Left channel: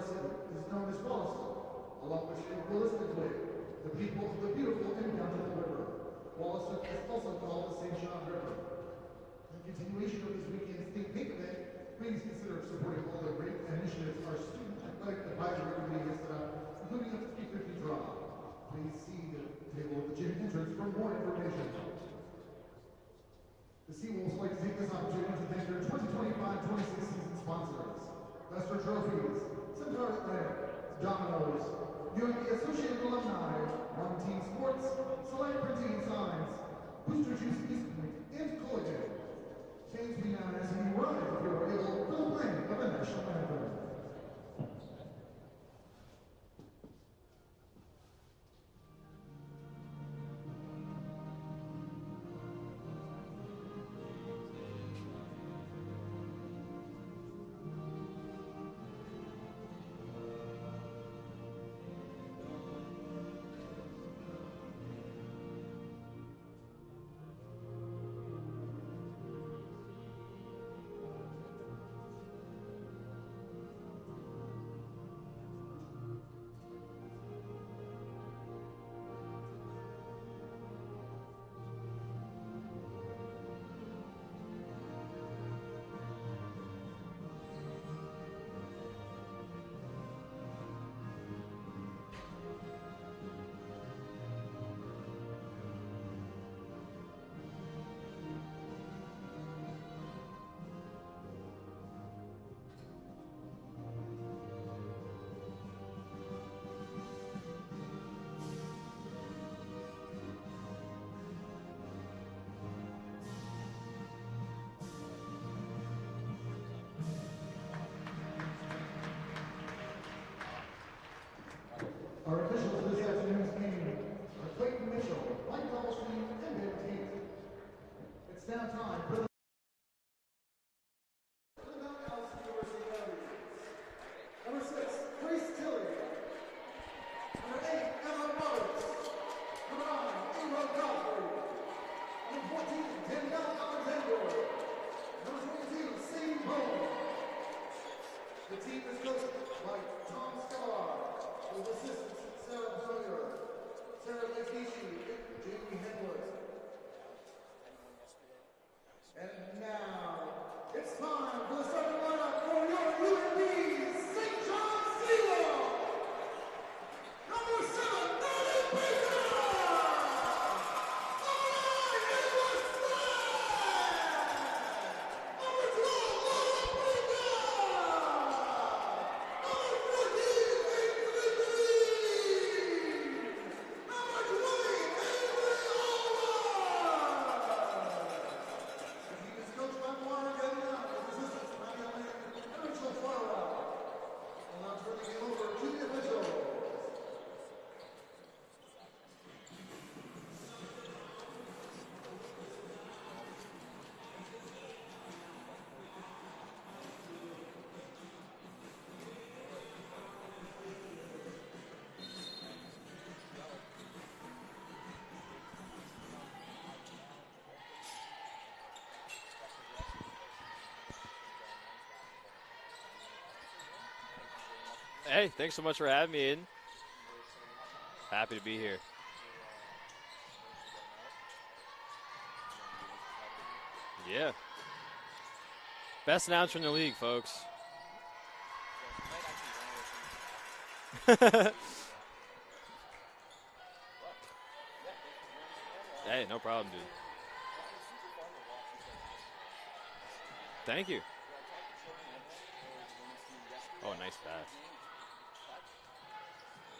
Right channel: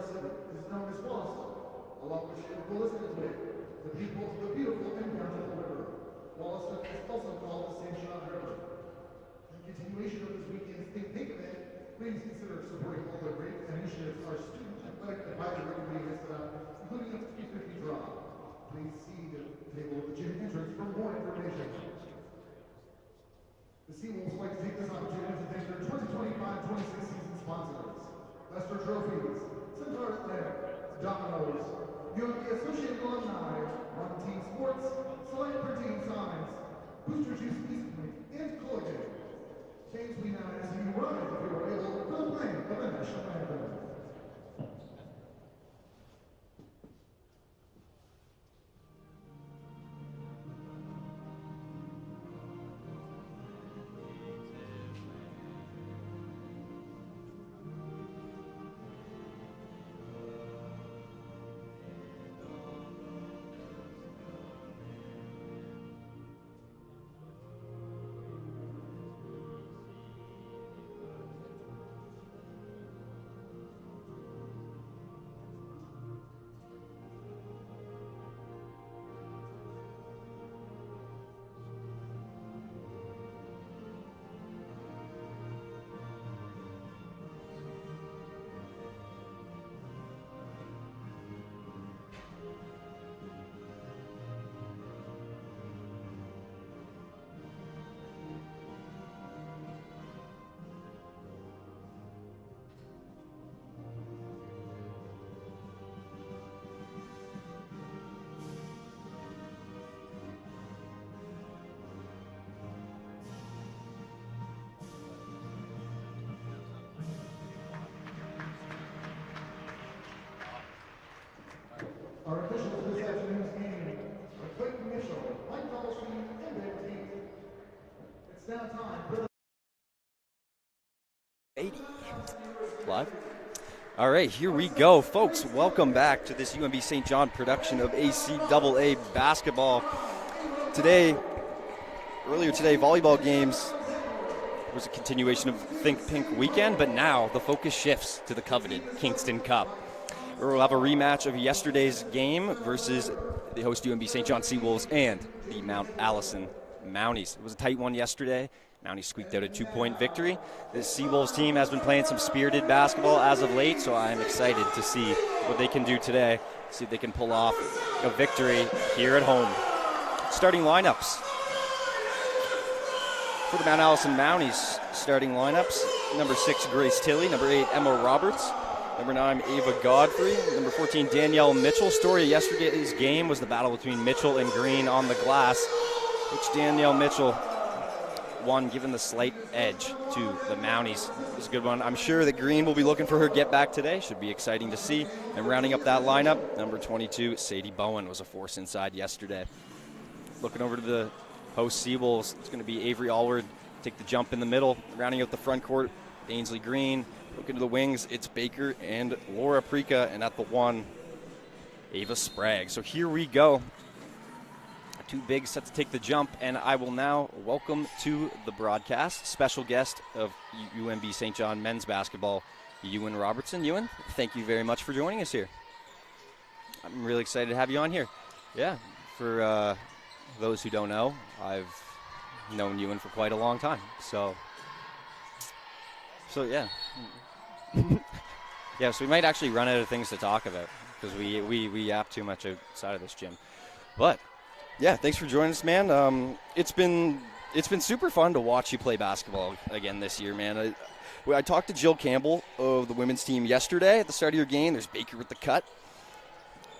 our city is known as Wollaston, along which is realistically the beautiful and bountiful river. Wollaston is also called the St. John River. In continuation of this weekend's Think Pink event, please consider supporting all the great initiatives our student athletic advisory committee has set up, including a 50-50 draw. Please see the table at the gym entrance for more information. The Seawolves would like to take this opportunity to thank their 2025-26 season sponsors: Lester Trophies, Centaur Atlantic, Domino's, UNB Associated Alumni, One Team Sports, Select Printing and Signs, Booster Juice East Point, and Colgate. Canes, we now ask you to rise if you are able for the playing of the national anthem. Our officials for this afternoon's game are Clayton Mitchell, Mike Doubletree, and Ed Tate. It's now time for the 80 live. All right, here we go, folks. Welcome back to this UNB St. John production of ACAA basketball. Earlier today, volleyball games was a continuation of Think Pink weekend, but now the focus shifts to the coveted Kingston Cup. We'll have a rematch of yesterday's game versus the host UNB St. John Seawolves and the Mount Allison Mounties. It was a tight one yesterday. Mounties squeaked out a 2-point victory. This Seawolves team has been playing some spirited basketball as of late, so I'm excited to see what they can do today, see if they can pull off a victory here at home. Starting lineups. For the Mount Allison Mounties, starting lineups: number 6, Grace Tilley; number 8, Emma Roberts; number 9, Ava Godfrey; number 14, Danielle Mitchell. Story of yesterday's game was the battle between Mitchell and Green on the glass, which Danielle Mitchell won, given the slight edge to the Mounties. It was a good one. I'm sure that Green will be looking for her get back today. Should be exciting to see. And rounding up that lineup, number 22, Sadie Bowen, was a force inside yesterday. Looking over to the host Seawolves, it's going to be Avery Allward take the jump in the middle. Rounding out the front court, Ainsley Green. Looking to the wings, it's Baker and Laura Prika, and at the 1, Ava Sprague. So here we go. Two bigs set to take the jump, and I will now welcome to the broadcast special guest of UNB St. John men's basketball, Ewan Robertson. Ewan, thank you very much for joining us here. Thanks so much for having me in. I'm really excited to have you on here. Happy to be here. For those who don't know, I've known Ewan for quite a long time. So. Yeah. Best announcer in the league, folks. Yeah, so we might actually run out of things to talk about because we yap too much outside of this gym. But yeah, thanks for joining us, man. Hey, no problem. It's been super fun to watch you play basketball again this year, man. Thank you. I talked to Jill Campbell of the women's team yesterday at the start of your game. There's Baker with the cut,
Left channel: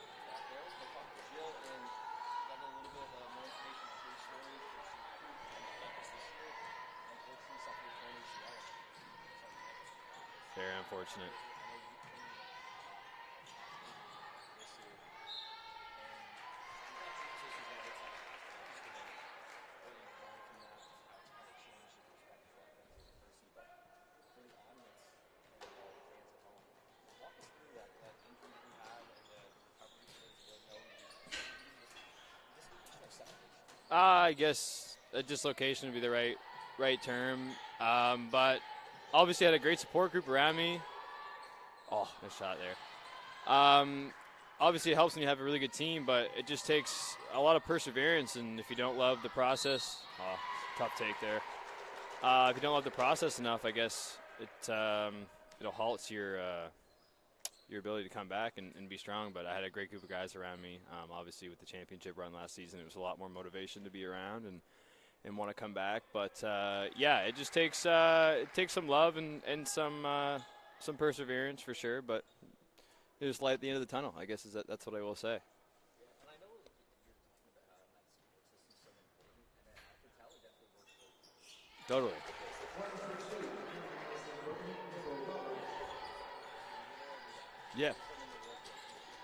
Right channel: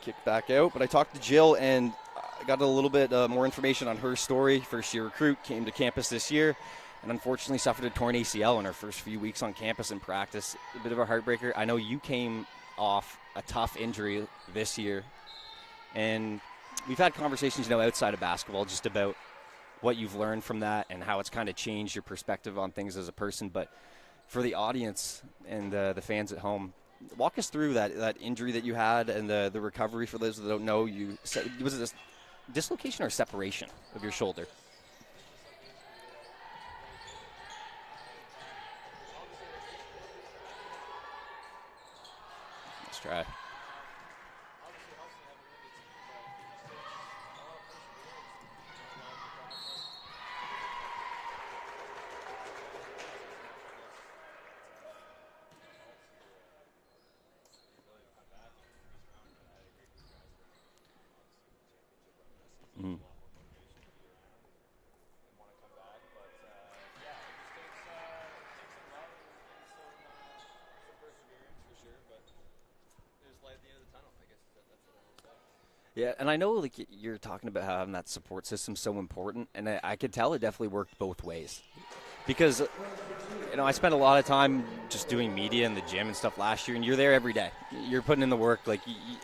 kick back out. But I talked to Jill and I got a little bit more information on her story. First-year recruit, came to campus this year, and unfortunately suffered a torn ACL in her first few weeks on campus in practice. A bit of a heartbreaker. I know you came off a tough injury this year, and we've had conversations, outside of basketball, just about what you've learned from that and how it's kind of changed your perspective on things as a person. But for the audience and the fans at home, walk us through that injury that you had and the recovery. For those that don't know, was it a dislocation or a separation of your shoulder? I guess a dislocation would be the right term. But obviously I had a great support group around me. Oh, nice shot there. Let's try. Obviously, it helps when you have a really good team, but it just takes a lot of perseverance. And if you don't love the process, tough take there. If you don't love the process enough, I guess it'll halt your ability to come back and be strong. But I had a great group of guys around me. Obviously, with the championship run last season, there was a lot more motivation to be around and want to come back. But yeah, it just takes some love and some perseverance for sure. But there's light at the end of the tunnel, I guess that's what I will say. Yeah, and I know like you're talking about how having that support system so important, and I could tell it definitely worked both ways. Totally. Because, I spent a lot of time just doing media in the gym and stuff last year, and you're there every day. Yeah. You're putting in the work,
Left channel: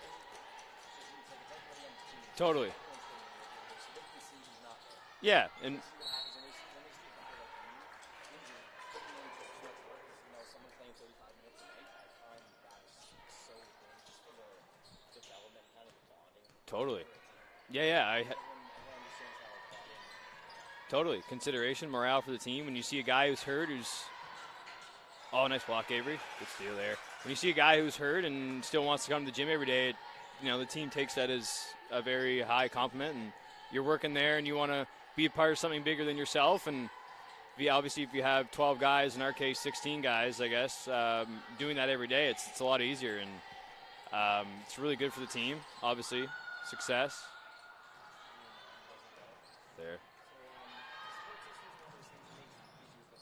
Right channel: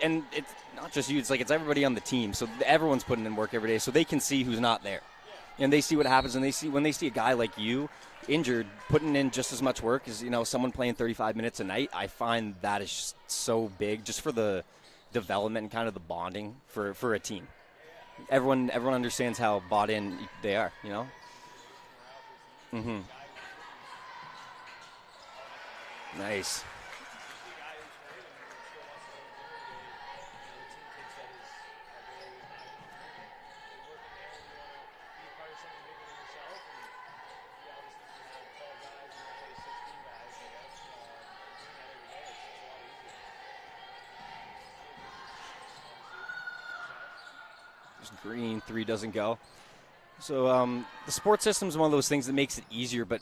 and it's not just you, it's everybody on the team. So totally. Everyone's putting in work every day, so they can see who's not there. Yeah. And they see what happens, and when they see a guy like you injured, putting in just as much work as, someone playing 35 minutes a night, I find that is just so big just for the development and kind of the bonding for a team. Yeah. Everyone understands how bought in they are. Totally. Consideration, morale for the team. When you see a guy who's hurt oh, nice block, Avery. Nice. Deal there. When you see a guy who's hurt and still wants to come to the gym every day, the team takes that as a very high compliment, and you're working there and you want to be a part of something bigger than yourself. And obviously, if you have 12 guys, in our case 16 guys, I guess, doing that every day, it's a lot easier, and it's really good for the team. Obviously, success. Just green, 3 doesn't go. There. So the sports system is one of those things that makes it easier, but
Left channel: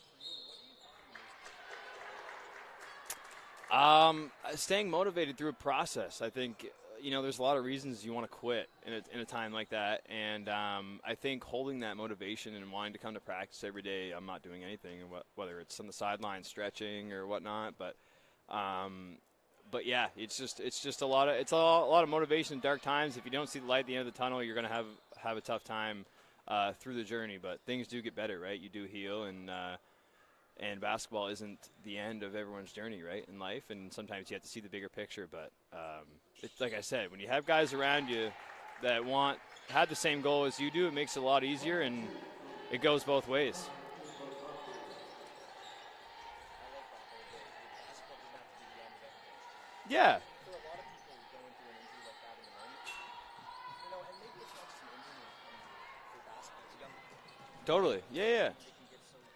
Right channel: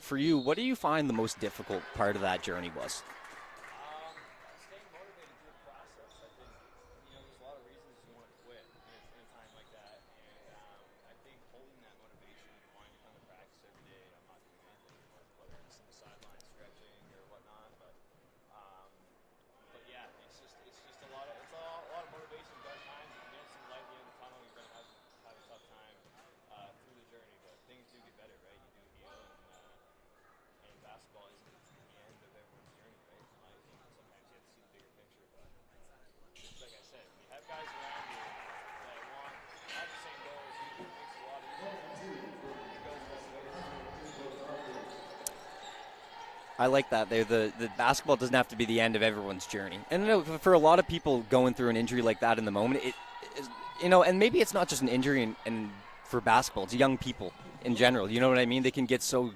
for you, what do you find the most difficult part of that journey was? Staying motivated through a process. I think, there's a lot of reasons you want to quit in a time like that. And I think holding that motivation and wanting to come to practice every day, I'm not doing anything, whether it's on the sideline stretching or whatnot. But yeah, it's just a lot of motivation in dark times. If you don't see the light at the end of the tunnel, you're going to have a tough time through the journey. But things do get better, right? You do heal, and basketball isn't the end of everyone's journey, right, in life. And sometimes you have to see the bigger picture. But it's like I said, when you have guys around you that have the same goal as you do, it makes it a lot easier, and it goes both ways. I like that. The basketball doesn't have to be the end of everyone's journey. Yeah. And for a lot of people going through an injury like that in the moment, and maybe it's not just an injury and for basketball, it's young people in general. You know what I mean? They can get so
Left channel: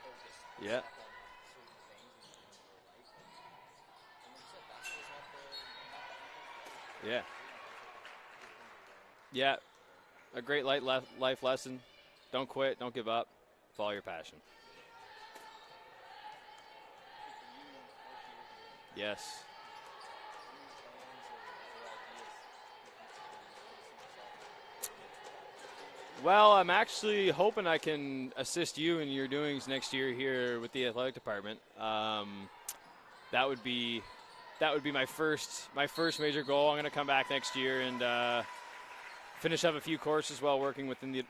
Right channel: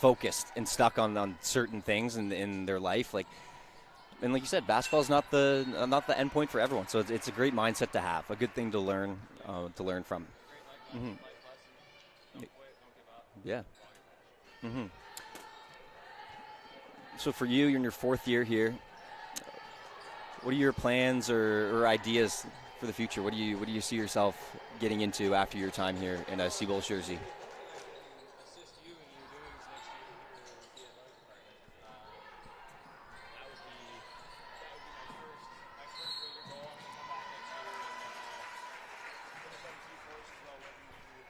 focused and stuck on certain things in their life, and like you said, basketball is not the end point for everyone. So it's a great mindset to have, a good thing to learn. To learn from. A great life lesson. Don't quit. Don't give up. Yeah. Follow your passion. Mm-hmm. So for you, you're in your 4th year here. Yes. What are your plans or ideas for the future? What do you see yourself getting into after your time here? Well, I'm actually hoping I can assist you in your doings next year here with the athletic department. That would be my first major goal. I'm going to come back next year and finish up a few courses while working within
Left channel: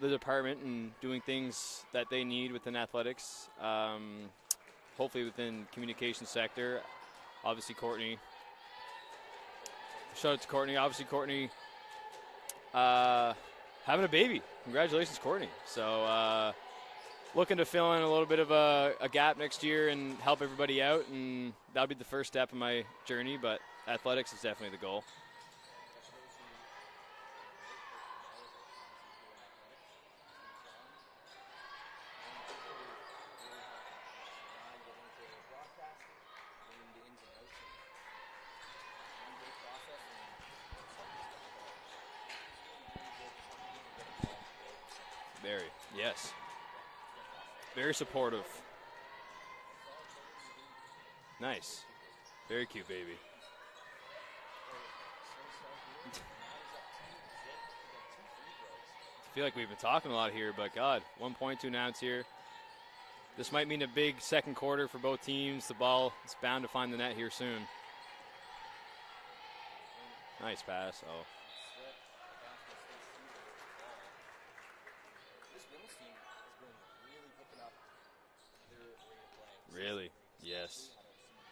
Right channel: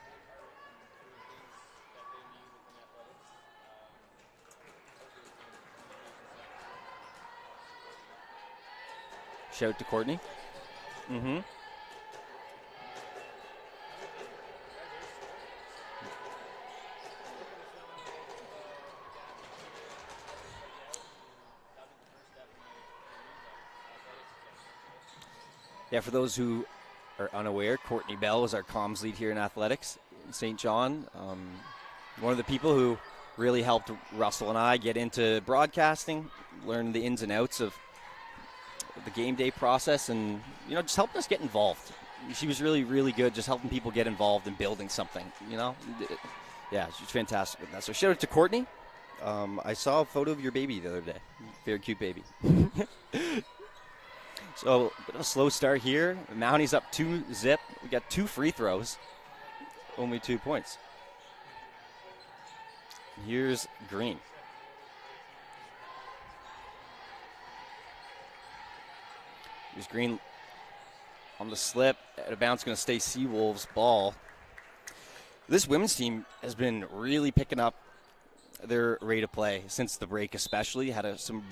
the department and doing things that they need within athletics. Hopefully within communication sector. Obviously, Courtney. Shout out to Courtney. Obviously, Courtney. Having a baby. Congratulations, Courtney. So looking to fill in a little bit of a gap next year and help everybody out, and that'll be the first step in my journey, but athletics is definitely the goal. Yeah, for those who are unaware, Courtney Bell was our comms lead here in athletics in St. John. One of the people who really helped Russell and I get into broadcasting, learn the ins and outs of the game day process, and just helping us get involved. She was really, really good, just helping people get involved in building something. Yes. Yeah, she's fantastic with that. So Very shout out to supportive. Courtney. I saw a photo of your baby the other day. Nice. Very cute baby. Very cute baby. So a slow start here. Mounties up 2-0. We got 2 free throws. I feel like we've been talking Only a lot 2 here, points. but God, 1 point, 2 outs here. Here's This might mean a Green. big second quarter for both teams. The ball is bound to find the net here soon. Here's Green Nice pass. on the slip. At a bounce, going to stay Seawolves ball. This women's team has been really picking up their rate of play since the break, especially. Yes. Had some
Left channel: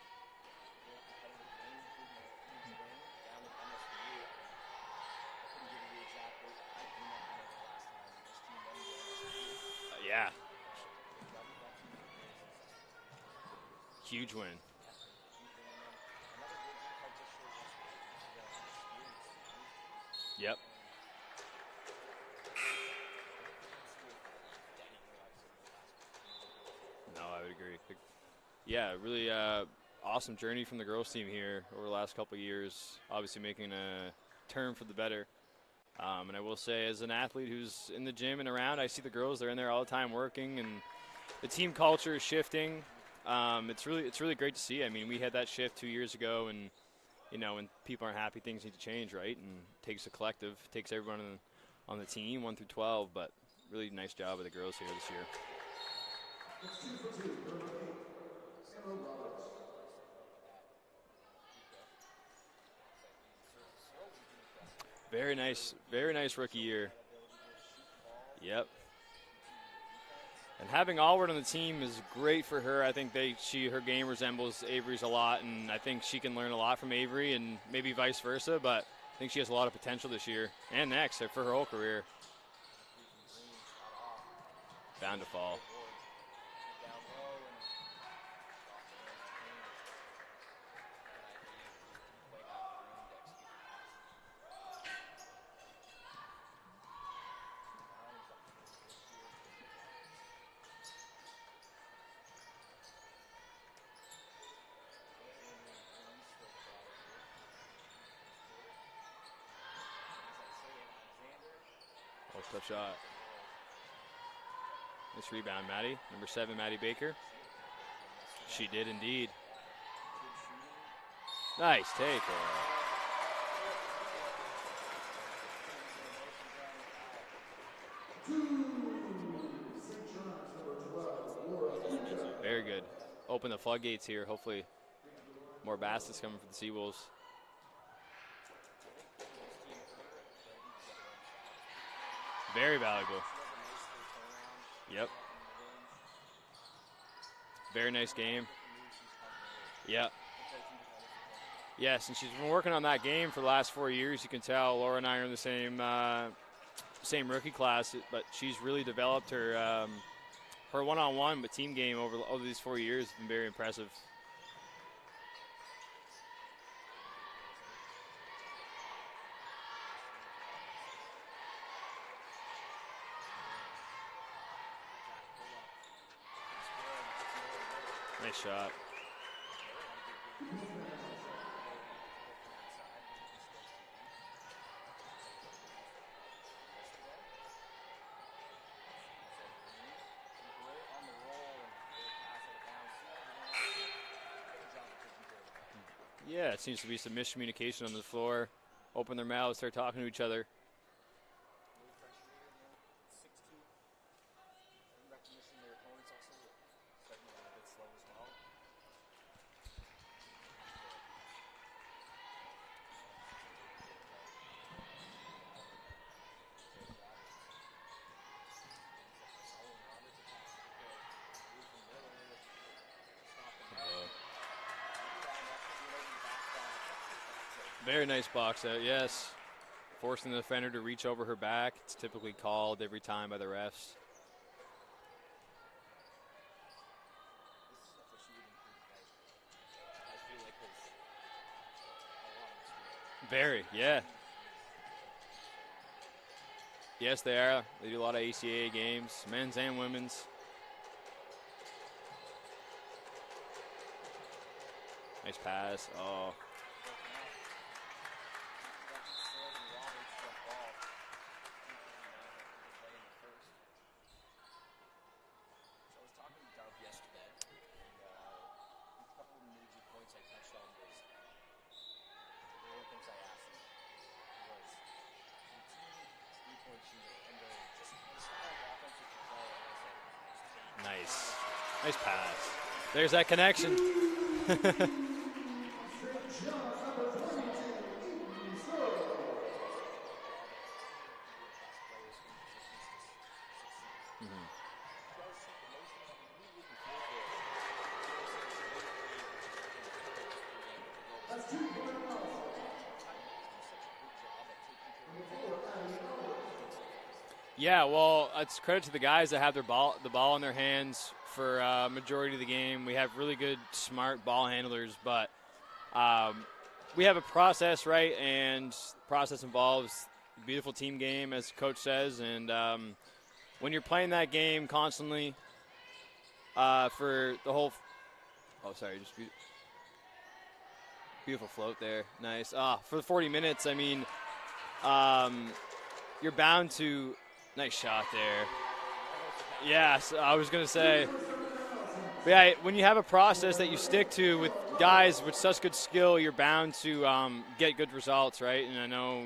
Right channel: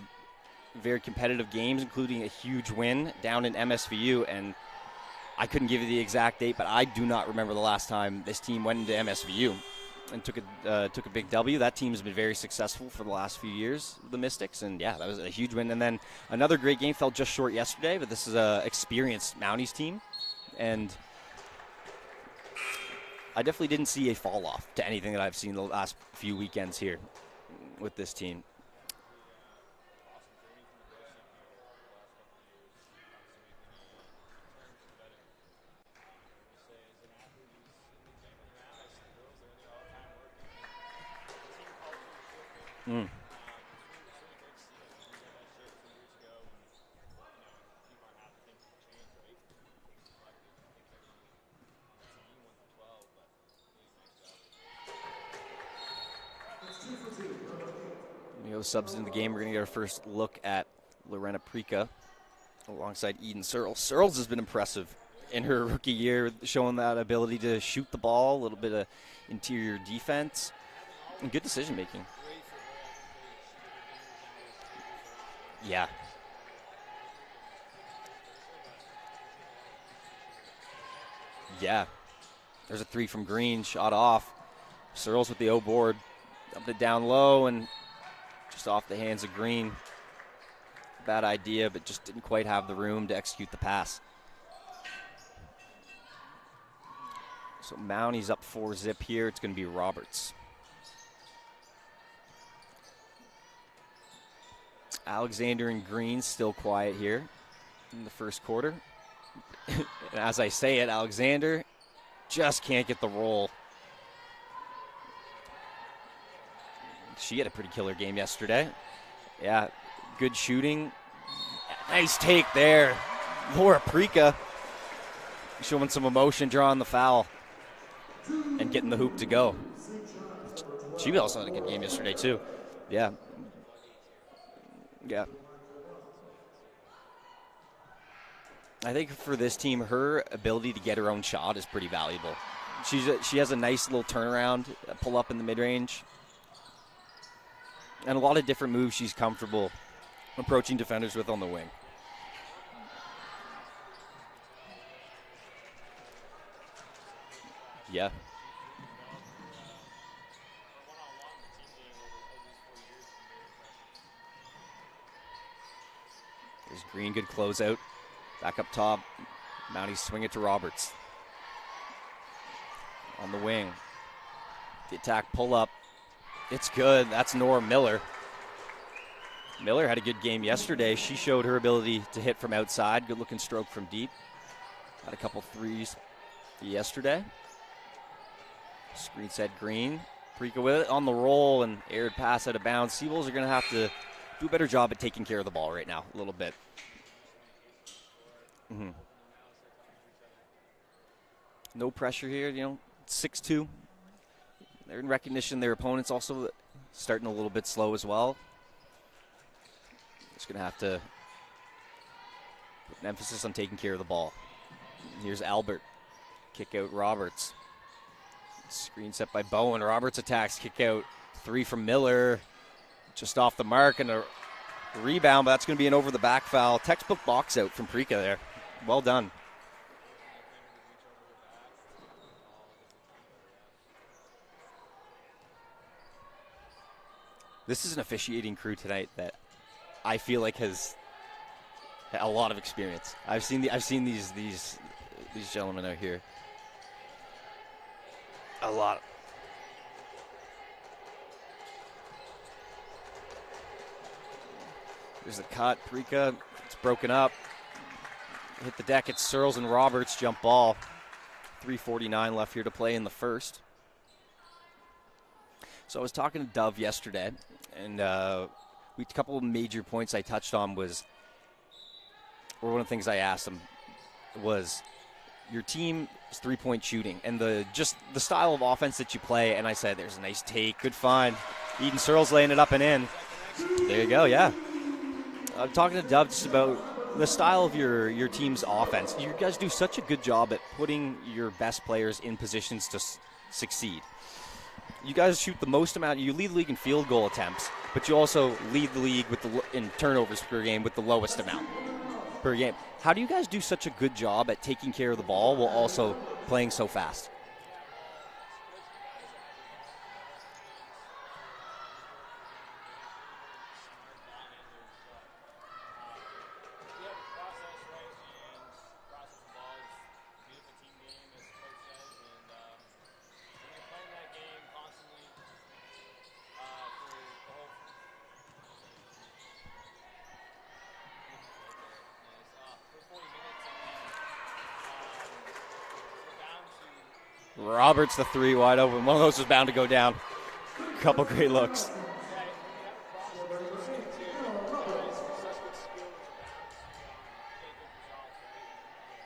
very competitive games, including a huge win down in MSVU. And I couldn't give you the exact date, but I do not remember the last time this team went into MSVU. and took a big W. That team's been very successful for the last few years, the Mystics, and yeah, that was a huge win. And then another great game, fell just short yesterday, but this is a experienced Mounties team, and I definitely didn't see a fall off to anything that I've seen the last few weekends here. No, I would agree with this team. Yeah, really awesome journey from the girls team here over the last couple of years, obviously making a turn for the better. And I will say, as an athlete who's in the gym and around, I see the girls, they're in there all the time working, and the team culture is shifting. It's really great to see. I mean, we had that shift 2 years ago, and when people aren't happy, things need to change, right? And it takes a collective, takes everyone on the team, 1 through 12, but really nice job of the girls here this year. Subs in the game. We're going to get our first look at Lorena Prika alongside Eden Searles. Searles has been impressive in her rookie year, showing that ability to shoot the ball, a little bit of interior defense. And having Allward on the team making. is great for her. I think her game resembles Avery's a lot, and I think she can learn a lot from Avery, and maybe vice versa, but I think she has a lot of potential this year and next for her whole career. There's a 3 from Green, shot off. Searles with the O board, dumped it down low, and just off the hands of Green. Bad idea, but just didn't quite have the room to execute the pass. So Mounties up 4-zip here. It's going to be Roberts. Alexander and Green still quiet here in the first quarter. And as I say it, Alexander just can't get the roll. Nice rebound, Maddie. Number 7, Maddie Baker. She had a pretty killer game yesterday. She did indeed. Yeah, good shooting. Nice take there. Laura Prika showing some emotion, drawing the foul, and getting the hoop to go. She also had a good game yesterday, too. Very good. Yeah. Open the floodgates here, hopefully. Yeah. More baskets coming from the Seawolves. I think for this team, her ability to get her own shot is pretty valuable. Very valuable. She has a nice little turnaround, pull up in the mid-range. Very nice and game. A lot of different moves she's comfortable Yeah. approaching defenders with on the wing. Yes, and she's been working on that game for the last 4 years. You can tell Laura and I are in the same rookie class. Yeah. But she's really developed her her one-on-one but team game over these 4 years. Has been very impressive. There's Green, good closeout. Back up top. Mounties swing it to Roberts. On the wing. The attack pull up. It's good. That's Nora Miller. Nice shot. Miller had a good game yesterday. She showed her ability to hit from outside. Good looking stroke from deep. Had a couple threes yesterday. Screen set Green. Prika with it on the roll and aired pass out of bounds. Seawolves are going to have to do a better job at taking care of the ball right now a little bit. Yeah, it seems to be some miscommunication on the floor. Open their mouths, start talking to each other. No pressure here, 6-2. They're in recognition. Their opponents also starting a little bit slow as well. Just going to have to put an emphasis on taking care of the ball. Here's Albert. Kick out Roberts. Screen set by Bowen. Roberts attacks. Kick out. 3 from Miller. Just off the mark and a rebound, but that's going to be an over-the-back foul. Textbook box out from Prika there. Box out, yes. Well done. Forcing the defender to reach over her back. It's typically called every time by the refs. This is an officiating crew tonight that I feel like has a lot of experience. I've seen these gentlemen out here. Yes, they are. They do a lot of ACAA games, men's and women's. There's a cut. Prika, it's broken up. Hit the deck. It's Searles and Roberts. Jump ball. 3:49 left here to play in the first. So I was talking to Dove yesterday, and a couple of major points I touched on one of the things I asked him was your team's three-point shooting and the style of offense that you play. And I said, there's a nice take, good find. Eden Searles laying it up and in. There's that connection. There you go, yeah. I'm talking to Dove just about the style of your team's offense. You guys do such a good job at putting your best players in positions to succeed. You guys shoot the most amount. You lead the league in field goal attempts, but you also lead the league in turnovers per game with the lowest amount per game. How do you guys do such a good job at taking care of the ball while also playing so fast? Yeah, well, it's credit to the guys that have the ball in their hands for majority of the game. We have really good, smart ball handlers, but we have a process, right? And the process involves a beautiful team game, as the coach says. And when you're playing that game constantly for the whole beautiful float there. Nice. For the 40 minutes, I mean, you're bound to. Nice Roberts, the three wide open. One of those was bound to go down. I was going to say. A couple great looks. Yeah, when you have a process that you stick to with guys with such good skill, you're bound to get good results, right? And I know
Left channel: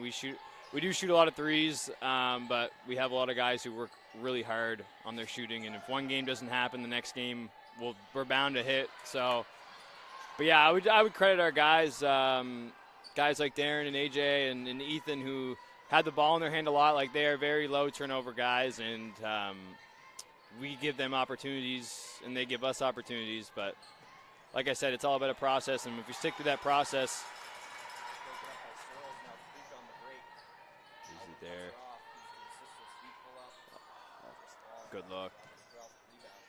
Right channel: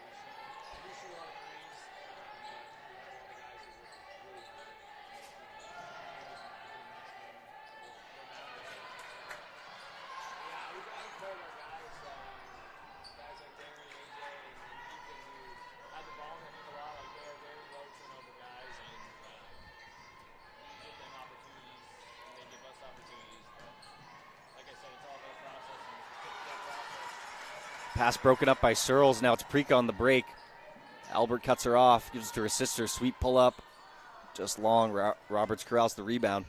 we do shoot a lot of threes, but we have a lot of guys who work really hard on their shooting. And if one game doesn't happen, the next game we're bound to hit. So, but yeah, I would credit our guys, guys like Darren and AJ and Ethan, who had the ball in their hand a lot. Like, they are very low turnover guys, and we give them opportunities and they give us opportunities. But like I said, it's all about a process, and if you stick to that process. Pass broken up by Searles. Now it's Prika on the break. Albert cuts her off, gives it to her sister. Sweet pull up, just long. Roberts corrals the rebound.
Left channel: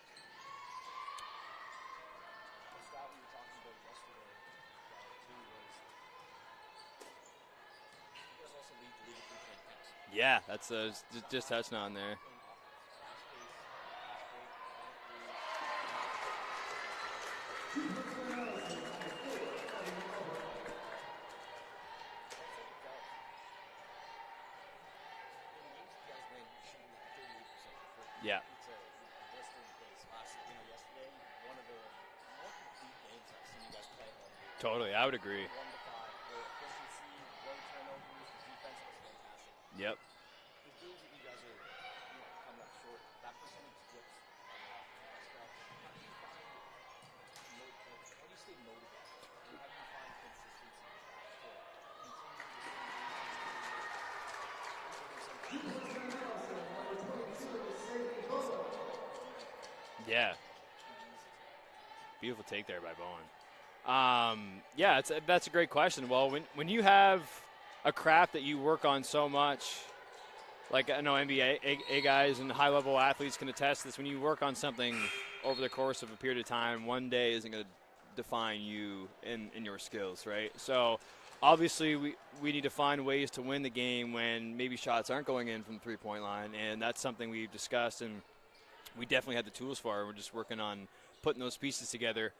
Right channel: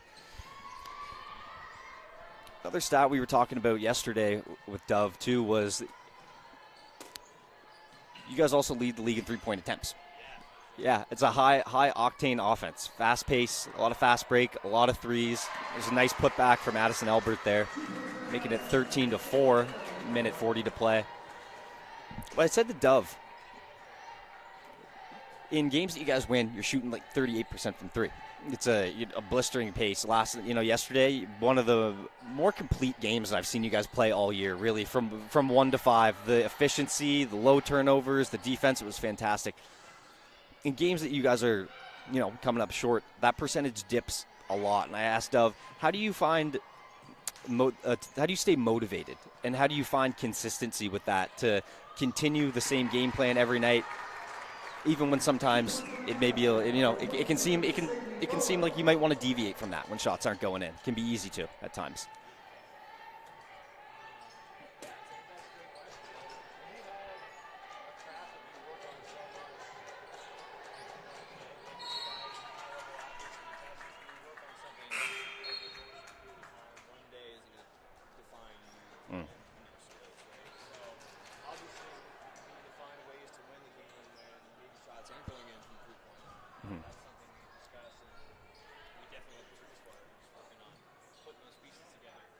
Another stat we were talking about yesterday with Dove too was you guys also lead the league in 3-point attempts. Yeah, it's a high octane offense. Fast pace, a lot of fast break, a lot of threes. There's a nice putback from Addison Albert there, making it 13-4, minute 40 to play. But I said to Dove, in games that you guys win, you're shooting like 38% from three. Yeah. It's a blistering pace. Yesterday, one of the more complete games I've seen you guys play all year, really, from 1 to 5. The efficiency, the low turnovers, the defense, it was fantastic. Yep. In games that you guys are, coming up short, that percentage dips a lot. And I asked Dove, how do you find how do you stay motivated, and how do you find consistency with that to continue the same game plan every night, even when sometimes it may be it can seem like you might want to deviate from that when shots aren't going in. It can be easy to at times. Beautiful take there by Bowen. That's a great question. Well, when you have a craft that you work on so much, like I know NBA guys and high-level athletes can attest this, when you work on something over the course of a period of time, one day isn't going to define you in your skills, right? So obviously we need to find ways to win the game when maybe shots aren't going in from the three-point line, and that's something we've discussed, and we definitely have the tools for it. We're just working on putting those pieces together.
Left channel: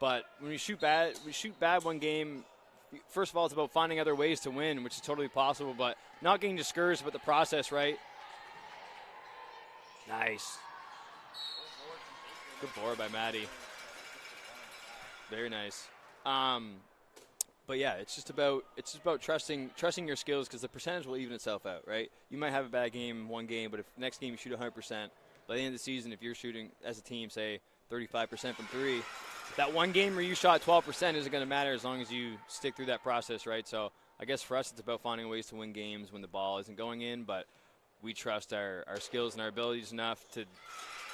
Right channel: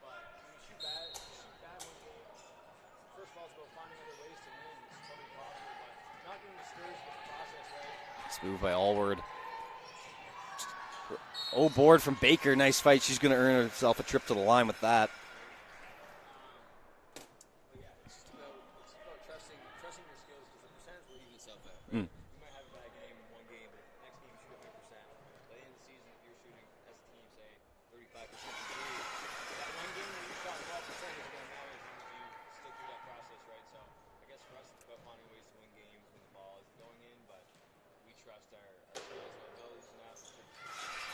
But when we shoot bad one game, first of all, it's about finding other ways to win, which is totally possible, but not getting discouraged about the process, right? Smooth by Allward. Nice. Oh, board from Baker. Nice fight. She's going to earn herself a trip to the line with that. Very nice. But yeah, it's just about trusting your skills, because the percentage will even itself out, right? You might have a bad game one game, but if next game you shoot 100%, by the end of the season, if you're shooting as a team, say 35% from three, that one game where you shot 12% isn't going to matter as long as you stick through that process, right? So I guess for us, it's about finding ways to win games when the ball isn't going in, but we trust our skills and our abilities enough to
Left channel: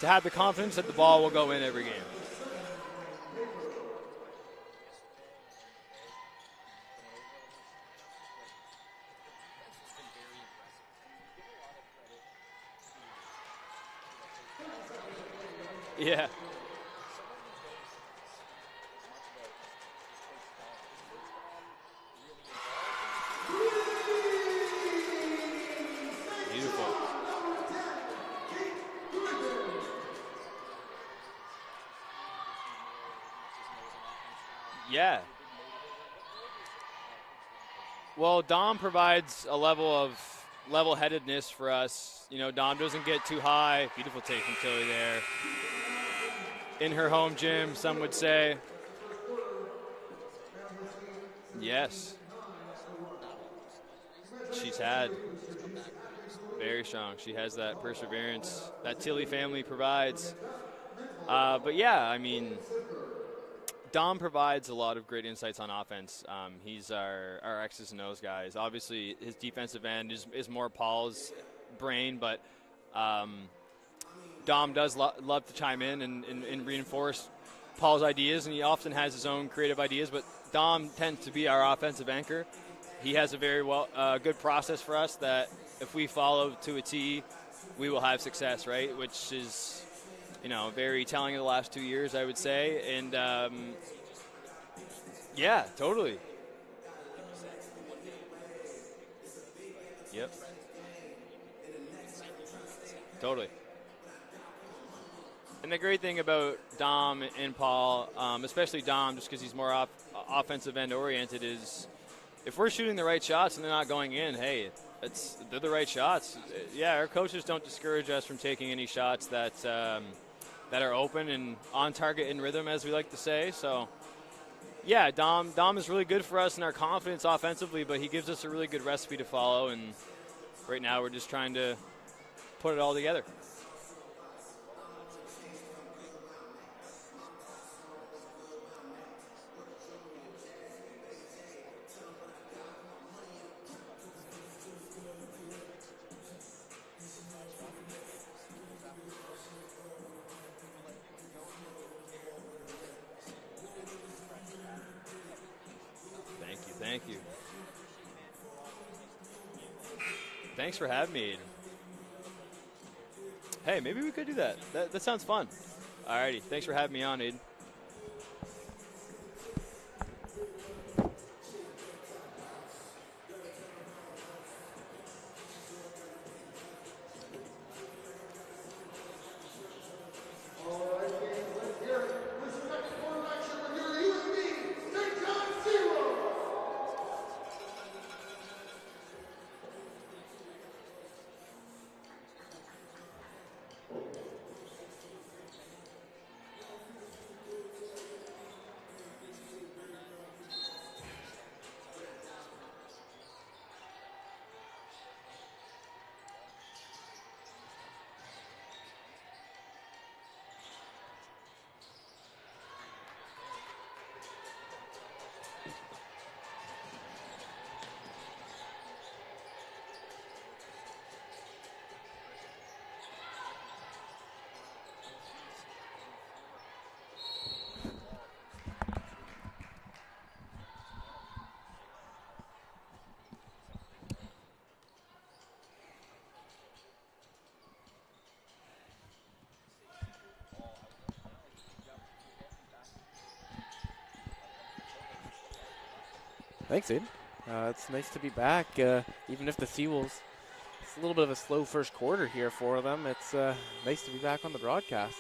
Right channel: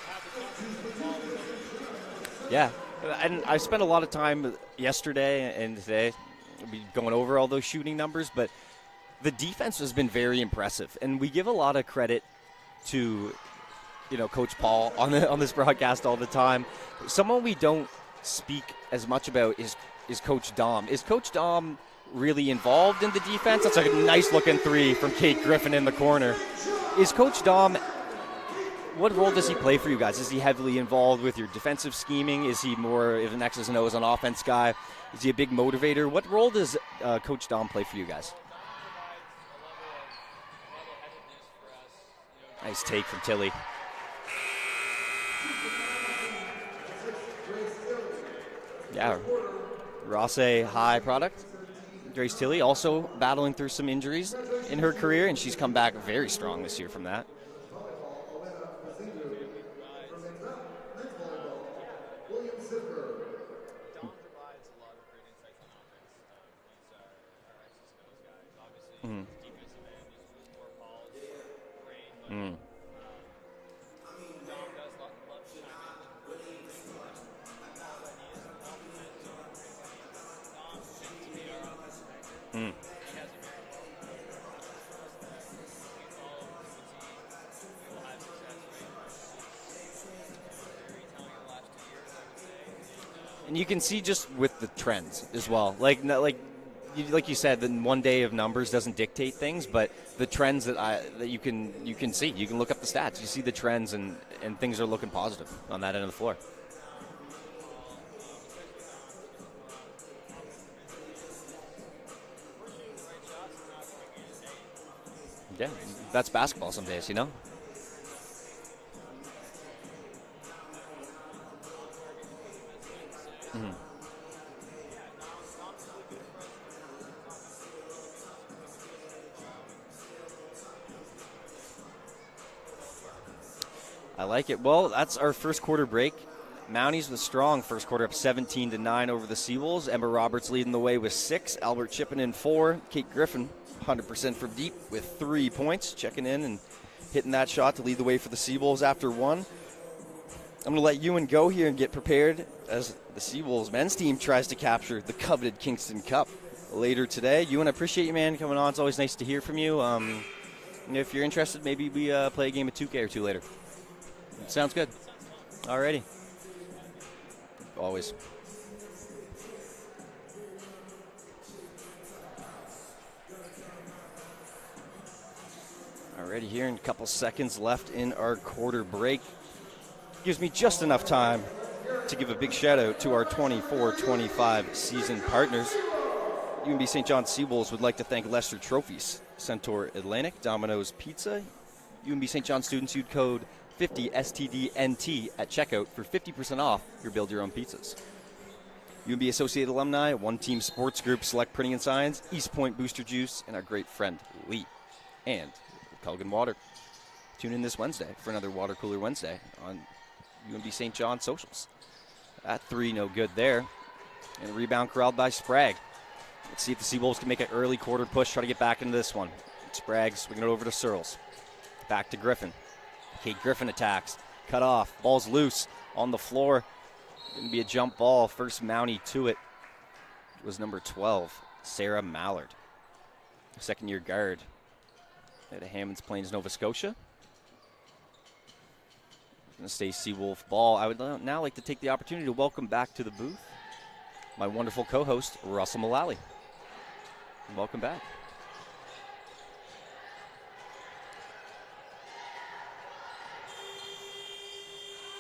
have the confidence that the ball will go in every game. Yeah, and I spent a lot of time yesterday and today going over all those shooting numbers, but the defense has been very impressive, and we give a lot of credit to Coach Paul on this broadcast all the time. Someone we don't speak as much about is Coach Dom. Is Coach Dom really involved in the defense? That's a nice looking three from Kate Griffin in the corner. Is Coach Dom, what role does he play for you guys? Is he heavily involved with your defensive scheming? Is he more of an X's and O's on offense guy? Yeah. Is he a big motivator? What role does Coach Dom play for you guys? Well, Dom provides a level of level-headedness for us. Dom doesn't get too high. Beautiful take from Tilly there. In her home gym, some would say. Yeah. Rosse High product. Yes. Grace Tilly also battling through some injuries in her career, and she's come back very strong this year from that. She has that perseverance that Tilly family provides. But yeah, I mean, Dom provides a lot of great insights on offense. He's our X's and O's guys. Obviously, his defensive end is more Paul's brain, but Dom does love to chime in and reinforce Paul's ideas, and he often has his own creative ideas, but Dom tends to be our offensive anchor. He has a very good process for us that if we follow to a T, we will have success, right? Which is, very telling of the last 2 years, I would say. And you can see just with the trends as yeah, well. Totally. Like you said, then one day of numbers doesn't dictate things, but the trends that you can see, you can look up the stats, you see the trends, and things are looking positive. And the great thing about Dom and Paul, especially Dom, just because he's more offensive end oriented, is if we're shooting the right shots and they're not going in, hey, they're the right shots. That's basketball sometimes. Yeah, our coaches don't discourage us from taking any shots that are open and on target in rhythm, as we like to say. So. Yeah, Dom is really good for us in our confidence offensively, but he gives us a really good recipe to follow, and right now we're just trying to put it all together. I like it. Well, that's our first quarter break. Mounties with a strong first quarter, up 17-9 over the Seawolves. Emma Roberts leading the way with 6. Albert chipping in 4. Kate Griffin, 100% from deep with 3 points, checking in and hitting that shot to lead the way for the Seawolves after 1. I'm going to let Ewan go here and get prepared as the Seawolves men's team tries to capture the coveted Kingston Cup later today. Ewan, I appreciate you, man, coming on. It's always nice to hear from you. Thanks for having me. If you're interested, maybe we play a game of 2K or 2 later. Hey, maybe we could do that. Sounds good. That sounds fun. Alrighty. Thanks for having me on, Aiden. Always. Alrighty, here in a couple seconds left in our quarter break. Gives me just enough time to give a big shout out to our 24-25 season partners. UNB St. John Seawolves would like to thank Lester Trophies, Centaur Atlantic, Domino's Pizza. UNB St. John students use code 50STDNT at checkout for 50% off your build your own pizzas. UNB Associated Alumni, One Team Sports Group, Select Printing and Signs, East Point Booster Juice, and our great friend Lee, and Culligan Water. Tune in this Wednesday for another Water Cooler Wednesday on UNB St. John socials. At 3, no good there. And a rebound corralled by Sprague. Let's see if the Seawolves can make an early quarter push, try to get back into this one. Sprague swinging it over to Searles. Back to Griffin. Kate Griffin attacks. Cut off. Ball's loose on the floor. Going to be a jump ball. First Mountie to it was number 12, Sarah Mallard. Second-year guard at Hammonds Plains, Nova Scotia. Going to stay Seawolf ball. I would now like to take the opportunity to welcome back to the booth my wonderful co-host, Russell Mullally. Thanks, Abe. Welcome back. It's nice to be back. Even if the Seawolves, it's a little bit of a slow first quarter here for them, it's nice to be back on the broadcast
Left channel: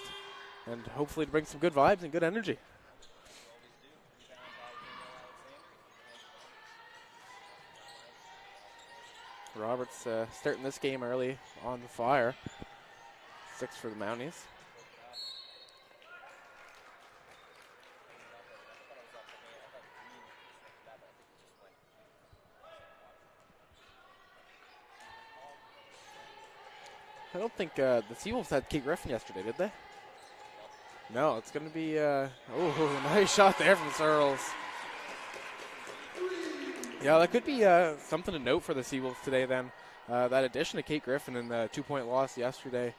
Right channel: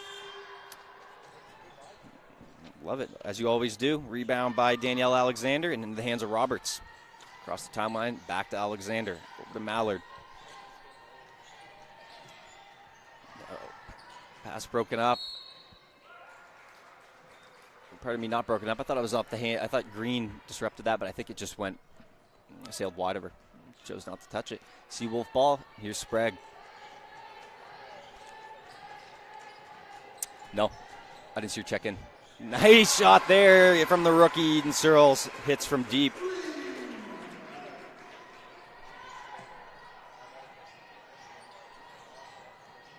and hopefully to bring some good vibes and good energy. Love it, as you always do. Rebound by Danielle Alexander and in the hands of Roberts. Across the timeline, back to Alexander. The Mallard. Starting this game early on the fire. 6 for the Mounties. Pass broken up. Pardon me, not broken up. I thought it was off the hand. I thought Green disrupted that, but I think it just sailed wide of her. Chose not to touch it. Seawolf ball. Here's Sprague. I don't think the Seawolves had Kate Griffin yesterday, did they? No. No. I didn't see her check in. Nice shot there from the rookie. Eden Searles hits from deep. Yeah, that could be something to note for the Seawolves today then. That addition to Kate Griffin in the 2-point loss yesterday.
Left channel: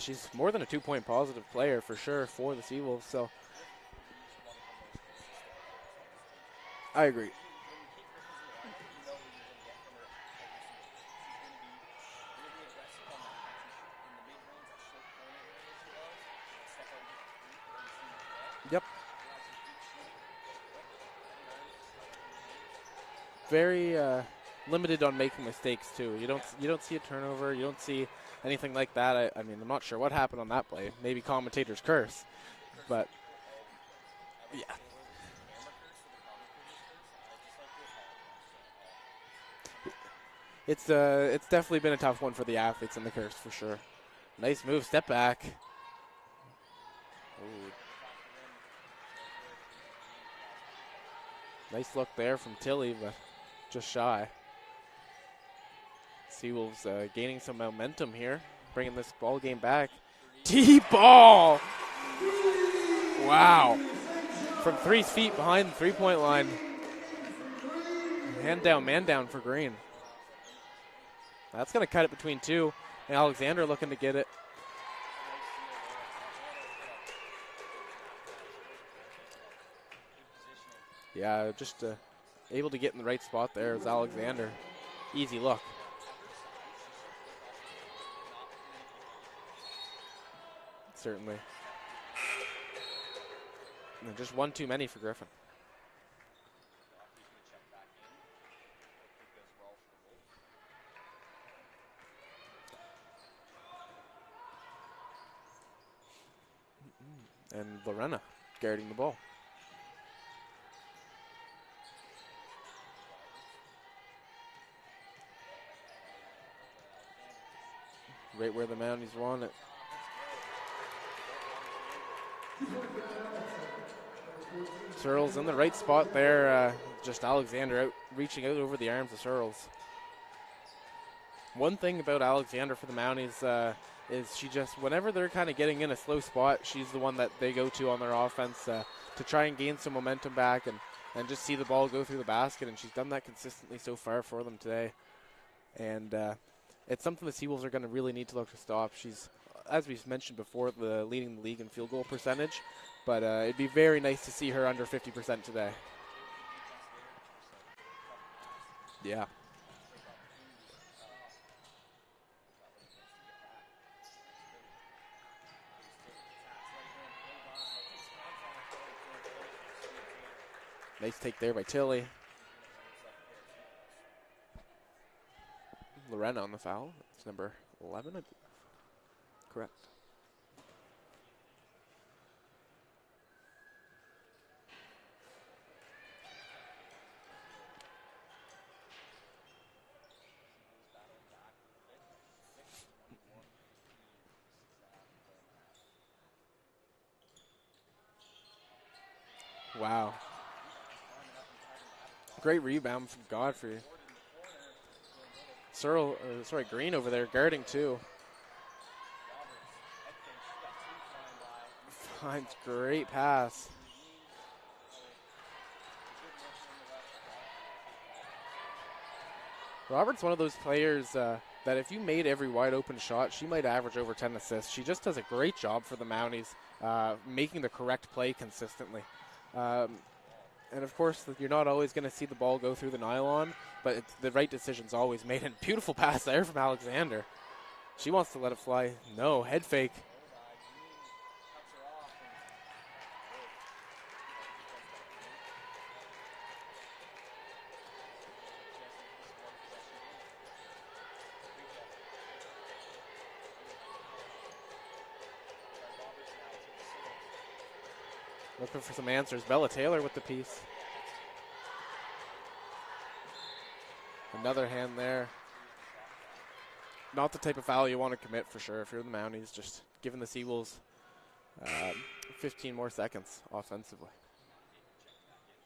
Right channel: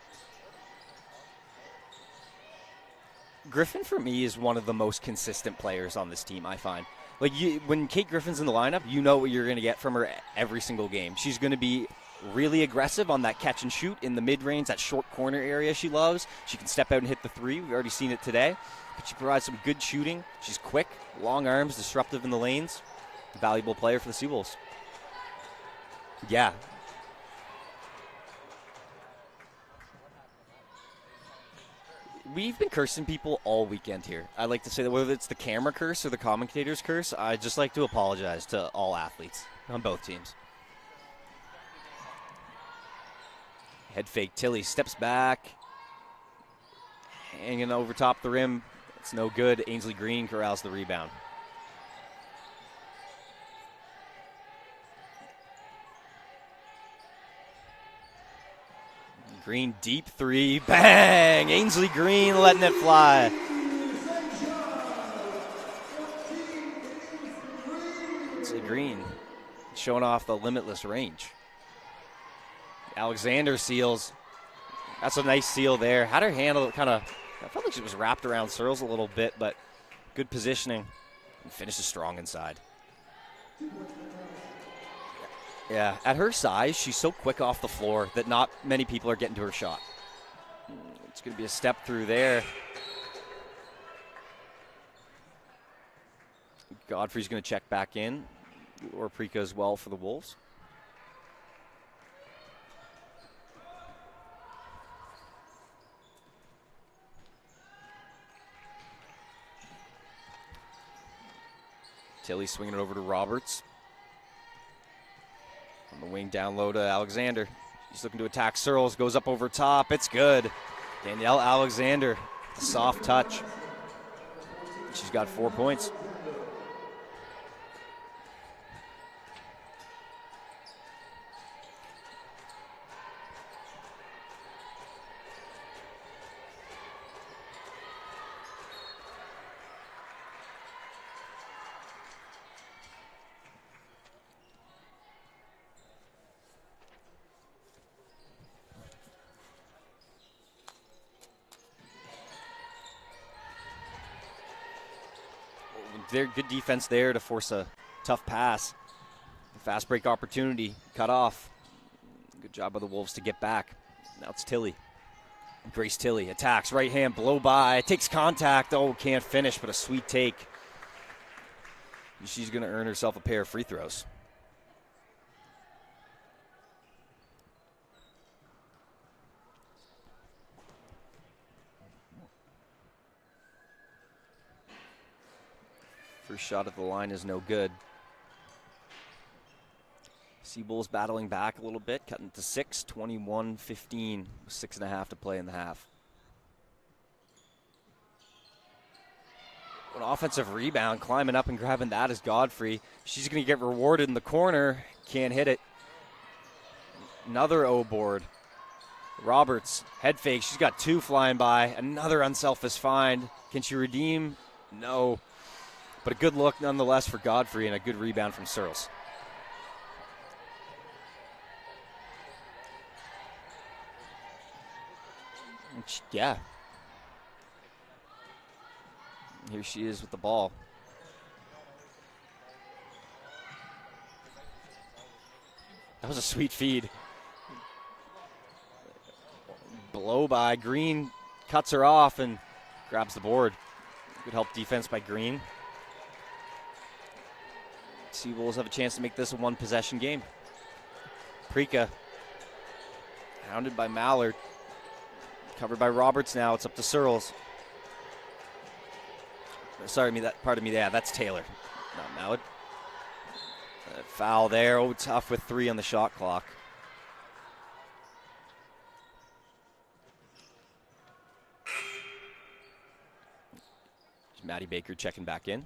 She's more than a 2-point positive player for sure for the Seawolves. So Griffin, for me, is one of the most consistent players on this team, I find. I agree. When Kate Griffin's in the lineup, you know what you're going to get from her every single game. She's going to be really aggressive on that catch and shoot in the mid-range, that short corner area she loves. She can step out and hit the 3. We've already seen it today. Yep. But she provides some good shooting. She's quick, long arms, disruptive in the lanes. Valuable player for the Seawolves. Limited on making mistakes, too. You don't see a turnover. You don't see anything like that. I mean, I'm not sure what happened on that play. Maybe commentators curse. We've been cursing people all weekend here. I like to say that whether it's the camera curse or the commentators curse, I just like to apologize to all athletes on both teams. It's definitely been a tough one for the athletes in the curse for sure. Head fake. Tilly Nice move, steps back. Hanging over top the rim. It's no good. Ainsley Green corrals the rebound. Nice look there from Tilly, but just shy. Seawolves gaining some momentum here, bringing this ball game Green back. Deep 3. Bang! Ainsley Green letting it fly. Wow. From 3 feet behind the 3-point line. Man down for Green. Showing off the limitless range. That's going to cut it between 2. Alexander seals. Get it. That's a nice seal there. Had her handle kind of, I felt like she was wrapped around Searles a little bit, but good positioning. Yeah. Finishes strong inside. Able to get in the right spot there is Alexander. Easy look. Yeah, at her size, she's so quick off the floor that not many people are getting to her shot. It's going to be a step through there. Yeah, just one too many for Griffin. Godfrey's going to check back in, or Prika as well for the Wolves. And Lorena guarding the ball. Tilly swinging it over to Roberts. On the wing down low to Alexander. He's looking to attack Searles, goes up over top. It's good. Danielle Alexander, soft touch. She's got 4 in the points. right spot there. Just Alexander reaching out over the arms of Searles. One thing about Alexander for the Mounties is she just, whenever they're kind of getting in a slow spot, she's the one that they go to on their offense to try and gain some momentum back and just see the ball go through the basket, and she's done that consistently so far for them today. And it's something the Seawolves are going to really need to look to stop. She's, as we've mentioned before, leading the league in field goal percentage, but it'd be very nice to see her under 50% today. They're good defense there to force a tough pass. Yeah. Fast break opportunity, cut off. Good job by the Wolves to get back. Now it's Tilly. Grace Tilly attacks, right hand, blow by, takes contact. Oh, can't finish, but a sweet take. Nice take there by Tilly. She's going to earn herself a pair of free throws. Lorena on the foul. It's number 11. Correct. First shot at the line is no good. Seabulls battling back a little bit, cutting to 6, 21-15, 6.5 to play in the half. Wow. An offensive rebound, climbing up and grabbing that is Godfrey. Great rebound. She's going to get rewarded in the corner. Can't hit it. Green over there. Another O board. Roberts, head fake. She's got 2 flying by. Another unselfish find. Pass. Can she redeem? No. But a good look nonetheless for Godfrey and a good rebound from Searles. Robert's one of those players that if you made every wide open shot, she might average over 10 assists. She just does a great job for the Mounties, making the correct play consistently. Here she is with the ball. And of course, you're not always going to see the ball go through the nylon, but the right decision's always made. And beautiful pass there from Alexander. She wants to let it fly. No, head fake. Blow by. Green cuts her off and grabs the board. Good help defense by Green. Seawolves have a chance to make this a 1-possession game. Prika, hounded by Mallard. Covered by Roberts now. It's up to Searles. Looking for some answers. Bella Taylor. Pardon me. Yeah, that's Taylor, not Mallard. Foul there. Oh, tough with 3 on the shot clock. Not the type of foul you want to commit for sure if you're the Mounties. Just giving the Seawolves 15 more seconds offensively. Maddie Baker checking back in.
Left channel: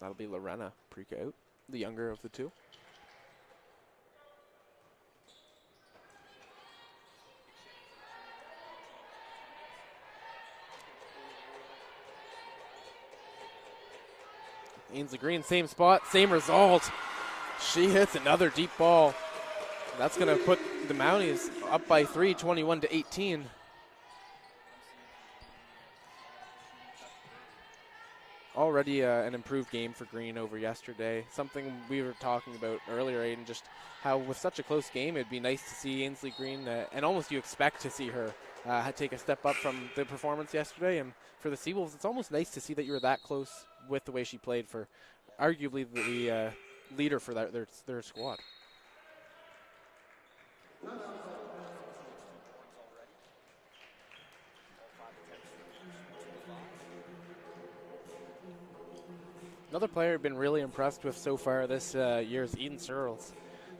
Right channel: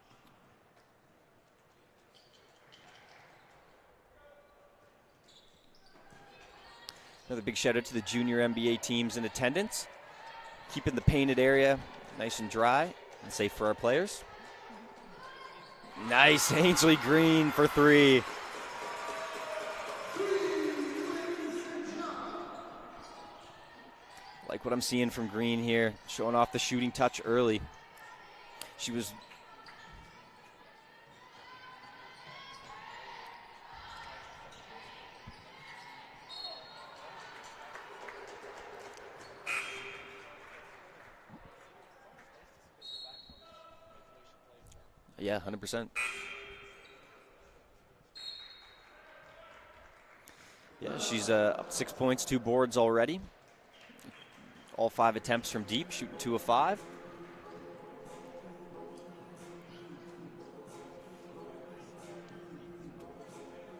That'll be Lorena Prika out, the younger of the 2. Another big shout out to the junior NBA teams in attendance. Keeping the painted area nice and dry and safe for our players. Ainsley Green, same spot, nice. same result. Ainsley Green for she 3. Hits another deep ball. That's going to put the Mounties up by 3, 21-18. Like what I'm seeing from Green here, showing off the shooting touch early. Already an improved game for Green over yesterday. Something we were talking about earlier, Aiden, just how with such a close game, it'd be nice to see Ainsley Green, and almost you expect to see her take a step up from the performance yesterday. And for the Seawolves, it's almost nice to see that you were that close with the way she played for arguably the leader for their squad. Yeah, she's up 6 points, 2 boards already. All 5 attempts from deep, shooting 2 of 5. Another player I've been really impressed with so far this year is Eden Searles,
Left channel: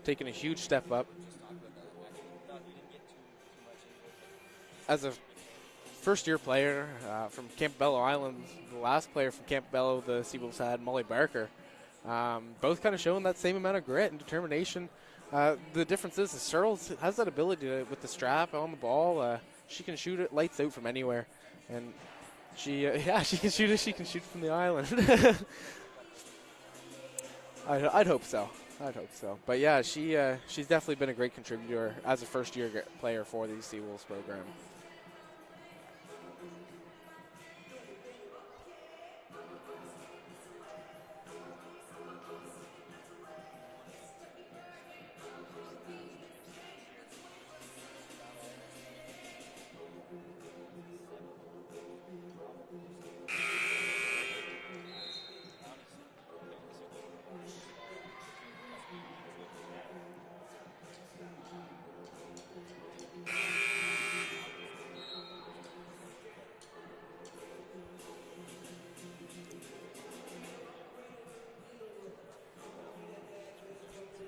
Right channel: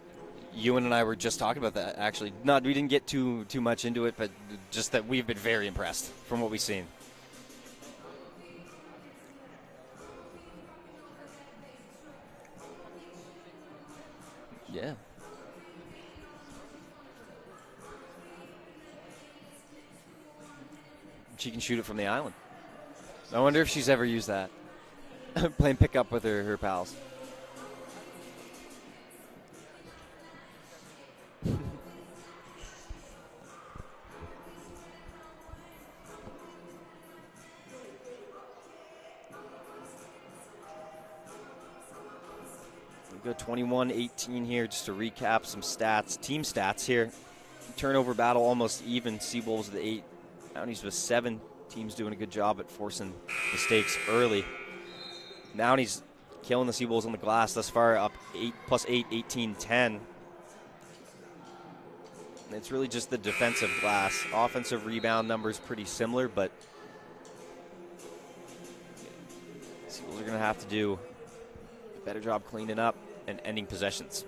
taking a huge step Ewan and I up. were just talking about that, actually. We didn't get too much into it, but just that we've been very impressed. First-year player from Campbello Island. The last player from Campbello the Seawolves had, Molly Barker. Both kind of showing that same amount of grit and determination. Yeah. The difference is Searles has that ability to, with the strap on the ball, she can shoot it lights out from anywhere. She can shoot it from the island. She I wonder if she's ever used that. The island. Playing pickup with her pals. I'd hope so. But yeah, she's definitely been a great contributor as a first-year player for the Seawolves program. Go 21-18 here, just to recap some stats, team stats here. Turnover battle almost even. Seawolves with 8, Mounties with 7. Team's doing a good job at forcing mistakes early. Mounties killing the Seawolves on the glass thus far, up 8+8, 18-10. It's really just the defensive glass. Offensive rebound numbers pretty similar, but Seawolves are going to have to do a better job cleaning up and ending possessions.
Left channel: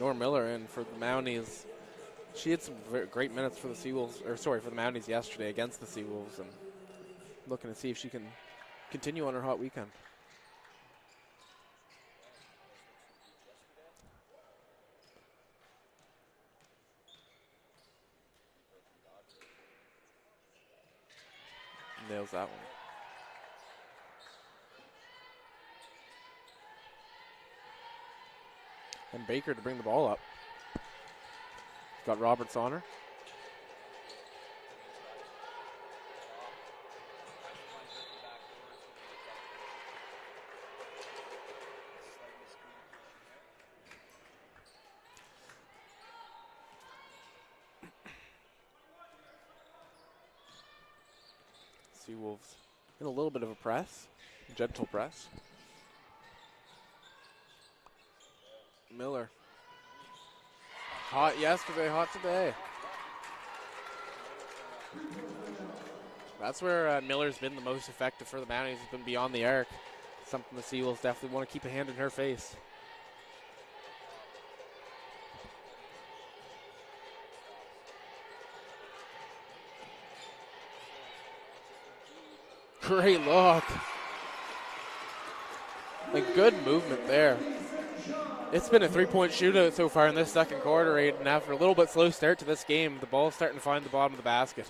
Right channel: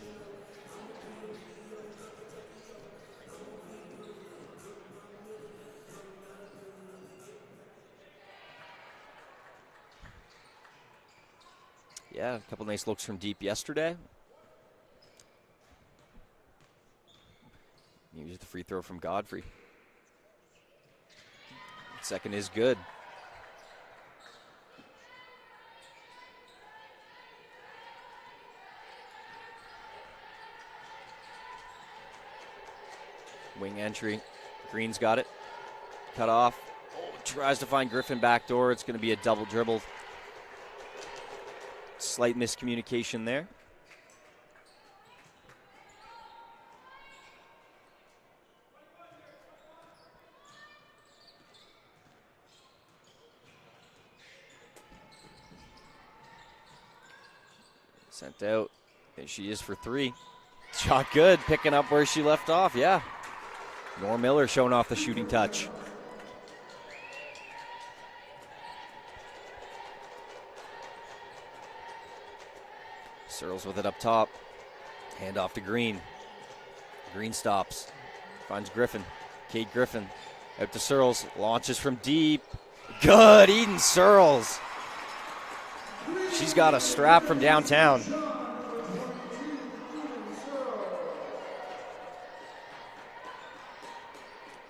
Norm Miller in for the Mounties. She had some great minutes for the Seawolves, or sorry, for the Mounties yesterday against the Seawolves, and looking to see if she can continue on her hot weekend. Yeah, a couple nice looks from deep yesterday. Here's the free throw from Godfrey. Second is good. And Baker to bring the ball up. Got Roberts on her. Wing entry. Green's got it. Cut off. Oh, tries to find Griffin backdoor. It's going to be a double dribble. Slight miscommunication there. Seawolves in a little bit of a press. Gentle press. Sent out. Miller. There she is for 3. Shot good, picking up where she left off, yeah. Norm Miller showing off the shooting touch. That's where Miller's been the most effective for the Mounties. Has been beyond the arc. Something the Seawolves definitely want to keep a hand in her face. Searles with it up top. Hand off to Green. Green stops. Finds Griffin. Kate Griffin out to Searles. Launches from deep. Great Good, block. Eden Searles. She's got a strap from downtown. It's been a 3-point shootout so far in this second quarter, Aiden. After a little bit slow start to this game, the ball's starting to find the bottom of the basket.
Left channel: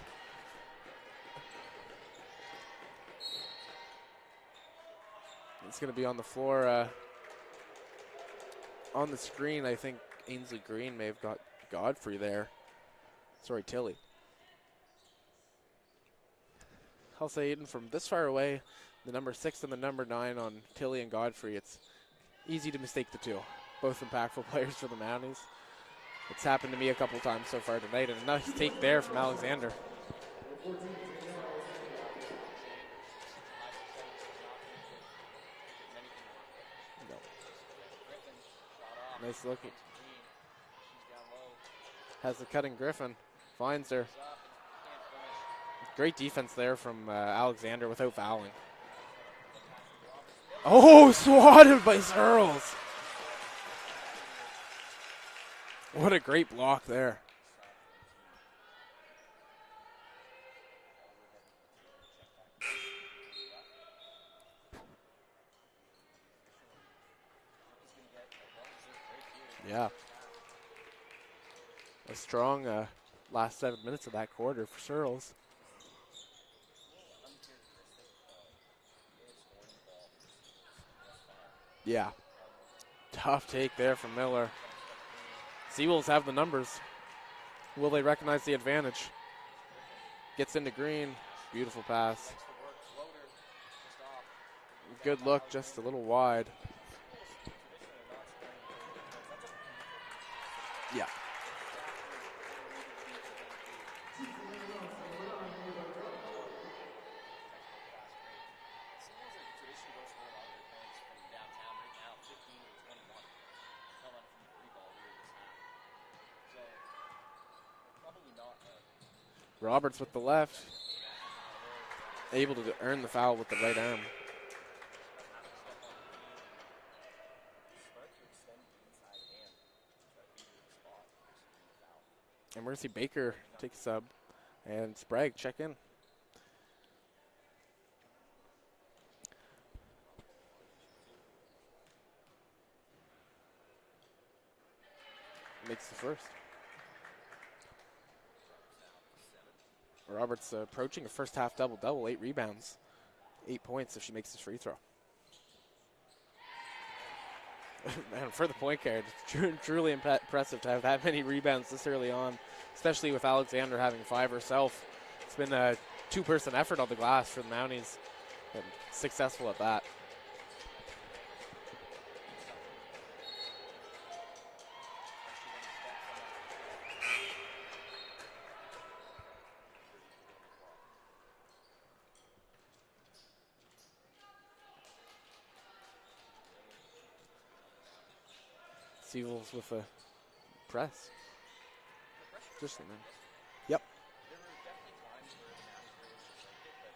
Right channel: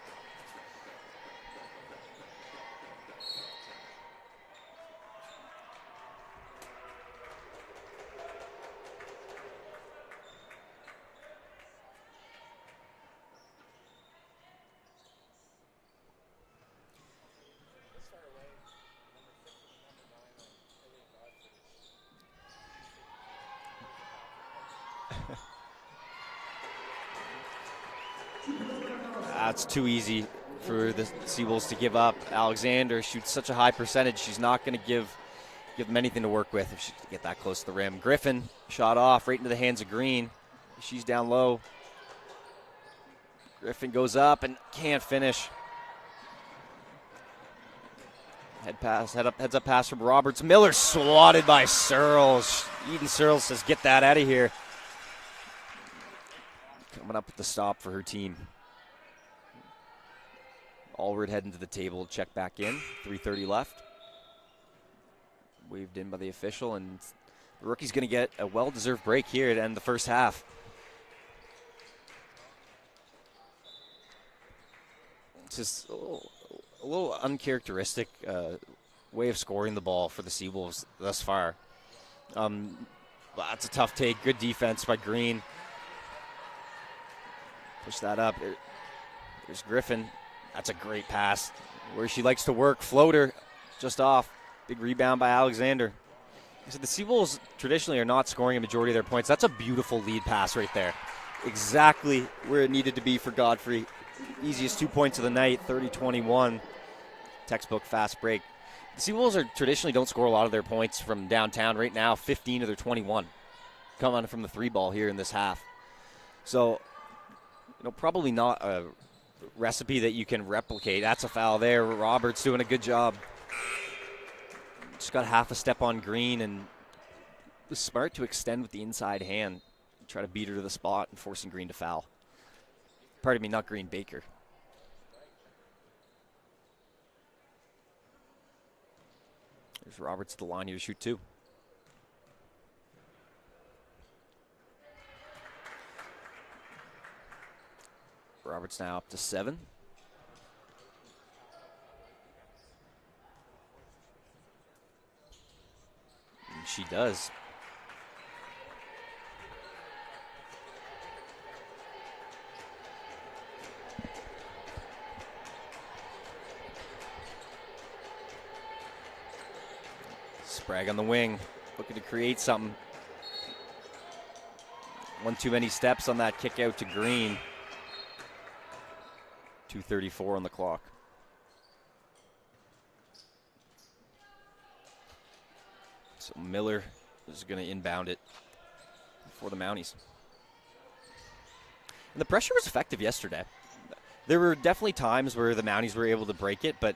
It's going to be on the floor. On the screen, I think Ainsley Green may have got Godfrey there. Sorry, Tilly. I'll say, Aiden, from this far away, the number 6 and the number 9 on Tilly and Godfrey, it's easy to mistake the two. Both impactful players for the Mounties. It's happened to me a couple times so far tonight, and a nice take there from Alexander. That's too easy for the Seawolves to give up. Alexander shoots such a high percentage, she's not going to give them anything to work with if she can get that close to the rim. Griffin shot off right into the hands of Green. She's down low. Has the cutting Griffin. Griffin goes up and can't finish. Great defense there from Alexander without fouling. Heads up pass from Roberts. Miller swatted by by Searles. Eden Searles says, get that out of here. What a great block there. Went up with the stop for her team. Allward heading to the table, check back in. 3:30 left. Waved in by the official, and the rookie's going to get a well-deserved break here to end the first half. A strong last 7 minutes of that quarter for Searles. It's just a little uncharacteristic way of scoring the ball for the Seawolves thus far. Yeah. That's a tough take. Good defense by Green. Seawolves have the numbers. Will they recognize the advantage? There's Griffin. Gets into Green. Great pass. Beautiful pass. Where she likes to work. Floater just off. Big rebound by Alexander. Just a little wide. So the Seawolves traditionally are not scoring a majority of their points. That's a beautiful lead pass right there. Yeah. Exactly where it needed to be for Godfrey. Easiest 2 points of the night, 30-21. Textbook fast break. The Seawolves traditionally don't score a lot of their points from downtown. Right now, 15 of their 21 come on from the 3 ball here in this half. So, probably not a recipe that you can replicate. That's a foul there. Roberts doing a good job. Foul with the right arm. Just got half a step on Green, and was smart to extend with the inside hand. Try to beat her to the spot and forcing Green to foul. And Mercy Baker. Pardon me, not Green, Baker. And Sprague, check in. There's Roberts at the line here to shoot 2. Makes the first. Roberts now up to 7. Roberts approaching a first half double-double, 8 rebounds, 8 points if she makes this free throw. And she does. And for the point guard, truly impressive to have that many rebounds this early on, especially with Alexander having 5 herself. It's been a 2-person effort on the glass for the Mounties, but successful at that. Sprague on the wing, looking to create something. One too many steps on that kick out to Green. 2:34 on the clock. So Miller is going to inbound it for the Mounties. Press. And the pressure was effective yesterday. Yep. There were definitely times where the Mounties were able to break it, but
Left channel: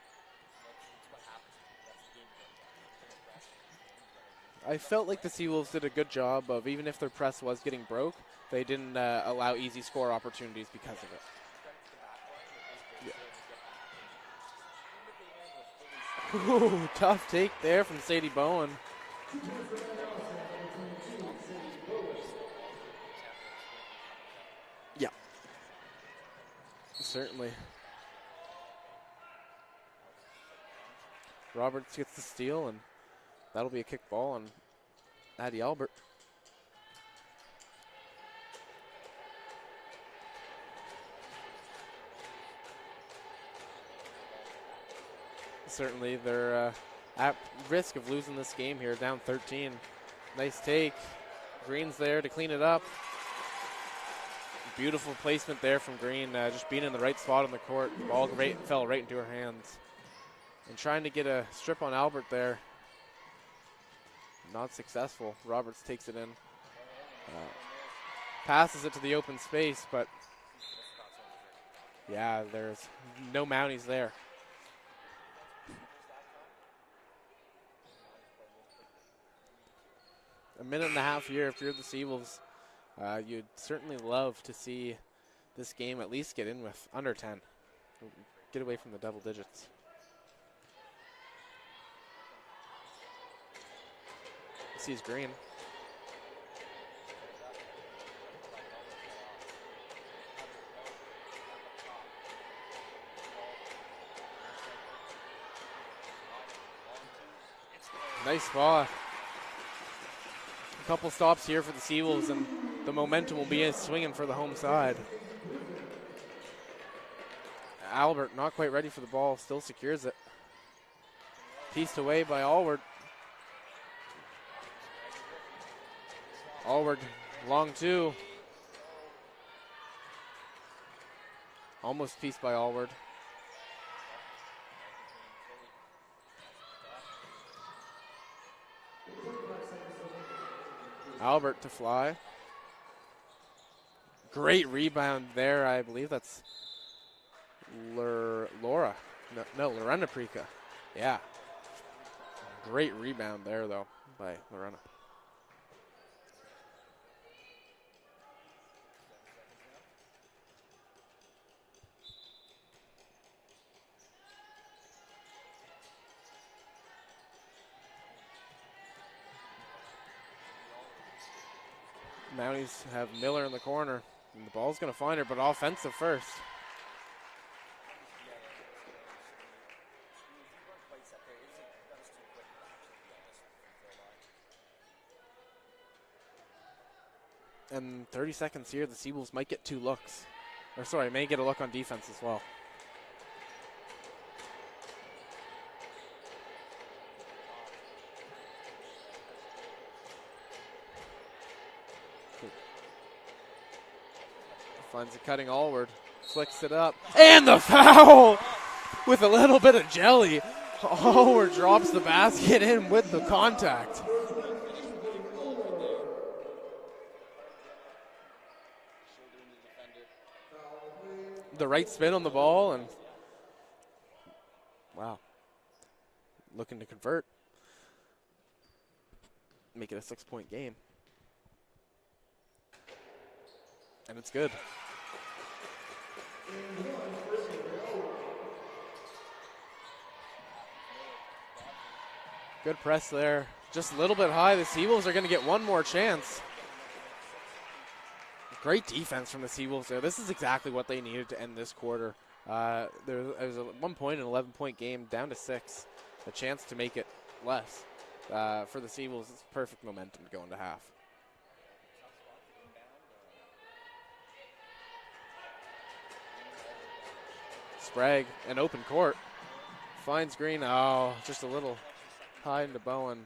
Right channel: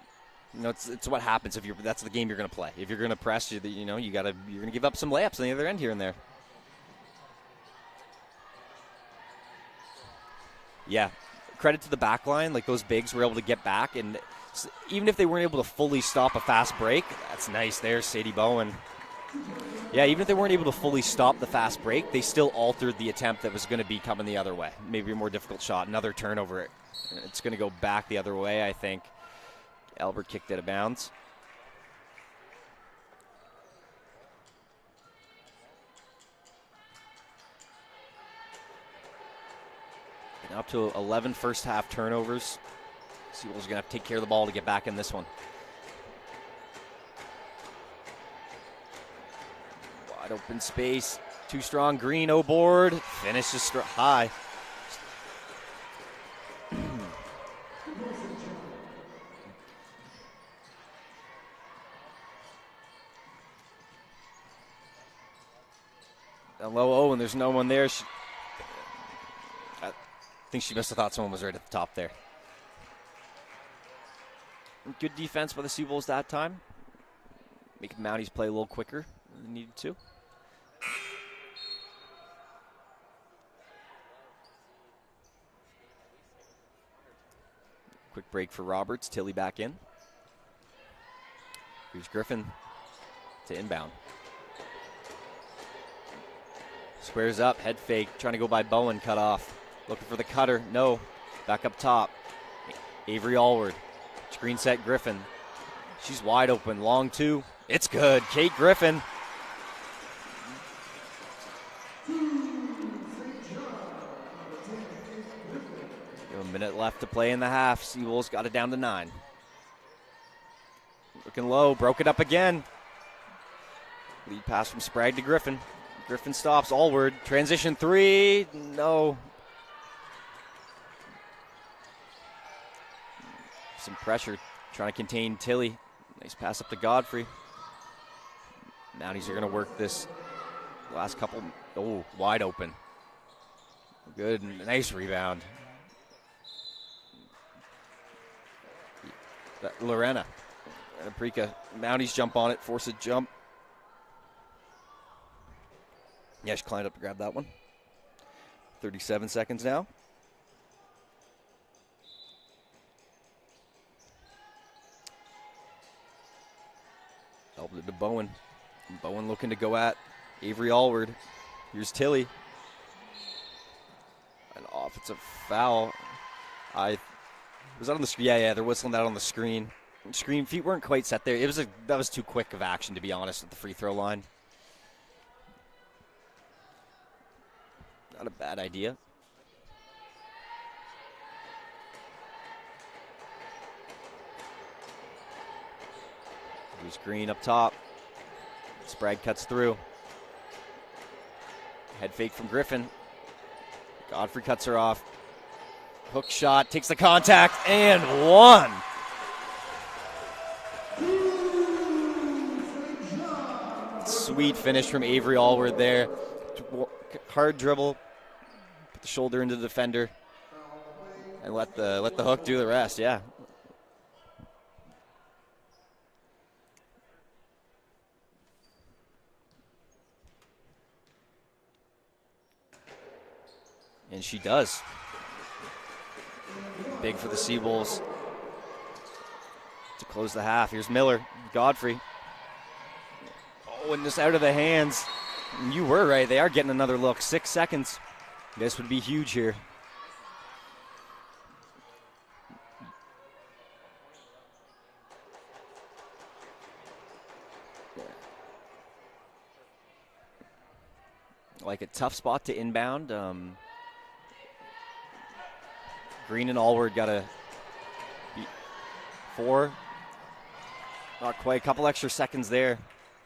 you know, it's what happens if that's the game you're going to play. If you're going to press, you're going to give up some layups on the other end here and there. Did a good job of, even if their press was getting broke, they didn't allow easy score opportunities because of it. Credit to the back line, like those bigs were able to get back, and even if they weren't able to fully stop a fast break, that's nice there, Sadie Bowen. Yeah, even if they weren't able to fully stop the fast break, they still altered the attempt that was going to be coming the other way. Maybe a more difficult shot, another turnover. Certainly. It's going to go back the other way, I think. Albert kicked out of bounds. Roberts gets the steal, and that'll be a kick ball on Addie Albert. And up to 11 first half turnovers. Seawolves are going to have to take care of the ball to get back in this one. Certainly, they're at risk of losing this game here, down 13. Wide open Nice space. Too strong. Green's there Green, to clean it board. Finishes high. Beautiful placement there from Green, just being in the right spot on the court. The ball fell right into her hands. And trying to get a strip on Albert there. Not successful. Roberts takes it in. A low and there's no one there. She passes it to the open space, but I think she must have thought someone was right at the top there. Yeah, there's no Mounties there. Good defense by the Seawolves that time. Making the Mounties play a little quicker than they needed to. A minute and a half here if you're the Seawolves. You'd certainly love to see this game at least get in with under 10. Quick break for Roberts. Tilly back in. Here's Griffin to inbound. Sees Green. Squares up, head fake, trying to go by Bowen, cut off. Looking for the cutter, no. Back up top. Avery Allward. Screen set Griffin. She's wide open, long two. It's good. Nice Kate spot. Griffin. A couple stops here for the Seawolves, and the momentum will be swinging for the home side. A minute left to play in the half. Seawolves got it down to 9. The ball still secures it. Looking low, broke it up again. Allward. Lead pass from Sprague to Griffin. Griffin stops. Allward. Allward. Transition Long 3. No. Almost pieced by Allward. Some pressure. Trying to contain Tilly. Nice pass up to Godfrey. Mounties are going to work this last couple. Albert to fly. Wide open. Good. Great nice rebound there. I believe that's Laura. No, Lorena. Yeah. Prika. Mounties jump on it. Force Great it jump. rebound there, though, by Lorena. Yeah, she climbed up to grab that one. 37 seconds now. Helped it to Bowen. Bowen looking to go at Avery Allward. Here's Tilly. Mounties have Miller in the corner. And the ball's going to find her, but foul. offensive first. Was that on the screen? Yeah, they're whistling that on the screen. Screen feet weren't quite set there. That was too quick of action, to be honest, at the free throw line. And 30 seconds here, the Seawolves might get 2 looks. Or sorry, may get a look on defense as well. Here's Green up top. Sprague cuts through. Head fake from Griffin. Godfrey cuts her off. Finds a cutting Allward. Hook Flicks shot, it takes up. the contact, And the foul! one. With a little bit of jelly. Allward drops the basket in with the contact. Sweet finish from Avery Allward there. Hard dribble. Put the shoulder into the defender. And let the hook do the rest, yeah. Wow. Looking to convert. Make it a 6-point game. And she does. Big for the Seawolves to close the half. Here's Miller, Godfrey. Good press there. Just a Just little bit out of the high. hands. The Seawolves are going to get one more You chance. were right. They are getting another look. 6 seconds. This Great would be defense huge for here. the Seawolves there. This is exactly what they needed to end this quarter. There was at one point an 11-point game down to 6. A chance to make it less. For the Seawolves, it's perfect momentum going to half. Like a tough spot to inbound. Green and Allward got a Sprague, an open court. 4. Finds Green. Oh, Not quite. A couple extra seconds there. Bowen.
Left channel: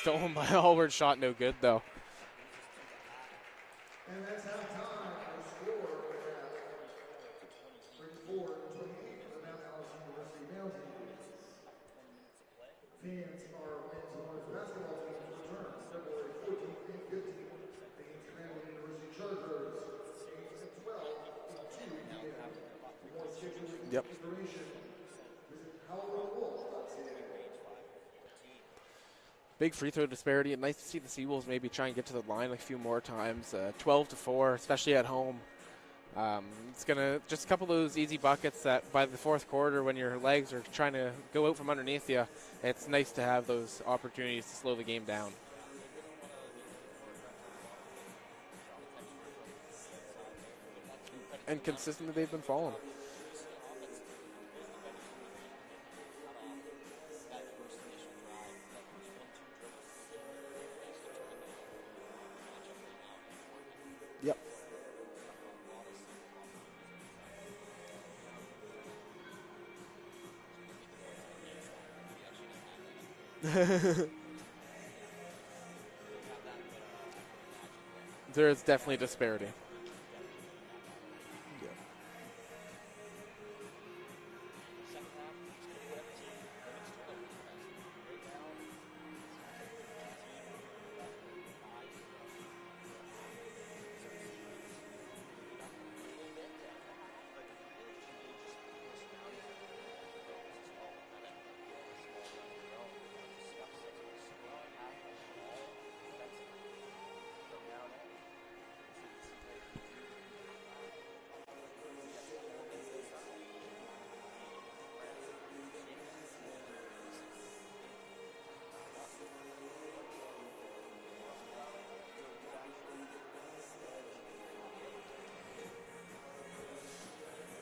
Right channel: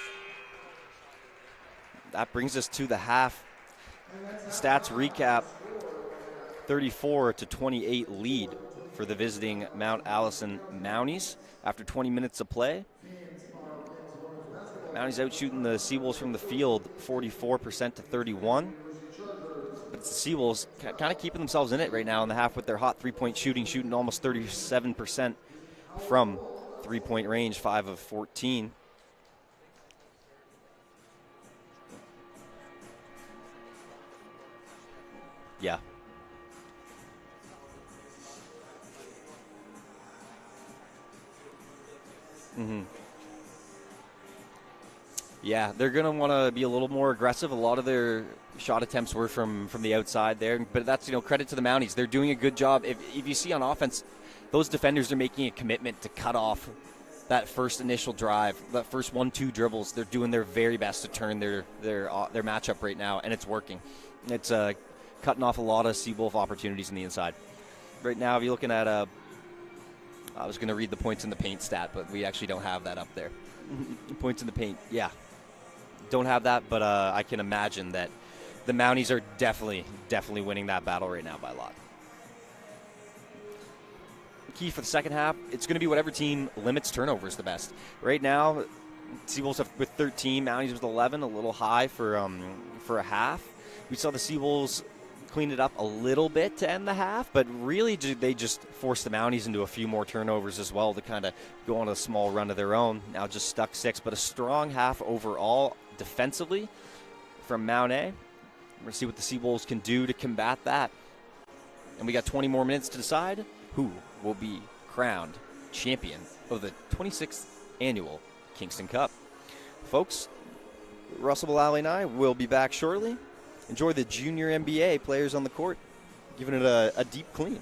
Stolen by Allward, shot no good though. That brings us to the half. Stats recap, 34-28 lead for the visiting Mount Allison Mounties after 20 minutes of play. Mounties out shooting the Seawolves from the field 44% to 31. But it's the Seawolves kind of keeping themselves in it right now in the half with their hot three-point shooting almost 37% from three-point range, 5 of 14. Big free throw disparity, and nice to see the Seawolves maybe try and get to the line a few more times. 12-4, especially at home. Yeah. It's gonna just a couple of those easy buckets that by the fourth quarter, when your legs are trying to go out from underneath you, it's nice to have those opportunities to slow the game down. Yeah, they're gonna want to be a little more aggressive. A lot of their shot attempts were from the outside there, but that's credit to the Mounties. They're doing a good job. If you see on offense, those defenders are making a commitment to cut off that first initial drive, that first 1-2 dribbles. They're doing their very best to turn their matchup right now, and it's working. Yep. It's cutting off a lot of Seawolf opportunities on the inside. Right now, if you're looking at I was going to read the points in the paint stat, but we actually don't have that up there. Points in the paint, yeah. Don't have that, but I can imagine that the Mounties are definitely winning that battle right now by a lot. Key for the second half, it's going to be whatever team limits turnovers the best. Right now, Seawolves with 13, Mounties with 11, a little high for a half. We saw the Seawolves clean it up a little bit to end the half, but really they just forced the Mounties into a few more turnovers as well to kind of go on a small run of their own. Now just stuck 6, but a strong half overall defensively from Mount A. We're going to see what the Seawolves can do to combat that. And we got 20 more minutes to decide who will be crowned champion of the 26th annual Kingston Cup. Folks, Russell Mullally and I will be back shortly. Enjoy the junior NBA players on the court, giving it a deep clean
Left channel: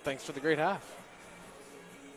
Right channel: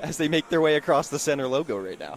as they make their way across the center logo right now.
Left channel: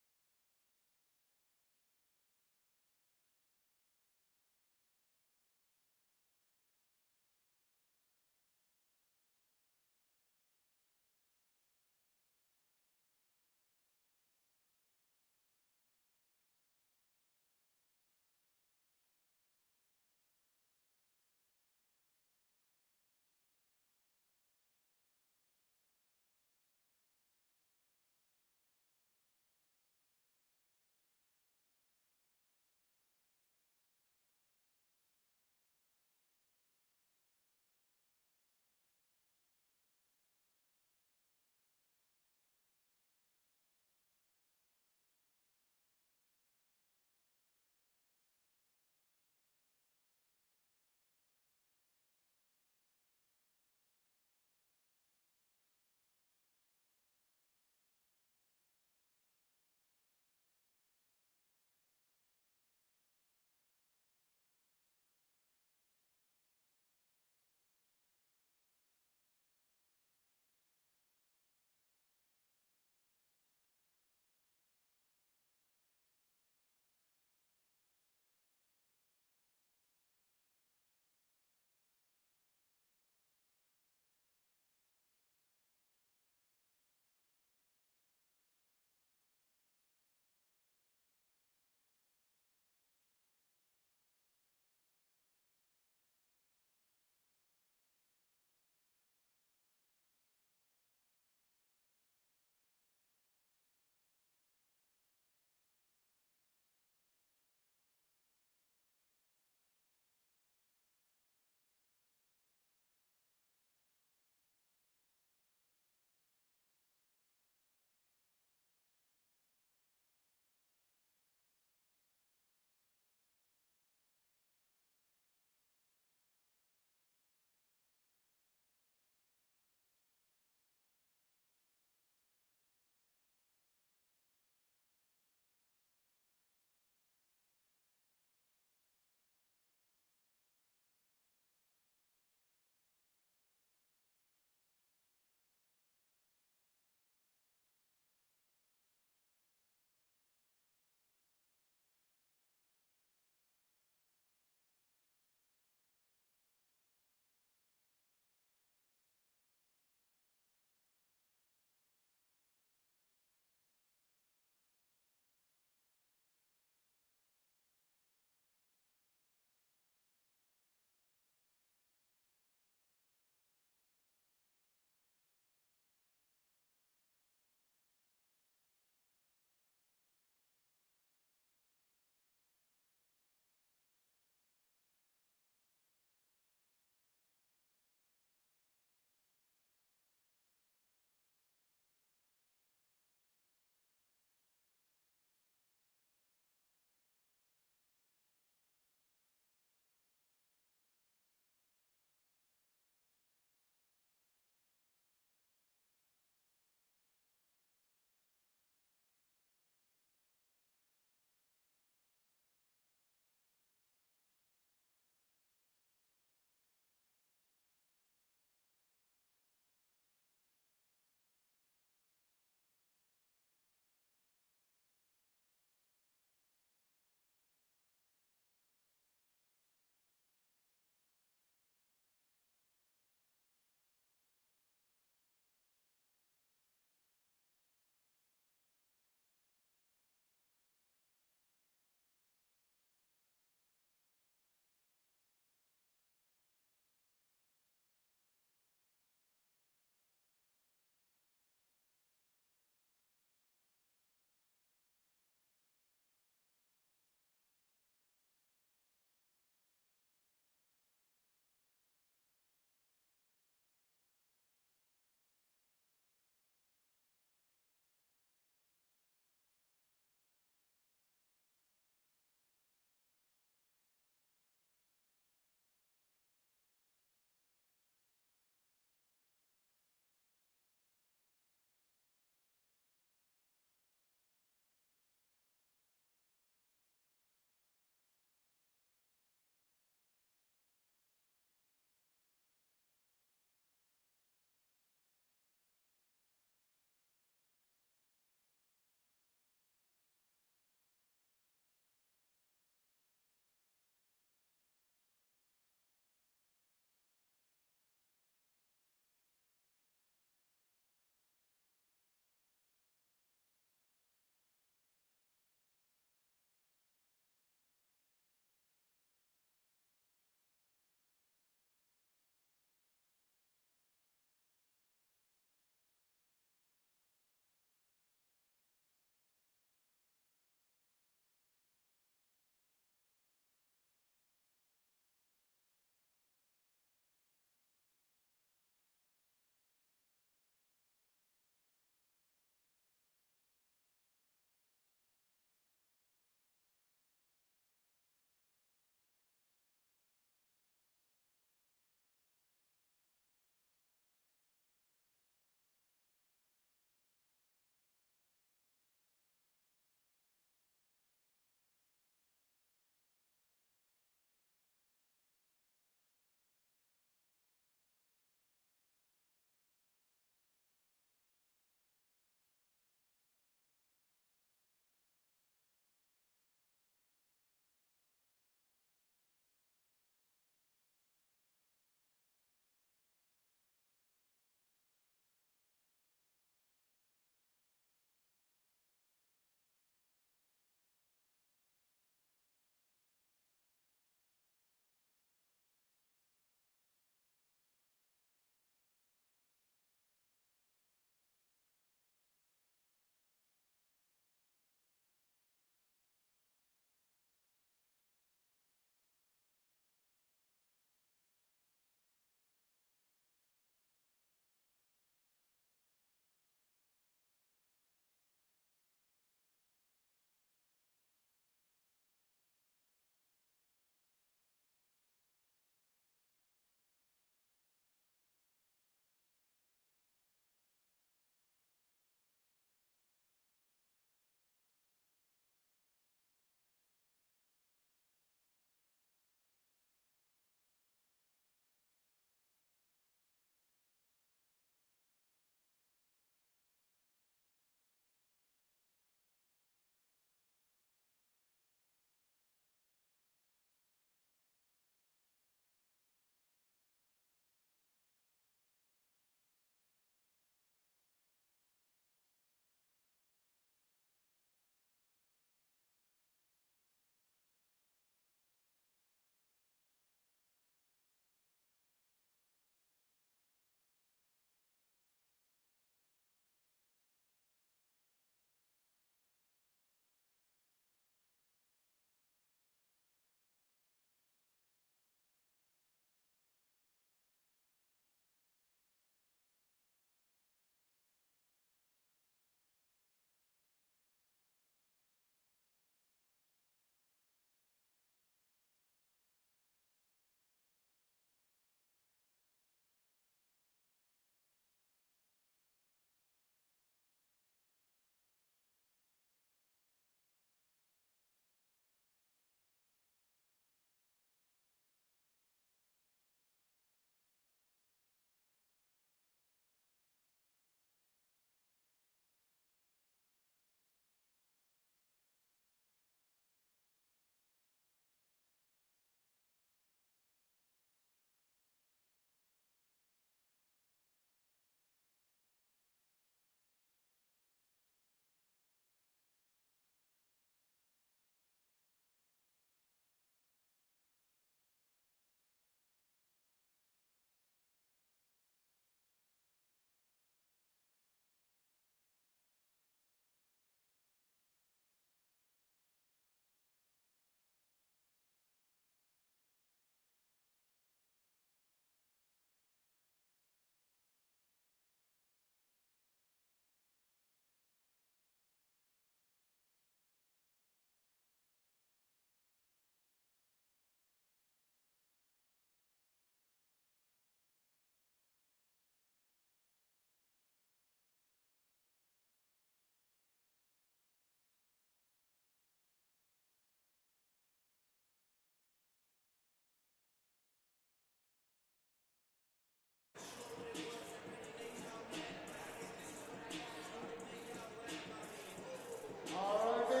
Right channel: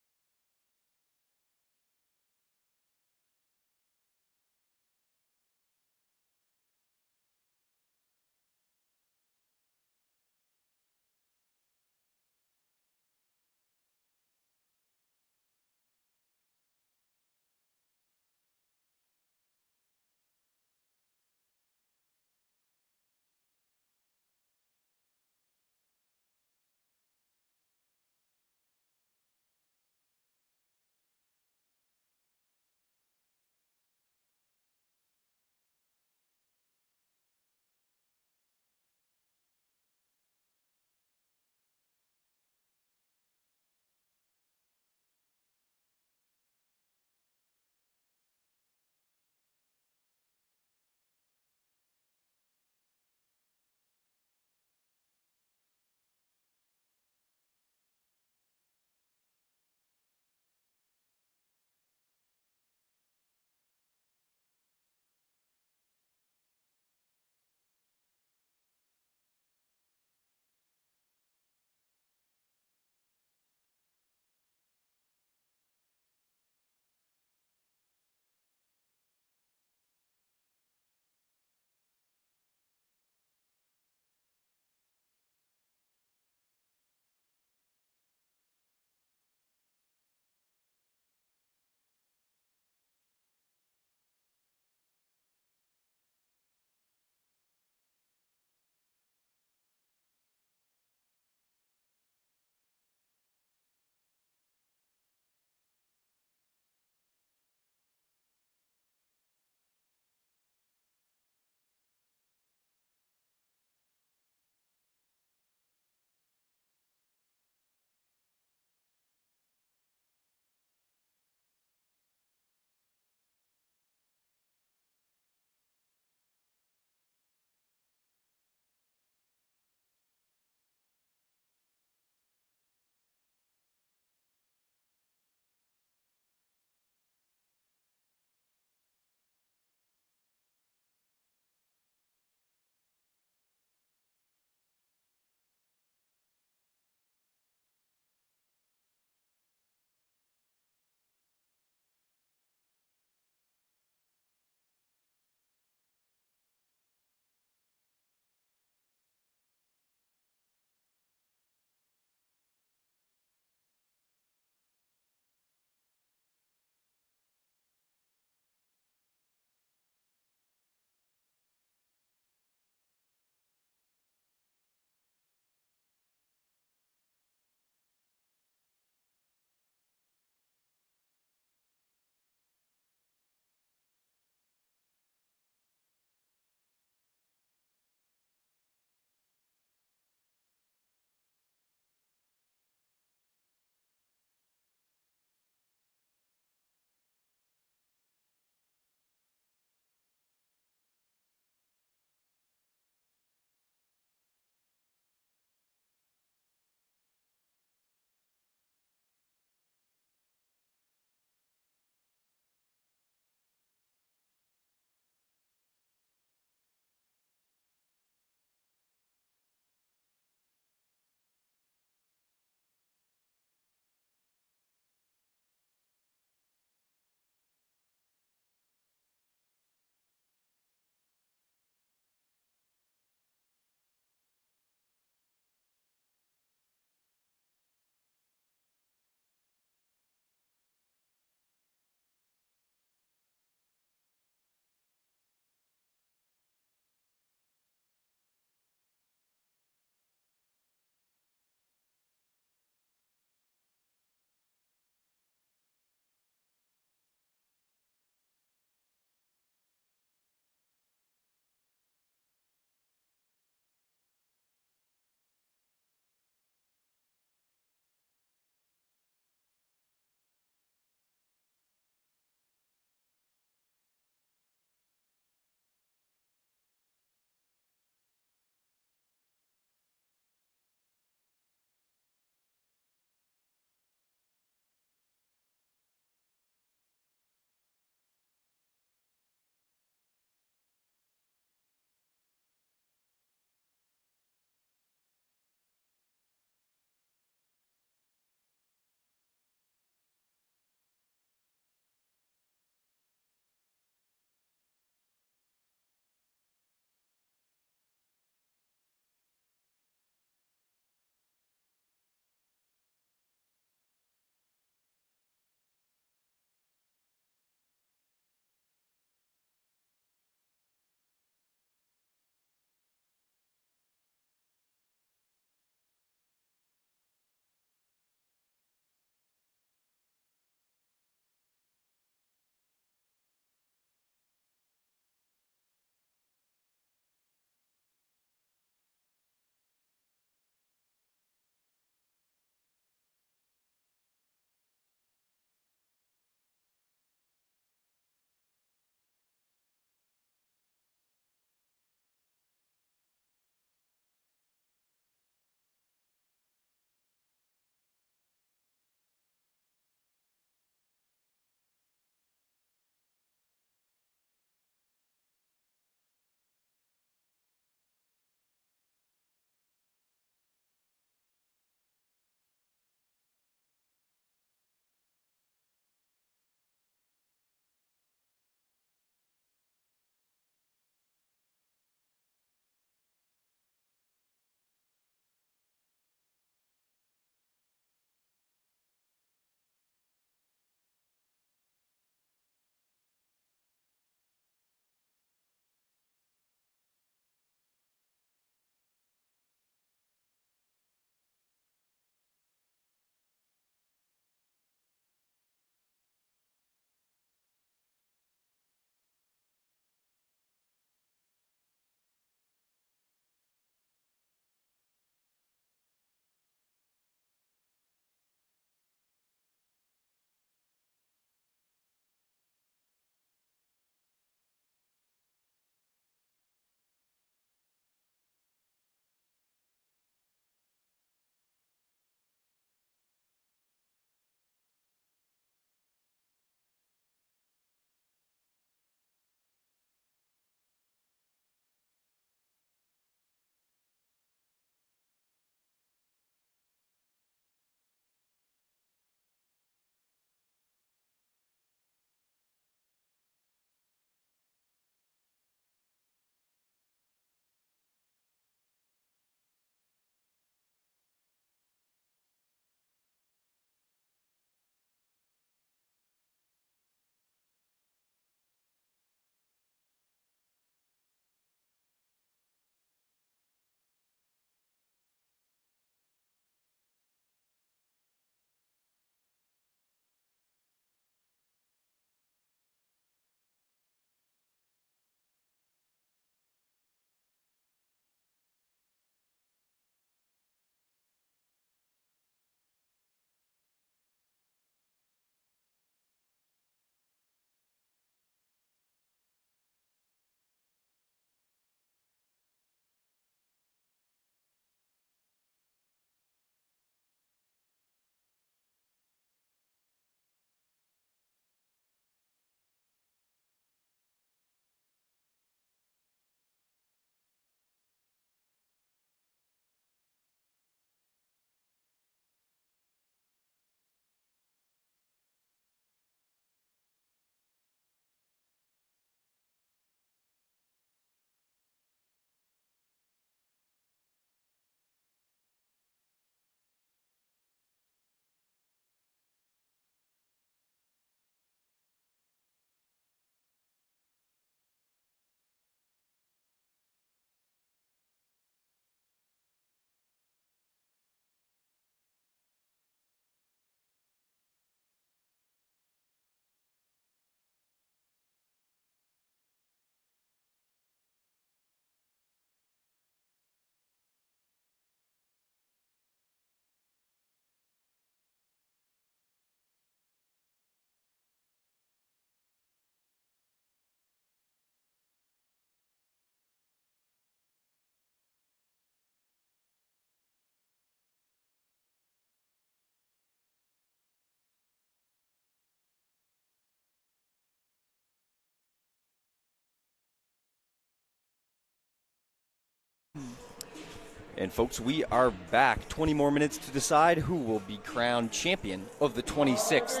And folks, we are back. 20 more minutes to decide who will be crowned champion of the 26th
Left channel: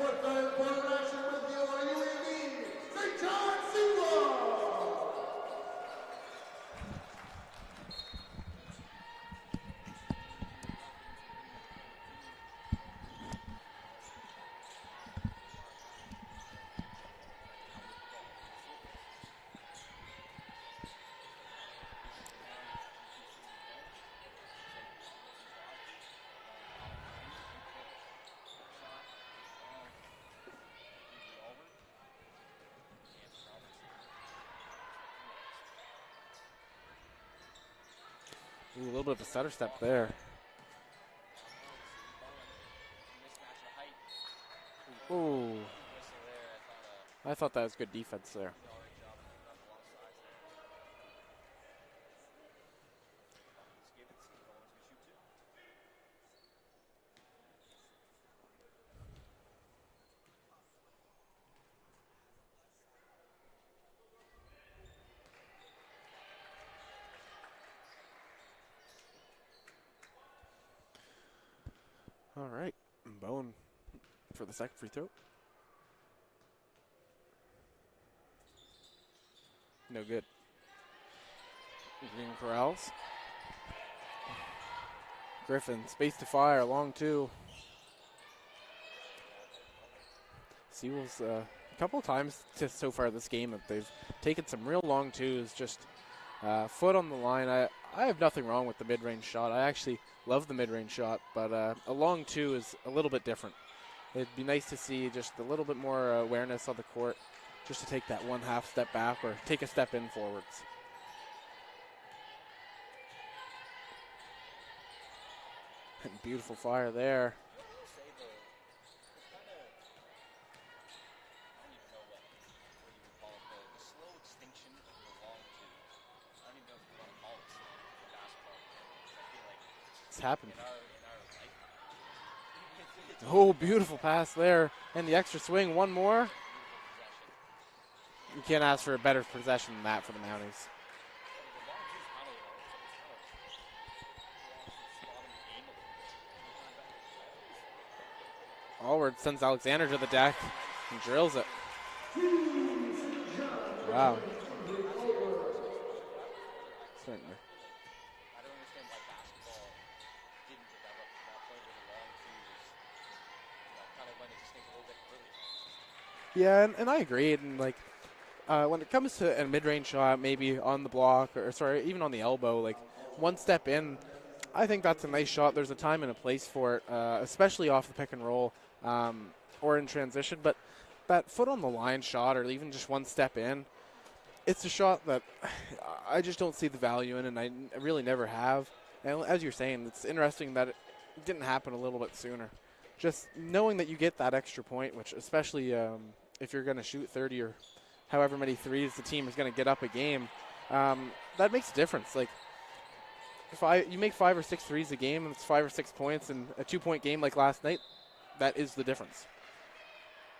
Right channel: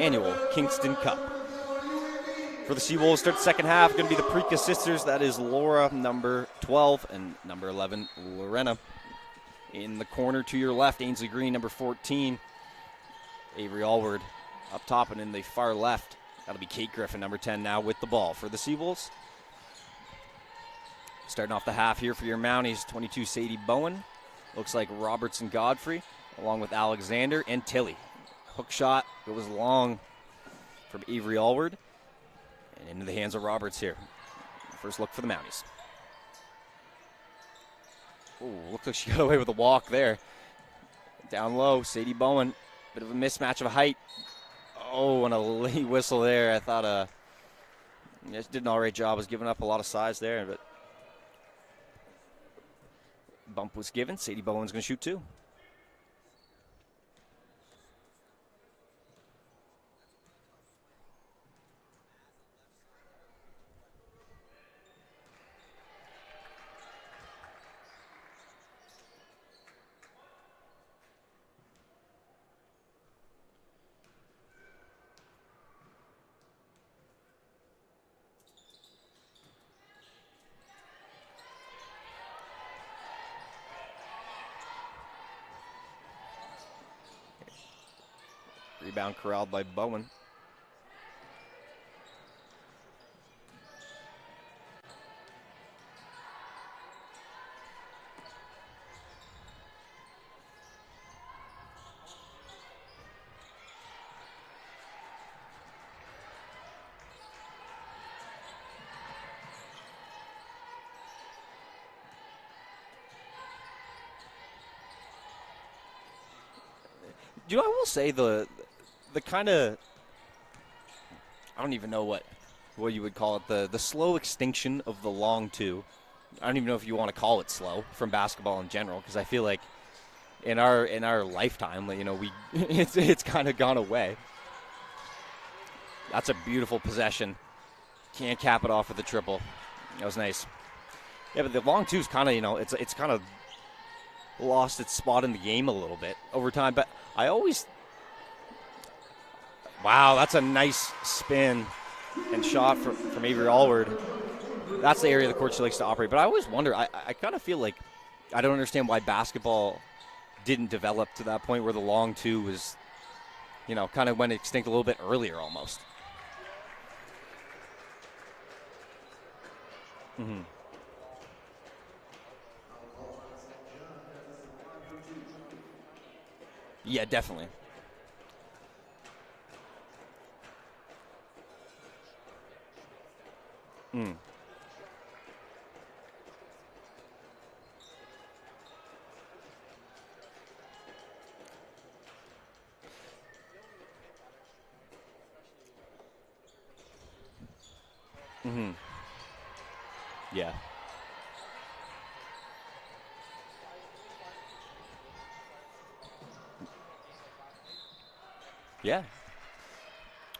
annual Kingston Cup. For the Seawolves, start the second half, going to be the Prika sisters. That is Laura, number 12, and number 11, Lorena. In the corner to your left, Ainsley Green, number 14. Avery Allward up top, and in the far left, that'll be Kate Griffin, number 10, now with the ball for the Seawolves. Starting off the half here for your Mounties, 22, Sadie Bowen. Looks like Robertson Godfrey, along with Alexander and Tilly. Hook shot goes long from Avery Allward. And into the hands of Roberts here. First look for the Mounties. Ooh, looks like she got away with a walk there. Down low, Sadie Bowen. Bit of a mismatch of height. Oh, and a late whistle there. I thought that was good defense. Just did an all right job. Was giving up a lot of size there, but bump was given. Sadie Bowen's going to shoot two. All right, Bowen for the second free throw. No good. Corrals. Griffin, space to fire, long two. Rebound corralled by Bowen. Seawolves a couple times so far this game that they've taken some real long twos, just foot on the line. I have nothing wrong with the mid-range shot. I actually love the mid-range shot, but a long two is a little bit different. It'd be nice to see just a little bit more awareness on the court, just to take that one half step back or take a step in forwards. And beautiful fire there. You know, I will say the kind of, I don't even know what you would call it, the slow extinction of the long two. I don't even know if you want to call it slow from basketball in general, because I feel like in our lifetime, you know, it's kind of gone away. Pass there, and the extra swing, one more. That's a beautiful possession. Can't cap it off with the triple. That was nice. Yeah, but the long two is kind of, you know, it's kind of lost its spot in the game a little bit over time. But I always. Allward sends Alexander. Wow, that's a nice spin and shot from Avery Allward. Wow. That's the area of the court she likes to operate. But I always wonder, I kind of feel like I don't understand why basketball didn't develop to that point where the long two was, you know, kind of went extinct a little bit earlier almost. Yeah, and I agree. And like when it comes to a mid-range shot, maybe on the block or sorry, even on the elbow, like one step in, I think that's a nice shot. There's a time and a place for it. Yeah, definitely. Especially off the pick and roll or in transition. But that foot on the line shot or even just one step in, it's a shot that I just don't see the value in, and I really never have. And as you're saying, it's interesting that it didn't happen a little bit sooner. Just knowing that you get that extra point, which especially if you're going to shoot 30 or however many threes the team is going to get up a game, that makes a difference. Like, if you make 5 or 6 threes a game and it's 5 or 6 points in a 2-point game like last night, that is the difference.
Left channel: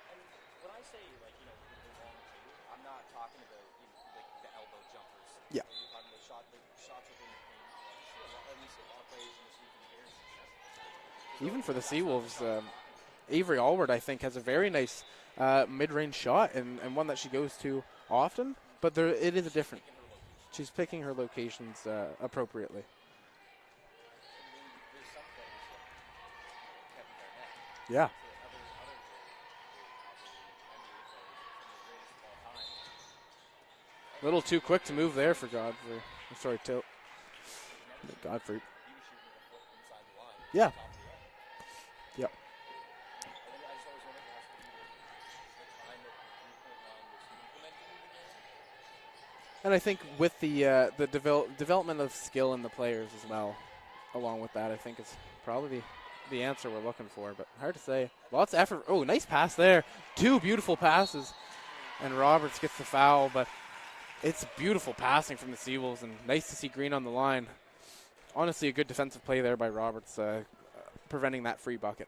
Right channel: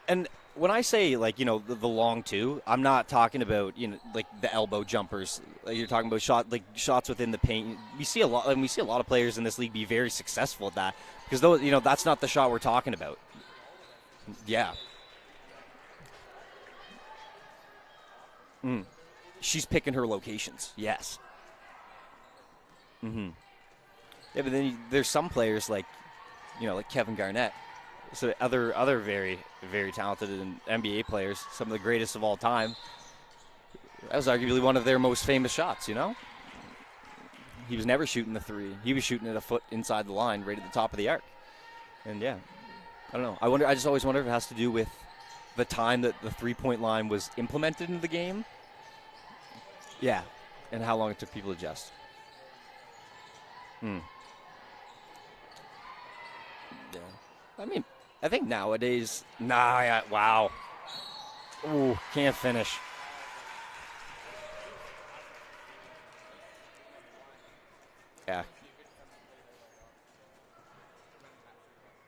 And when I say, like, you know, the long two, I'm not talking about, you know, like the elbow jumpers. Yeah. Like you're talking about shots within the paint. We see a lot of players in this league be very successful at that, because those, you know, that's not the shot we're talking about. Avery Allward, I think, has a very nice mid-range shot and one that she goes to often. But it is. She's picking her locations. She's picking her locations appropriately. Yeah, but then there's some players like, you know, like Kevin Garnett. Yeah. So other very, very talented NBA players, some of the greatest of all time. That was arguably one of their most famous shots, you know? Sorry, Tote. He was never shooting a three. He was shooting it a foot inside the line, right at the top of the arc. And I don't know. I just always wonder if it has to do with the time that the three-point line was implemented into the game. And I think with the development of skill in the players as well, along with that, I think it's probably the answer we're looking for, but hard to say. I think nowadays. Nice pass there. Wow. 2 beautiful passes. Ooh, and can't Roberts finish. gets the foul, but it's beautiful passing from the Seawolves, and nice to see Green on the line. Yeah. Honestly, a good defensive play there by Roberts, preventing that free bucket.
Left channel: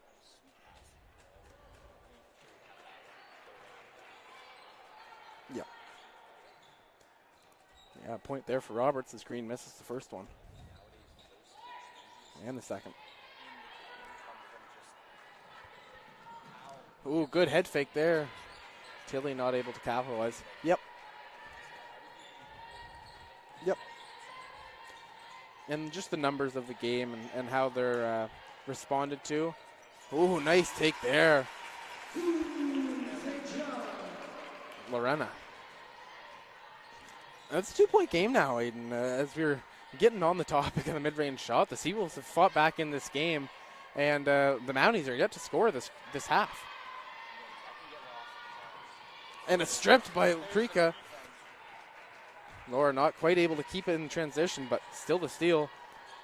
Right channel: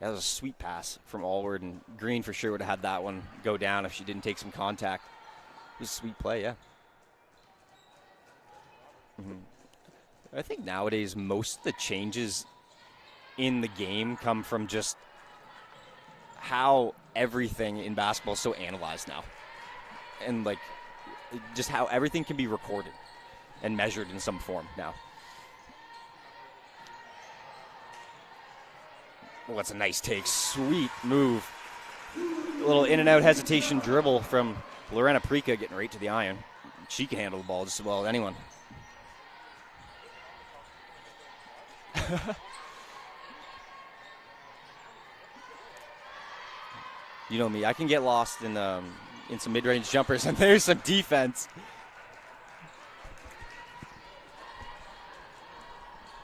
That was a sweet pass from Allward, and Green for sure would have had that one go down if she didn't take some contact. Yeah. It was a sweet play, yeah. Yeah, point there for Roberts as Green misses the first one. I think nowadays most of the changes And the second. in the game come from just how everything in basketball is so analyzed now. Tilly not able to capitalize. And like, just how everything can be recorded and measured in some form now. And just the numbers of the game and how they're responded to. Oh, that's a nice take. Ooh, nice Sweet take there. A little in and out hesitation dribble from Lorena Prika getting right to the iron. She can handle the ball It's as well as a 2-point anyone. game now, Aiden. As we're getting on the topic of the mid-range shot, the Seawolves have fought back in this game, and the Mounties are yet to score this half. You know me, I can get lost in some And a mid-range stretch jumpers, by and there's some Prika. defense. Laura not quite able to keep it in transition, but still the steal.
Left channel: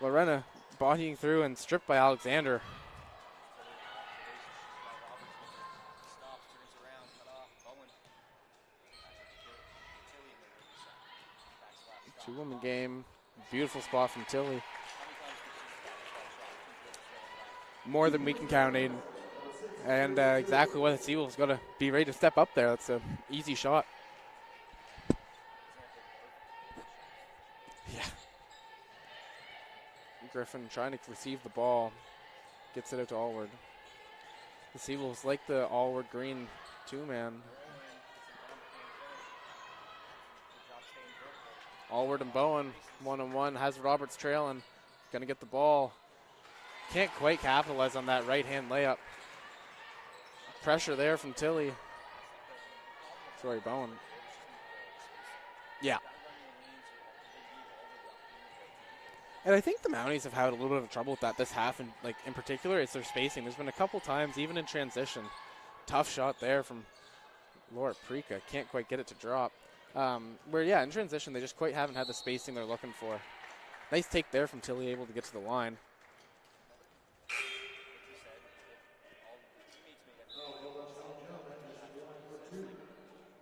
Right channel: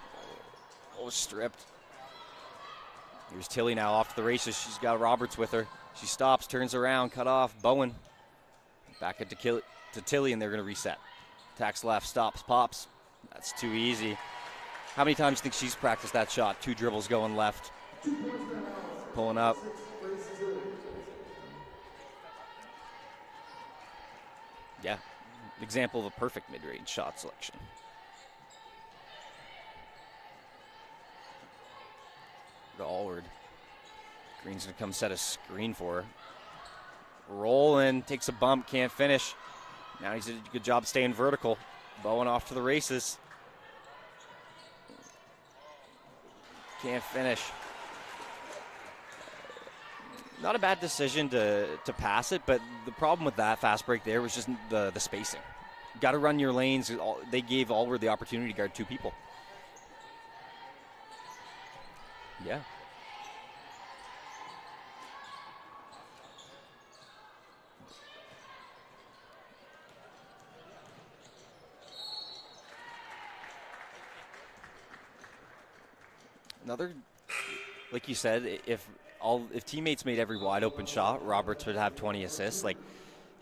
Lorena bodying through and stripped by Alexander. Here's Tilly now off to the races. She's got Roberts with her. She stops, turns around, cut off. Bowen back it to Tilly, and they're going to reset. Attacks left, stops, pops. Game. That's Beautiful too spot easy. from Tilly. How many times do you think she's practiced that shot? 2 dribbles going left, More than we can count, Aiden. pulling up. And exactly what the Seawolves got to be ready to step up there. That's an easy shot. Yeah, example of a perfect mid-range shot selection. Yeah. Griffin trying to receive the ball. Gets it to Allward. Allward. Green's going to The come set a Seawolves like the screen for her. Allward Green two-man. Rolling, takes a bump, can't finish. Now he's did a good job staying vertical. Allward Going and off to the Bowen, races. 1-on-1, has Roberts trailing. Going to get the ball. Can't quite finish. capitalize on that right-hand layup. Not a bad Pressure there decision from Tilly. to pass it, but the problem with that Very fast Bowen. break there was just the spacing. Yeah. Got to run your lanes. They gave Allward the opportunity to guard 2 people. And I think the Mounties have had a little bit of trouble with that this half, and like in particular, it's their spacing. There's been a couple times, even in transition, tough shot there from Laura Prika. Can't quite get it to drop. Where in transition they just quite haven't had the spacing they're looking for. Nice take there from Tilly, able to get to the line. Another, like you said, if teammates made every wide open shot, Roberts would have 20 assists. Like,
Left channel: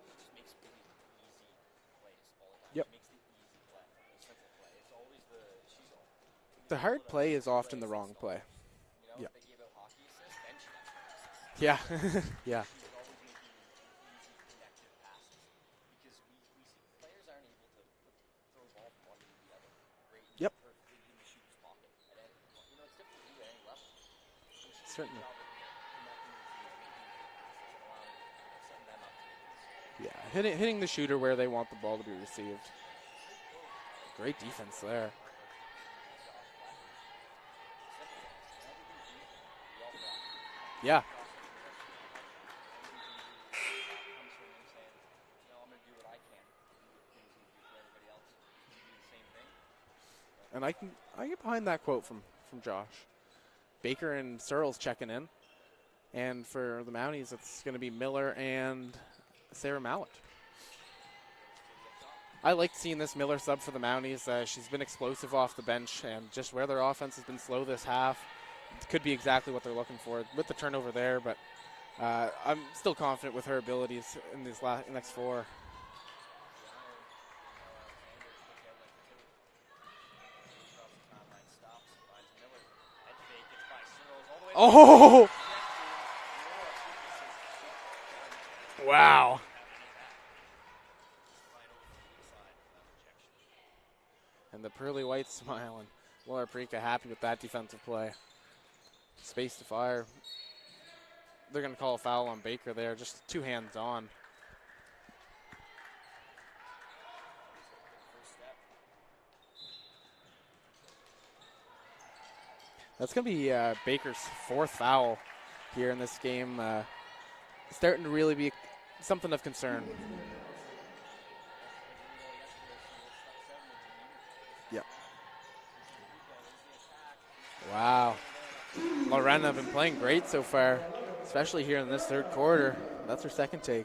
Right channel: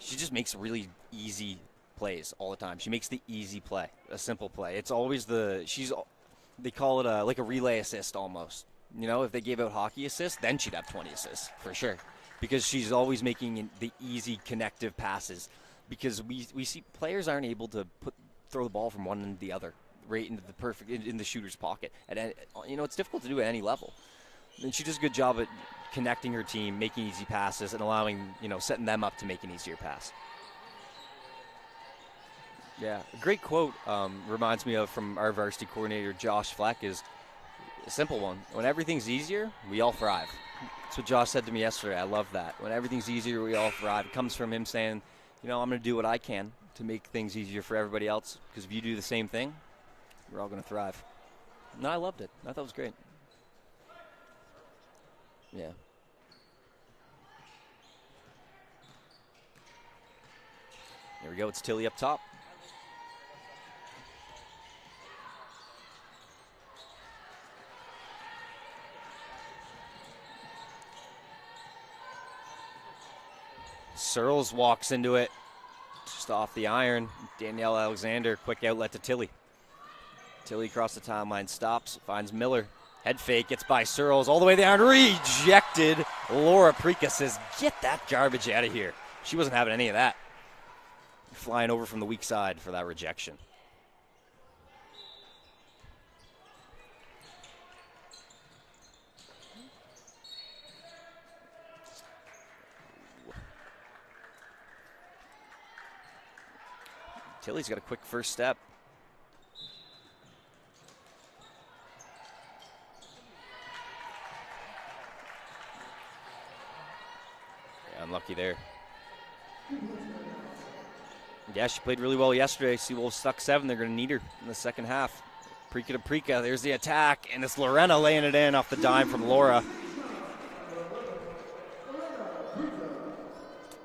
she just makes really easy plays all the time. Yep. She makes the easy play, a simple play. It's always they The call it hard like play a is relay often the assist wrong play. almost. You know, if they gave out hockey assists, then she'd have 20 assists. Yeah. For sure. Because she's always making the easy connective passes. Because we see players aren't able to throw the ball from one end to the other, right into the perfect in the shooter's pocket. And it's difficult to do at any level. And she does a good job at connecting her team, making easy passes, and allowing, setting them up to make an easier pass. Yeah. Hitting the shooter where they want the ball to be received. Yeah, a great quote Great reminds me of defense from our varsity coordinator, Josh Fleck, is a simple one. When everything's easier, we all thrive. Yeah. That's what Josh said to me yesterday. I love that. When everything's easier, we all thrive. It comes from him saying, I'm going to do what I can to make things easier for everybody else, because if you do the same thing, we're all going to thrive. I get behind that No, I quote loved from- it. I from thought it was Josh. great. Baker and Searles checking in. Yeah. And for the Mounties, it's going to be Miller and Sarah Mallett. Here we go. It's Tilly up top. I like seeing this Miller sub for the Mounties. She's been explosive off the bench, and just where their offense has been slow this half, it could be exactly what they're looking for with the turnover there. But I'm still confident with her abilities. Searles She's walks next into it. floor. Just off the iron. Danielle Alexander, quick outlet to Tilly. Tilly across the timeline, stops, finds Miller. Head fake, gets by Searles all the way there. Rejected. Laura Prika says, get that garbage out of here. Wow. She wasn't having any of that. Flying over from the weak side for that rejection. And the pearly white smiling. Laura Prika happy with that defensive play. Space to fire. They're going to call a foul on Baker there. Just 2 hands on. Tilly's got a quick first step. That's going to be Baker's 4th foul here in this game. Starting to really be there. something of concern. Yeah, she played really well yesterday. Seawolves stuck 7. They're going to need her in the second half. Prika to Prika. There's the attack, and it's Lorena laying it in off the dime from Lorena Laura. playing great so far, especially here in this 3rd quarter. That's her second take.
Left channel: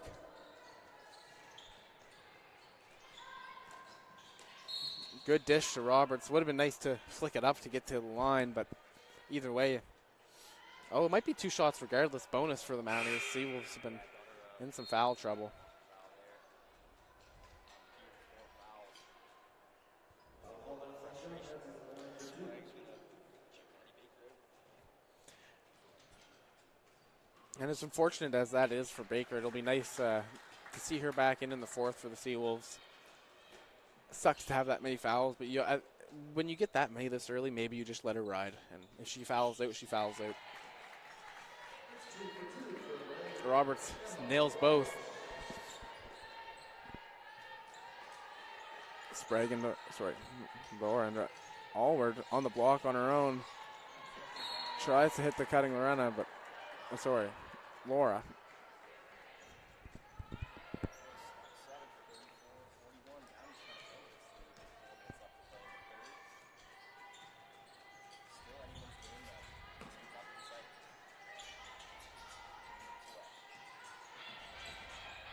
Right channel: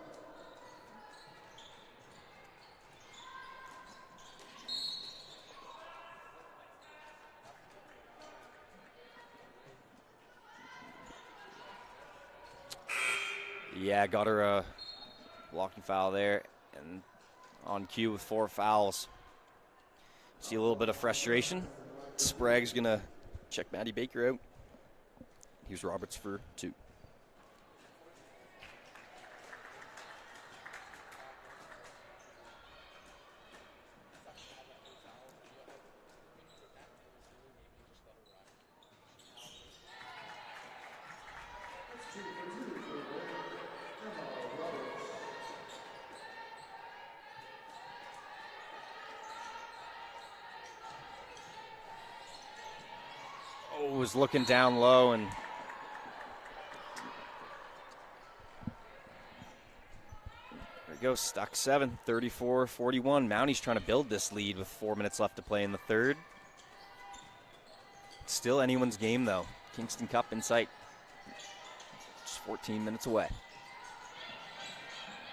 Good dish to Roberts. Would have been nice to flick it up to get to the line, but either way. Oh, it might be 2 shots regardless. Bonus for the Mounties. Seawolves Yeah, got her in some foul trouble. blocking foul there, and on cue with 4 fouls. See a little bit of frustration. Sprague's going to check Maddie Baker out. Here's Roberts for 2. And as unfortunate as that is for Baker, it'll be nice to see her back in the 4th for the Seawolves. sucks to have that many fouls, but when you get that many this early, maybe you just let her ride. And if she fouls out, she fouls out. Roberts nails both. Sprague and Laura and Allward on the block on her own. Oh, was looking down low Tries and to hit the cutting Lorena, but Laura. There we go, stuck 7, 34-41. Mounties trying to build this lead with 4 minutes left to play in the third. Still anyone's game though. Kingston Cup in sight. Just 14 minutes away.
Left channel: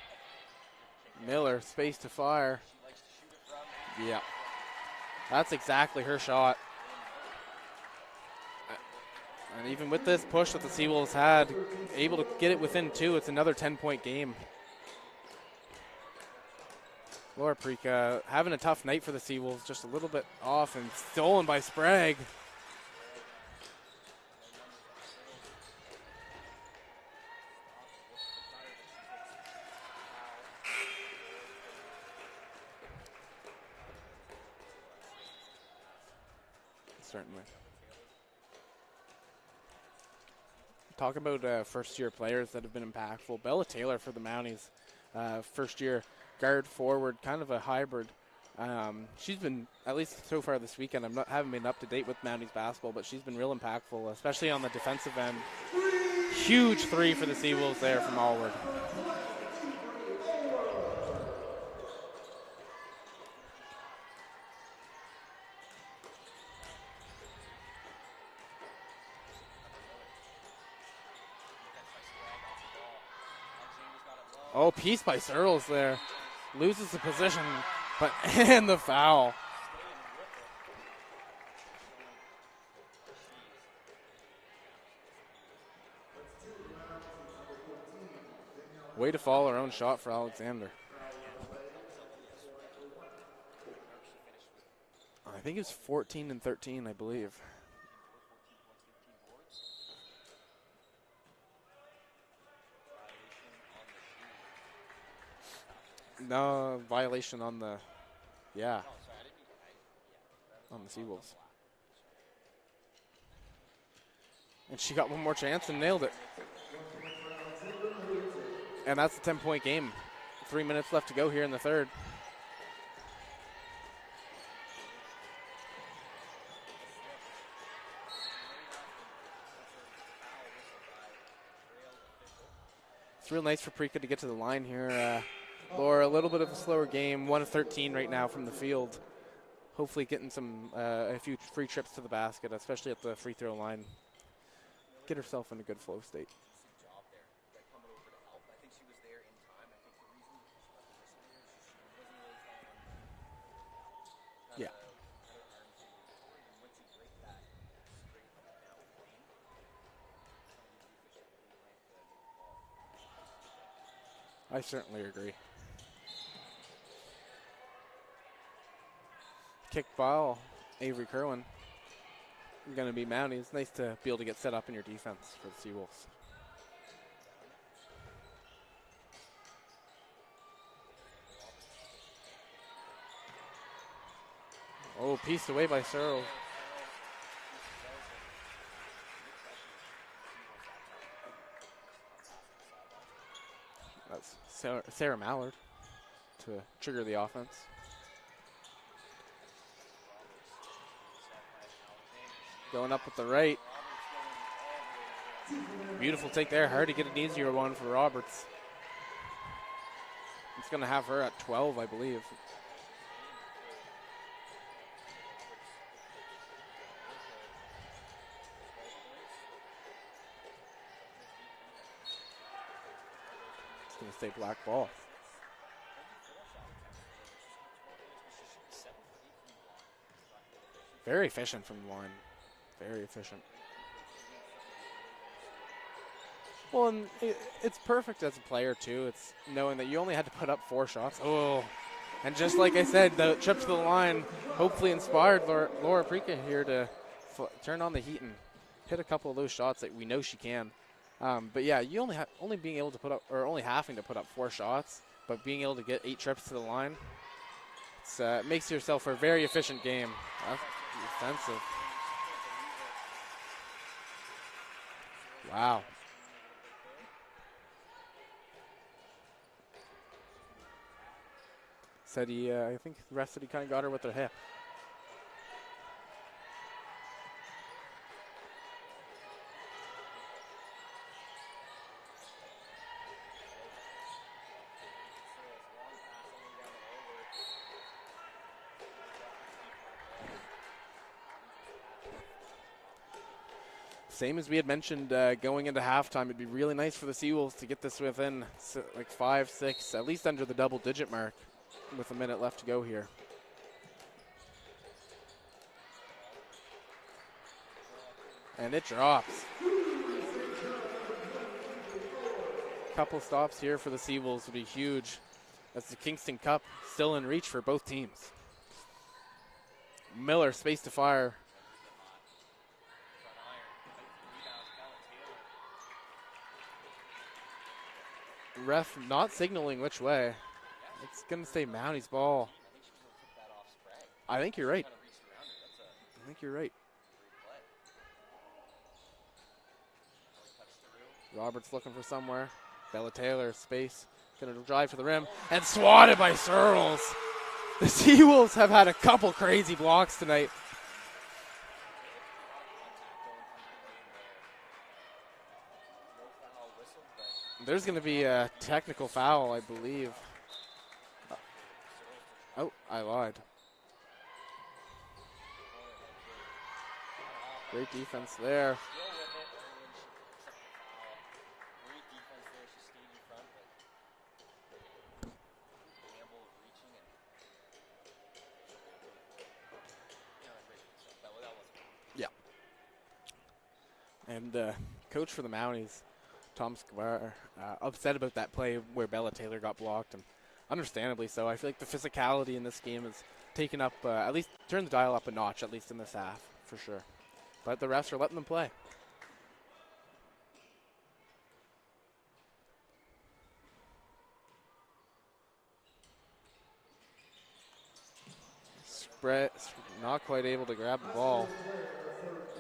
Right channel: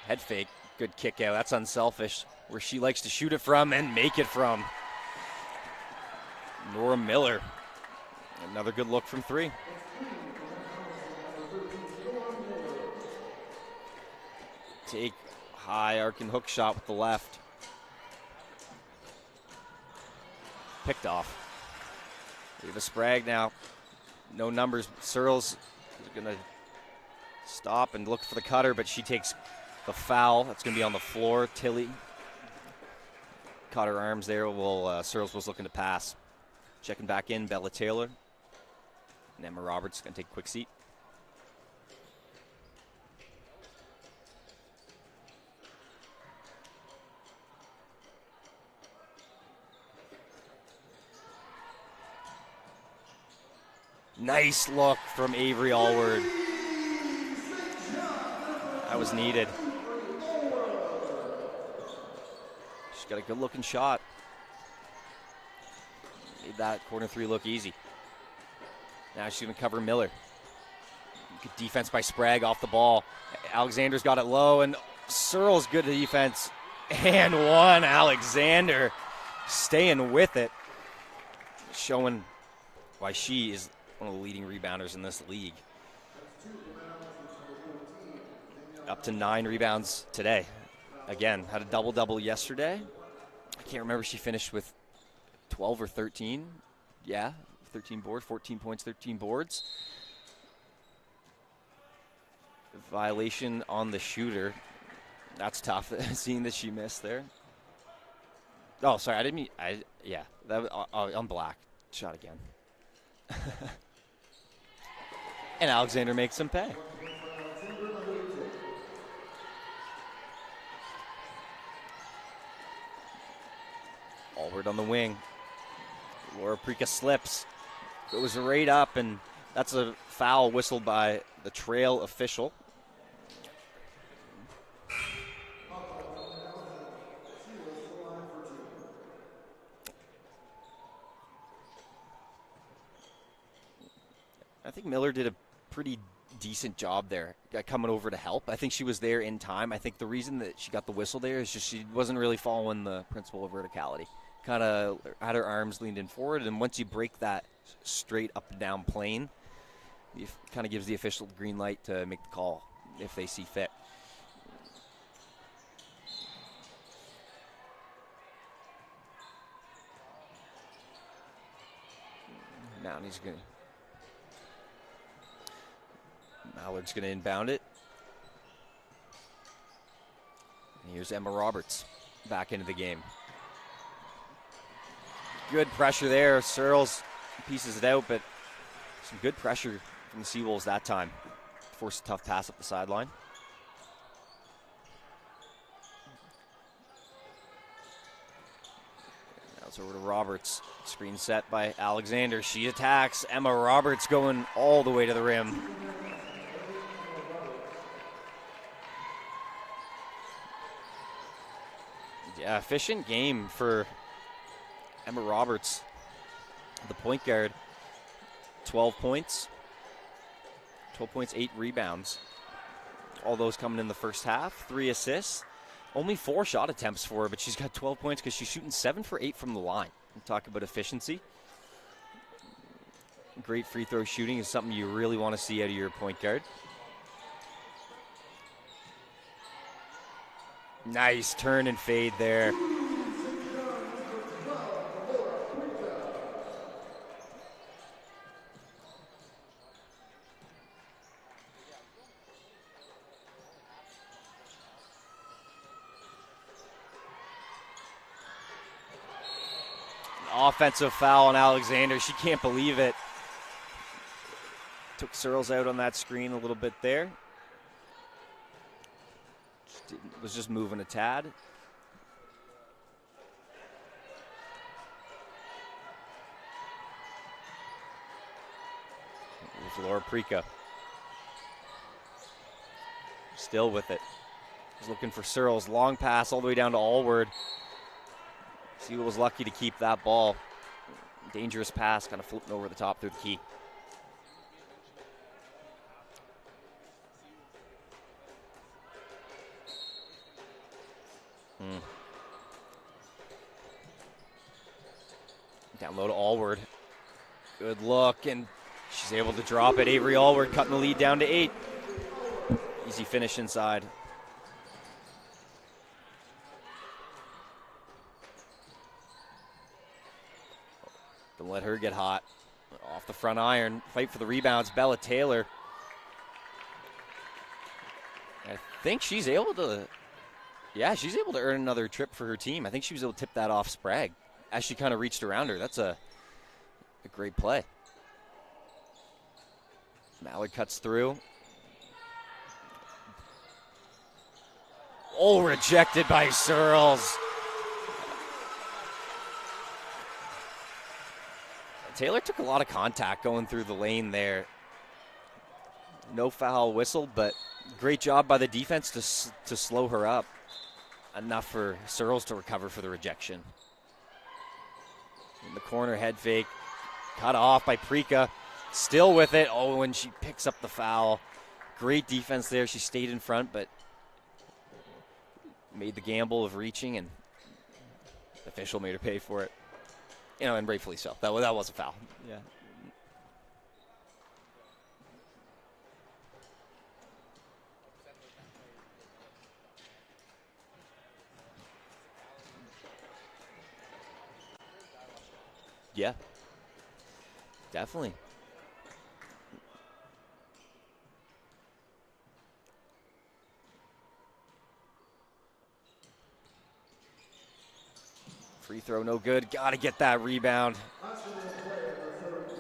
Head fake, good kick out. Miller, that's unselfish. where she likes to shoot it from and make it from. That's exactly her shot. Nora Miller. Another good look from 3. And even with this push that the Seawolves had, able to get it within 2, it's another 10-point game. Take high arc and hook shot with the left. Laura Prika having a tough night for the Seawolves, just a little bit off and Picked stolen by Sprague. Ava Sprague now. No numbers. Searles is going to stop and look for the cutter, but she takes the foul. That's going to be on the floor. Tilly caught her arms there. Searles was looking to pass. Checking back in, Bella Taylor. And Emma Roberts going to take a quick seat. Talk about first-year players that have been impactful. Bella Taylor for the Mounties, first-year guard forward, kind of a hybrid. She's been, at least so far this weekend, haven't been up to date with Mounties basketball, but she's been real impactful. Nice on the look defensive from end. Avery Allward. Huge 3 for the Seawolves there from Allward. That was needed. She's got a good-looking shot. Made that corner 3 look easy. Now she's going to cover Miller. Good defense by Sprague off the ball. Alexander's got it low. And piece by Searles, Searles good defense. Loses And one, Alexander. And the foul. Staying with it. Showing why she is one of the leading rebounders in this league. Up Way to follow 9 her own rebounds shot for today. Alexander. Again, had a double-double yesterday. I can't remember if she finished with I think 12 it's or 14 13. and 13, I believe. Yeah, 13 boards, 14 points, 13 boards. Violation on the shooter. That's tough. Seeing that she missed violation on the, yeah. Oh, sorry, I didn't mean, that was on Black. Shot again. And she got one more chance. And nailed Alexander it. makes him pay. And that's a 10-point game. 3 minutes left to go here in the third. Allward on the wing. Laura Prika slips. Goes right up, and that's a foul whistled by the trail official. It's real nice for Prika to get to the line here. Laura, a little bit of a slower game. 1 of 13 right now from the field. Hopefully getting a few free trips to the basket, especially at the free throw line. I think Miller did a good pretty decent job there, coming over to help. I think she was there in time. I think the reason that she got the whistle there is just she wasn't really following the principle of verticality. Kind of had her arms leaned in forward, and once you break that straight up and down plane, it kind of gives the official the green light to make the call if they see fit. I certainly agree. Kick ball, Avery Kerwin. Going to be Mounties. It's nice to be able to get set up in your defense for the Seawolves. Mallard's going to inbound it. And here's Emma Roberts back into the game. Oh, piece good pressure there. Searles pieces it out, but some good pressure from the Seawolves that time. Forced a tough pass up the sideline. That's Sarah Mallard to trigger the offense. Now it's over to Roberts. Screen set by Alexander. She Going attacks. right. Emma Roberts going all the way to the rim. Beautiful take there. Hard to get an easier one for Roberts. It's going to have her at 12, I believe. Yeah, efficient game for Emma Roberts, the point guard. 12 points. 12 points, 8 rebounds. All those coming in the first half. 3 assists. Only 4 shot attempts for her, but she's got 12 points because she's shooting 7 for 8 from the line. Talk about efficiency. Very efficient from the line. Very efficient. Great free throw shooting is something you really want to see out of your point guard. Well, and it's perfect as a player, too. It's knowing that you only had to put up 4 shots. Nice turn and fade there. And just like I said, the trip to the line hopefully inspired Laura Prika here to turn on the heat and hit a couple of those shots that we know she can. But yeah, you only being able to put up, or only having to put up 4 shots, but being able to get 8 trips to the line, it makes yourself for a very efficient game. Offensive foul on Alexander. She can't believe it. Took Searles out on that screen a little bit there. Was just moving a tad. Said he, I think the rest said he kind of got her with her hip. There's Laura Prika. Still with it. He's looking for Searles. Long pass all the way down to Allward. Sewell was lucky to keep that ball. Dangerous pass, kind of floating over the top through the key. Same as we had mentioned going into halftime, it'd be really nice for the Seawolves to get this within like 5, 6, at least under the double-digit mark with a minute left to go here. Down low to Allward. Good look, and it she's drops. able to drop it. Avery Allward cutting the lead down to 8. Easy finish stops here inside. for the Seawolves would be huge, as the Kingston Cup still in reach for both teams. Miller, space to fire. Don't let her get hot. Off the front iron, fight for the rebounds. Bella Taylor. I think she's able to. Which way? Yeah, she's able to earn another trip for her team. I think she was able to tip that off Sprague. I think as she kind of reached around her. That's I think you're right. A great play. Mallard cuts through. Roberts looking for somewhere. Bella Taylor, space. Gonna drive to the rim. Oh, rejected by Searles. The Seawolves have had a couple crazy blocks tonight. Taylor took a lot of contact going through the lane there. No foul whistle, but great job by the defense to slow her up. Enough for Searles to recover for the rejection. In the corner, head fake. Cut off by Prika. Still with it. Oh, and she picks up the foul. Great defense there. She stayed in front, but made the gamble of reaching, and the official made her pay for it. You know, and rightfully so. That was a foul. Yeah. And coach for the Mounties, Tom Square, upset about that play where Bella Taylor got blocked, and understandably so. I feel like the physicality in this game has taken up, at least turned the dial up a notch, at least in this half, for sure. But the refs are letting them play. Free throw, no good. Got to get that rebound. Grab the ball.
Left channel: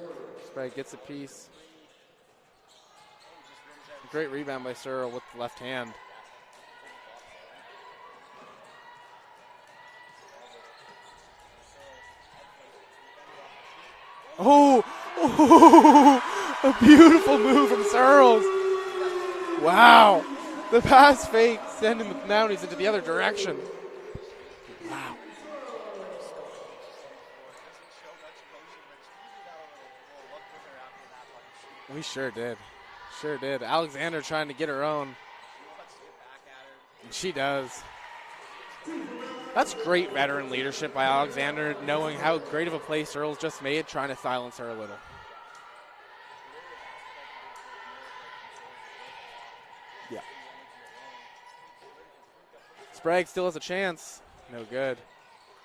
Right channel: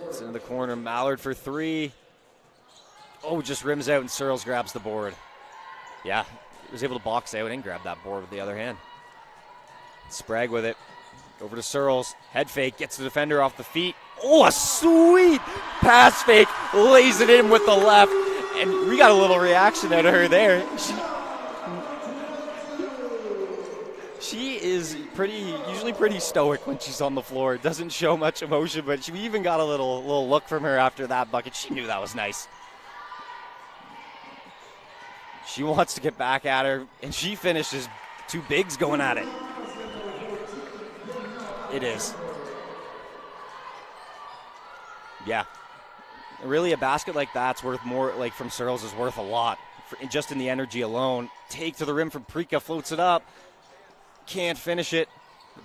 It's in the corner. Mallard for 3. Oh, just rims out, and Searles grabs the board. With the left hand. Yeah, was able to box out and grab that board with the other hand. Sprague with it. Over to Searles. Head fake, gets the defender off the feet. Oh, a sweet pass fake. Lays it in with the left. And we got a little reaction out of her there. The pass fake sending the Mounties into the other direction. She is usually pretty stoic when she's on the floor. Doesn't show much emotion, but she even got a little look from her after that bucket. She knew that was nice. Sure did. Alexander trying to get her own. She wants to get back at her, and she finishes 2 bigs going at it. That's great veteran leadership by Alexander, knowing how great of a play Searles just made, trying to silence her a little. Yeah. Really, a basket like that's worth more, like from Searles is worth a lot. Just in the energy alone. Take to the rim from Prika, floats it up. Sprague still has a chance. Can't finish it.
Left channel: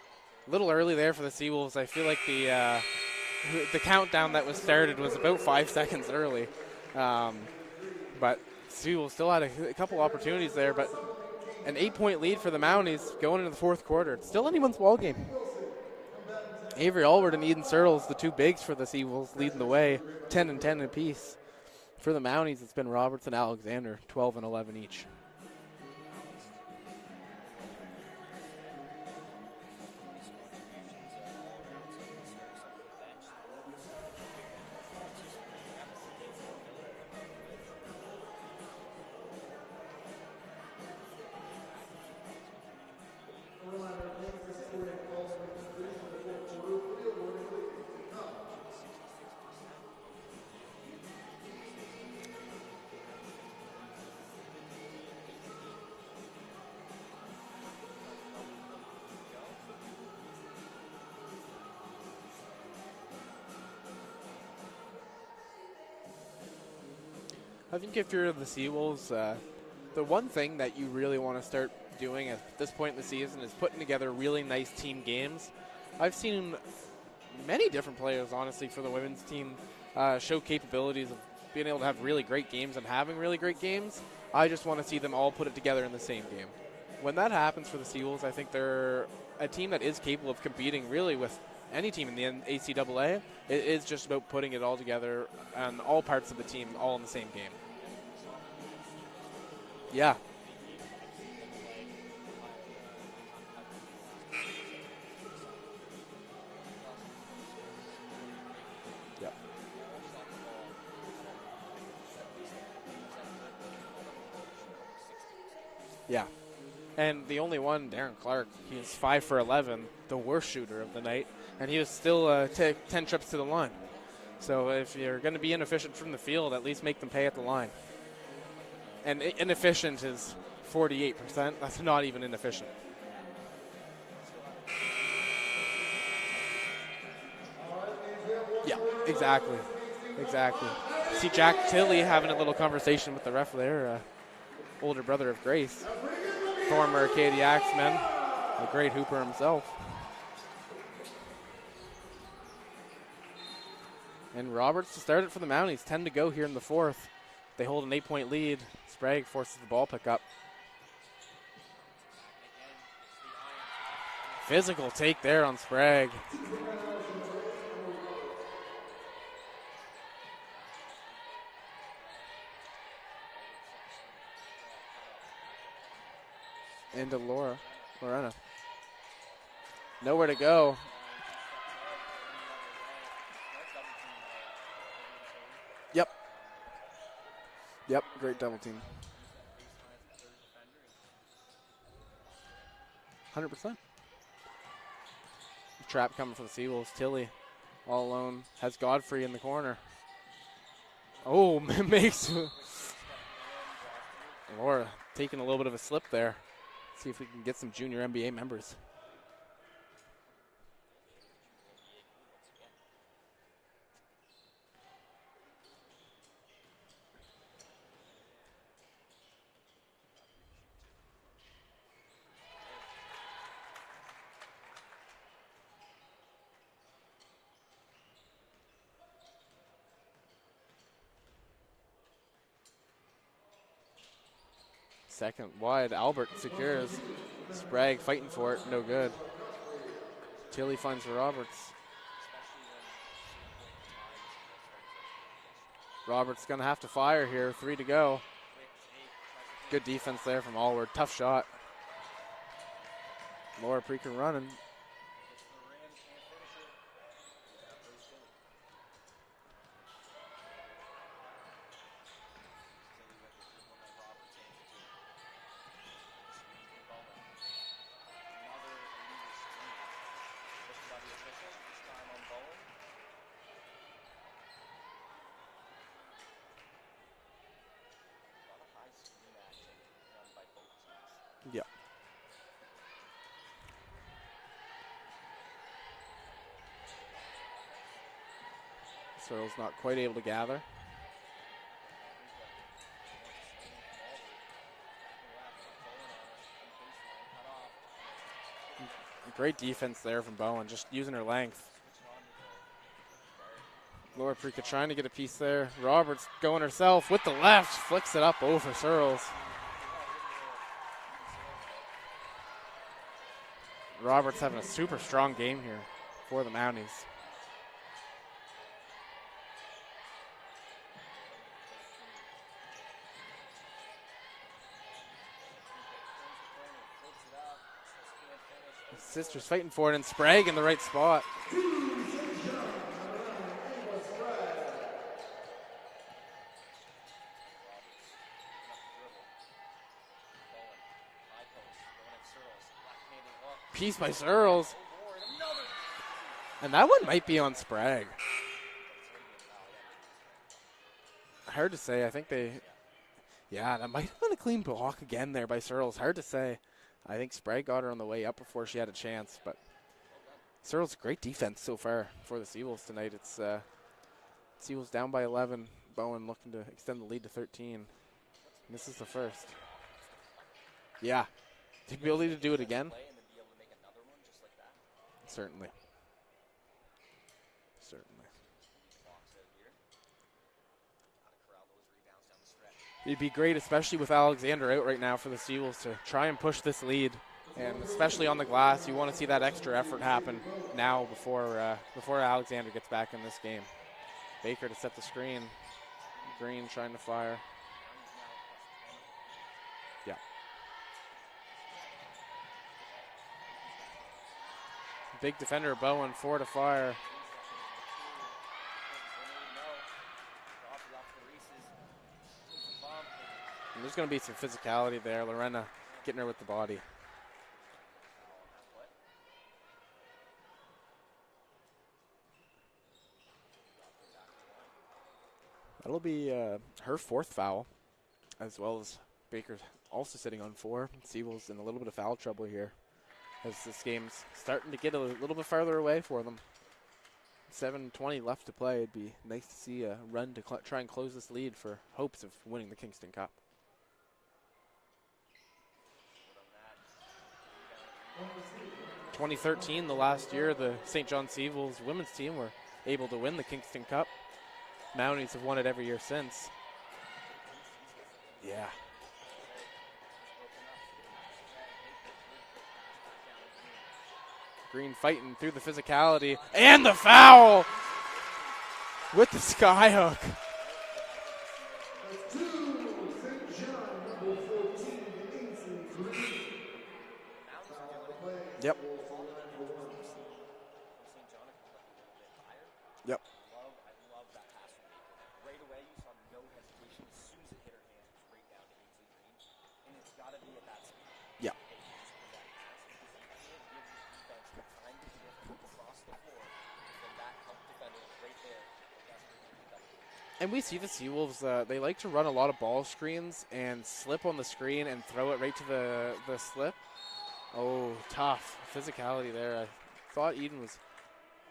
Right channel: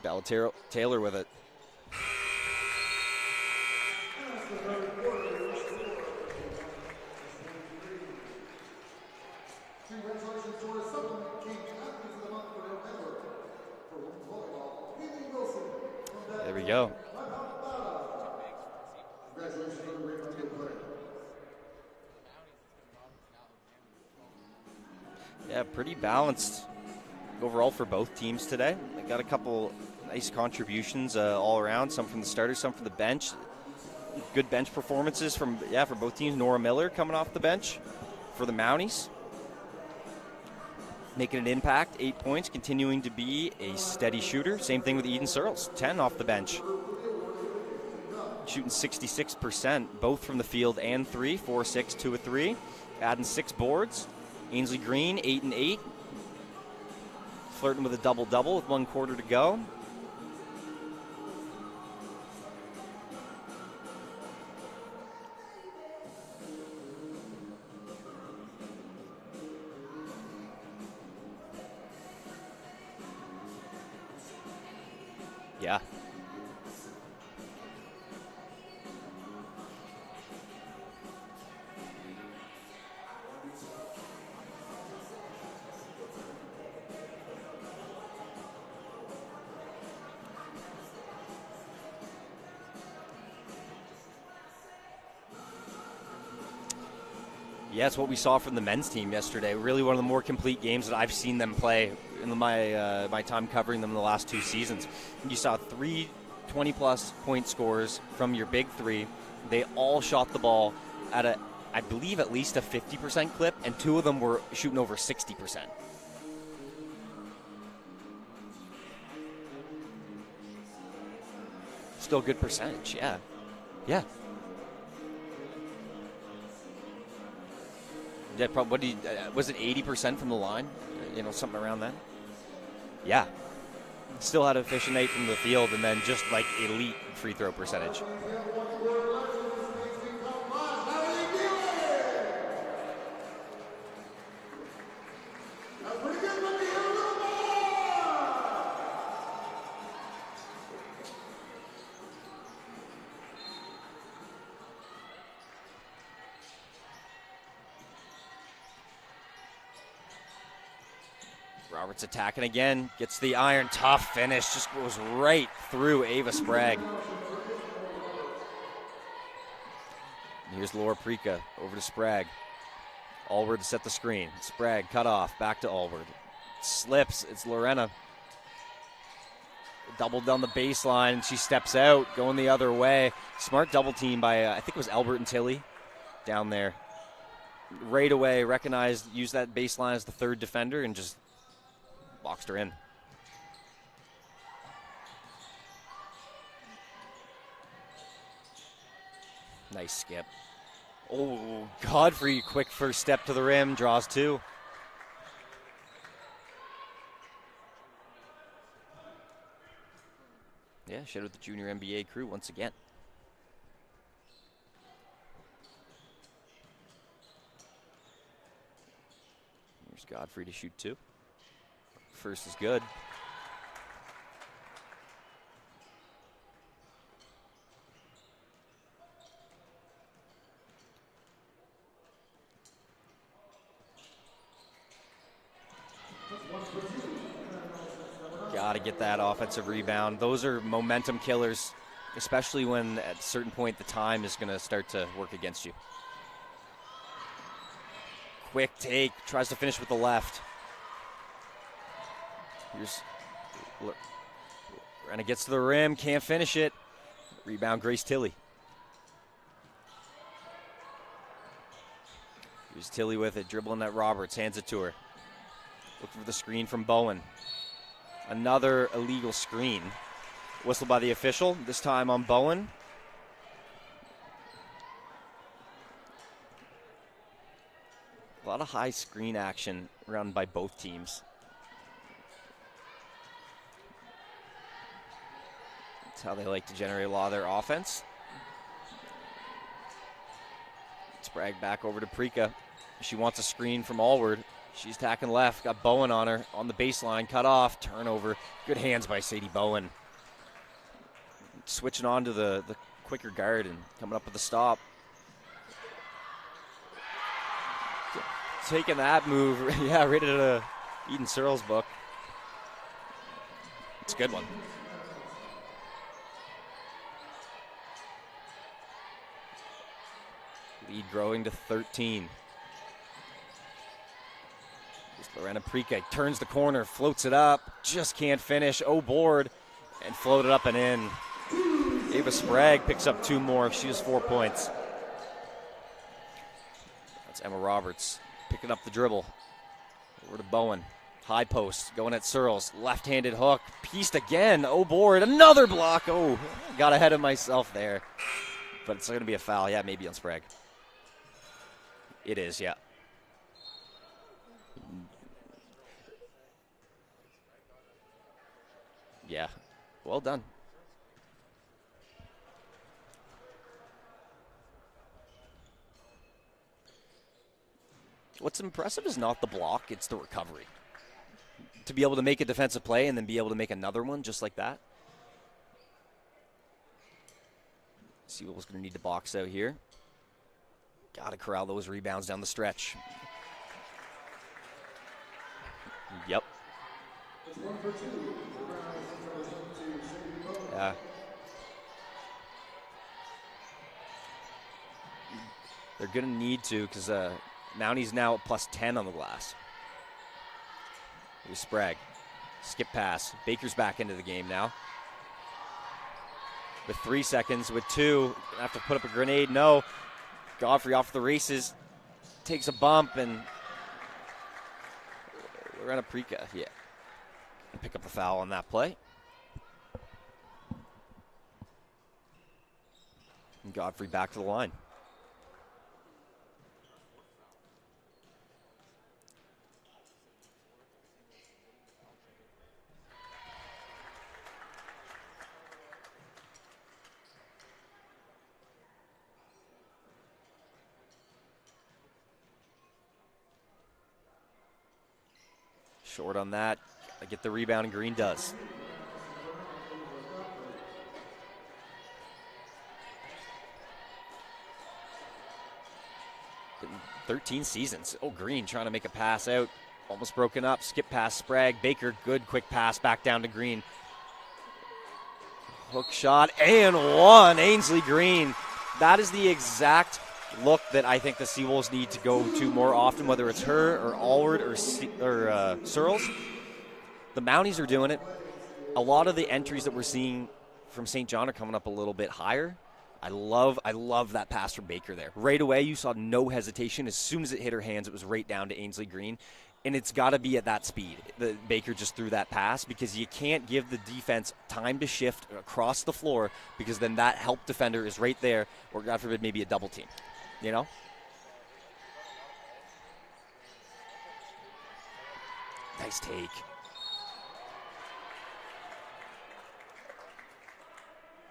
A little early there for the Seawolves. I feel like the countdown that was started was about 5 seconds early. But Seawolves still had a couple opportunities there, but an 8-point lead for the Mounties going into the 4th quarter. It's still anyone's ball game. There we go. Avery Allward and Eden Searles, the 2 bigs for the Seawolves, leading the way, 10 and 10 apiece. For the Mounties, it's been Roberts and Alexander, 12 and 11 each. Yeah, pretty balanced overall for both teams today. They got a couple nice contributions all around, some from the starters, some from the bench. Good bench performances for both teams. Nora Miller coming off the bench for the Mounties, making an impact, 8 points, continuing to be a steady shooter. Same thing with Eden Searles, 10 off the bench. Shooting 66%, both from the field and 3, 4-6, 2-3. Adding 6 boards. Ainsley Green, 8 and 8. Flirting with a double-double with 1 quarter to go. I think if you're the Seawolves, the one thing that you really want to start doing at this point in the season is putting together really nice team games. Yeah. I've seen many different players, honestly, for the women's team show capabilities of being able to have really great games and having really great games. I just want to see them all put it together in the same game. when that happens for the Seawolves, I think they're a team that is capable of competing really with any team in the ACAA. It is just about putting it all together and all parts of the team all in the same game. Yeah, it's what we saw from the men's team yesterday. Really one of the more complete games that I've seen them play in my time covering them in the last 2 seasons. You saw 3 20-plus point scores from your big three. They all shot the ball at I believe at least a 50% clip, and 2 of them were shooting over 60%. Yeah. And the only one, Darren Clark, he was 5 for 11, the worst shooter of the night, and he was still good 10 trips to the line. Yeah. So if you're going to be inefficient from the field, at least make them pay at the line. Yeah, probably. Was it 80% from the line? 48%. Something around That's that. not even inefficient. Yeah. Still had efficient 8 from the field, and then just like elite free throw percentage. Yeah, exactly. Exactly. See Jack Tilley having a little conversation with the ref there, older brother of Grace, former Acadia Axeman, a great hooper himself. And Roberts to start it for the Mounties. 10 to go here in the 4th. They hold an 8-point lead. Sprague forces the ball pickup. Roberts attacking again, gets the iron, tough finish. Physical goes take right there on through Sprague. Ava Sprague. Here's Laura Prika over to Sprague. Allward to set the screen. Sprague cut off, back to Allward. Slips, it's Lorena. Doubled on the baseline, she steps out, going the other way. Smart double team by, I think it was Albert and Tilly. Yep. Down there. Right away, recognized, used that baseline as the 3rd defender, and just boxed her in. 100%. Trap coming from the Seawolves. Tilly all alone. Has Godfrey in the corner. Nice skip. Oh, Godfrey, quick first step to the rim, draws 2. Laura taking a little bit of a slip there. See if we can get some junior NBA members. Yeah, shout out the junior NBA crew once again. Here's Godfrey to shoot 2. First is good. Second wide, Albert secures. Sprague fighting for it. Gotta get that offensive rebound. Those are Tilly momentum finds killers, especially when at a certain point the time is gonna start to work against you. Roberts gonna have to fire here. 3 to go. Quick take, tries to finish Good with the defense left. there from Allward. Tough shot. Here's Laura freaking running. Renna gets to the rim, can't finish it. Rebound, Grace Tilly. Here's Tilly with it, dribbling at Roberts, hands it to her. Looking for the screen from Bowen. Another illegal screen. Whistle by the official, this time on Bowen. A lot of high screen action run by both teams. Yeah. That's how they like to generate a lot of their offense. Searles not quite able to gather. Sprague back over to Prika. She wants a screen from Allward. She's tacking left, got Bowen on her, on the baseline, cut off, turnover. Good hands by Sadie Great Bowen. defense there from Bowen, just using her length. Switching on to the quicker guard and coming up Laura with a Freaker stop. trying to get a piece there. Roberts going herself with the left, flicks it up over Taking Searles. that move, yeah, right out of Eden Searles' book. Roberts having a super strong game here for the Mounties. Lead growing to 13. Lorena Prika turns the corner, floats it up, just can't finish. Oh, board. Sisters fighting for it, and and Sprague in the floated right up spot. Ava Sprague picks up 2 more. She has 4 points. That's Emma Roberts picking up the dribble. Over to Bowen. High post, going at Searles. Left-handed hook. Pieced again. Searles. Oh, board. Another block. Oh, And got that ahead of might be on myself there. Sprague. But it's going to be a foul. Yeah, maybe on Sprague. Hard to say. I think It is, yeah. Yeah, that might have been a clean block again there by Searles. Hard to say. I think Sprague got her on the way up before she had a chance. Yeah. But Well done. Searles, great defense so far for the Seawolves tonight. It's Seawolves down by 11. Bowen looking to extend the lead to 13. What's impressive is not the block, it's the recovery. Yeah. To be able to make a do it defensive again? play and then be able to make another one just like that. Certainly. Seawolves going to need to box out here. Got to corral those rebounds down the stretch. It'd be great, especially with Alexander out right now for the Seawolves, to try and push this lead. And especially on the glass, you want to see that extra effort happen now before Alexander gets back in this game. Baker to set the screen. They're going to need to because Mounties now at +10 on the glass. Yeah. Here's Sprague. Skip pass. Baker's back into the game now. Big defender, Bowen, 4 to fire. With 3 seconds, with 2. Have to put up a grenade. No. Godfrey off the races. Takes a bump, and there's going to be some physicality there. Lorena getting her with the body. Yeah. Pick up the foul on that play. And Godfrey back to the line. That'll be her 4th foul, as well as Baker also sitting on 4. Seawolves in a little bit of foul trouble here, as this game's starting to get a little bit farther away for them. 7:20 left to play. It'd be nice to see a run to try and close this lead for hopes of winning the Kingston Cup. Short on that. I get the rebound, and Green does. 2013, the last year, the St. John Seawolves women's team were able to win the Kingston Cup. Mounties have won it every year since. 13 seasons. Oh, Green trying to make a pass out. Almost broken up. Skip pass, Sprague. Baker, good quick pass back down to Green. Green fighting through the physicality. Quick shot and the foul. Ainsley Green. That is the exact look that I think the Seawolves need to go to more often, whether it's her or Allward or Searles. The Mounties are doing it. Yep. A lot of the entries that we're seeing from St. John are coming up a little bit higher. Yep. I love that pass from Baker there. Right away, you saw no hesitation. As soon as it hit her hands, it was right down to Ainsley Green. And it's got to be at that speed that Baker just threw that pass, because you can't give the defense time to shift across the floor, because then that help defender is right there, or God forbid maybe a double team. And we see the Seawolves, they like to run a lot of ball screens and slip on the screen and throw it right to the slip. Oh, tough physicality there. I thought Eden was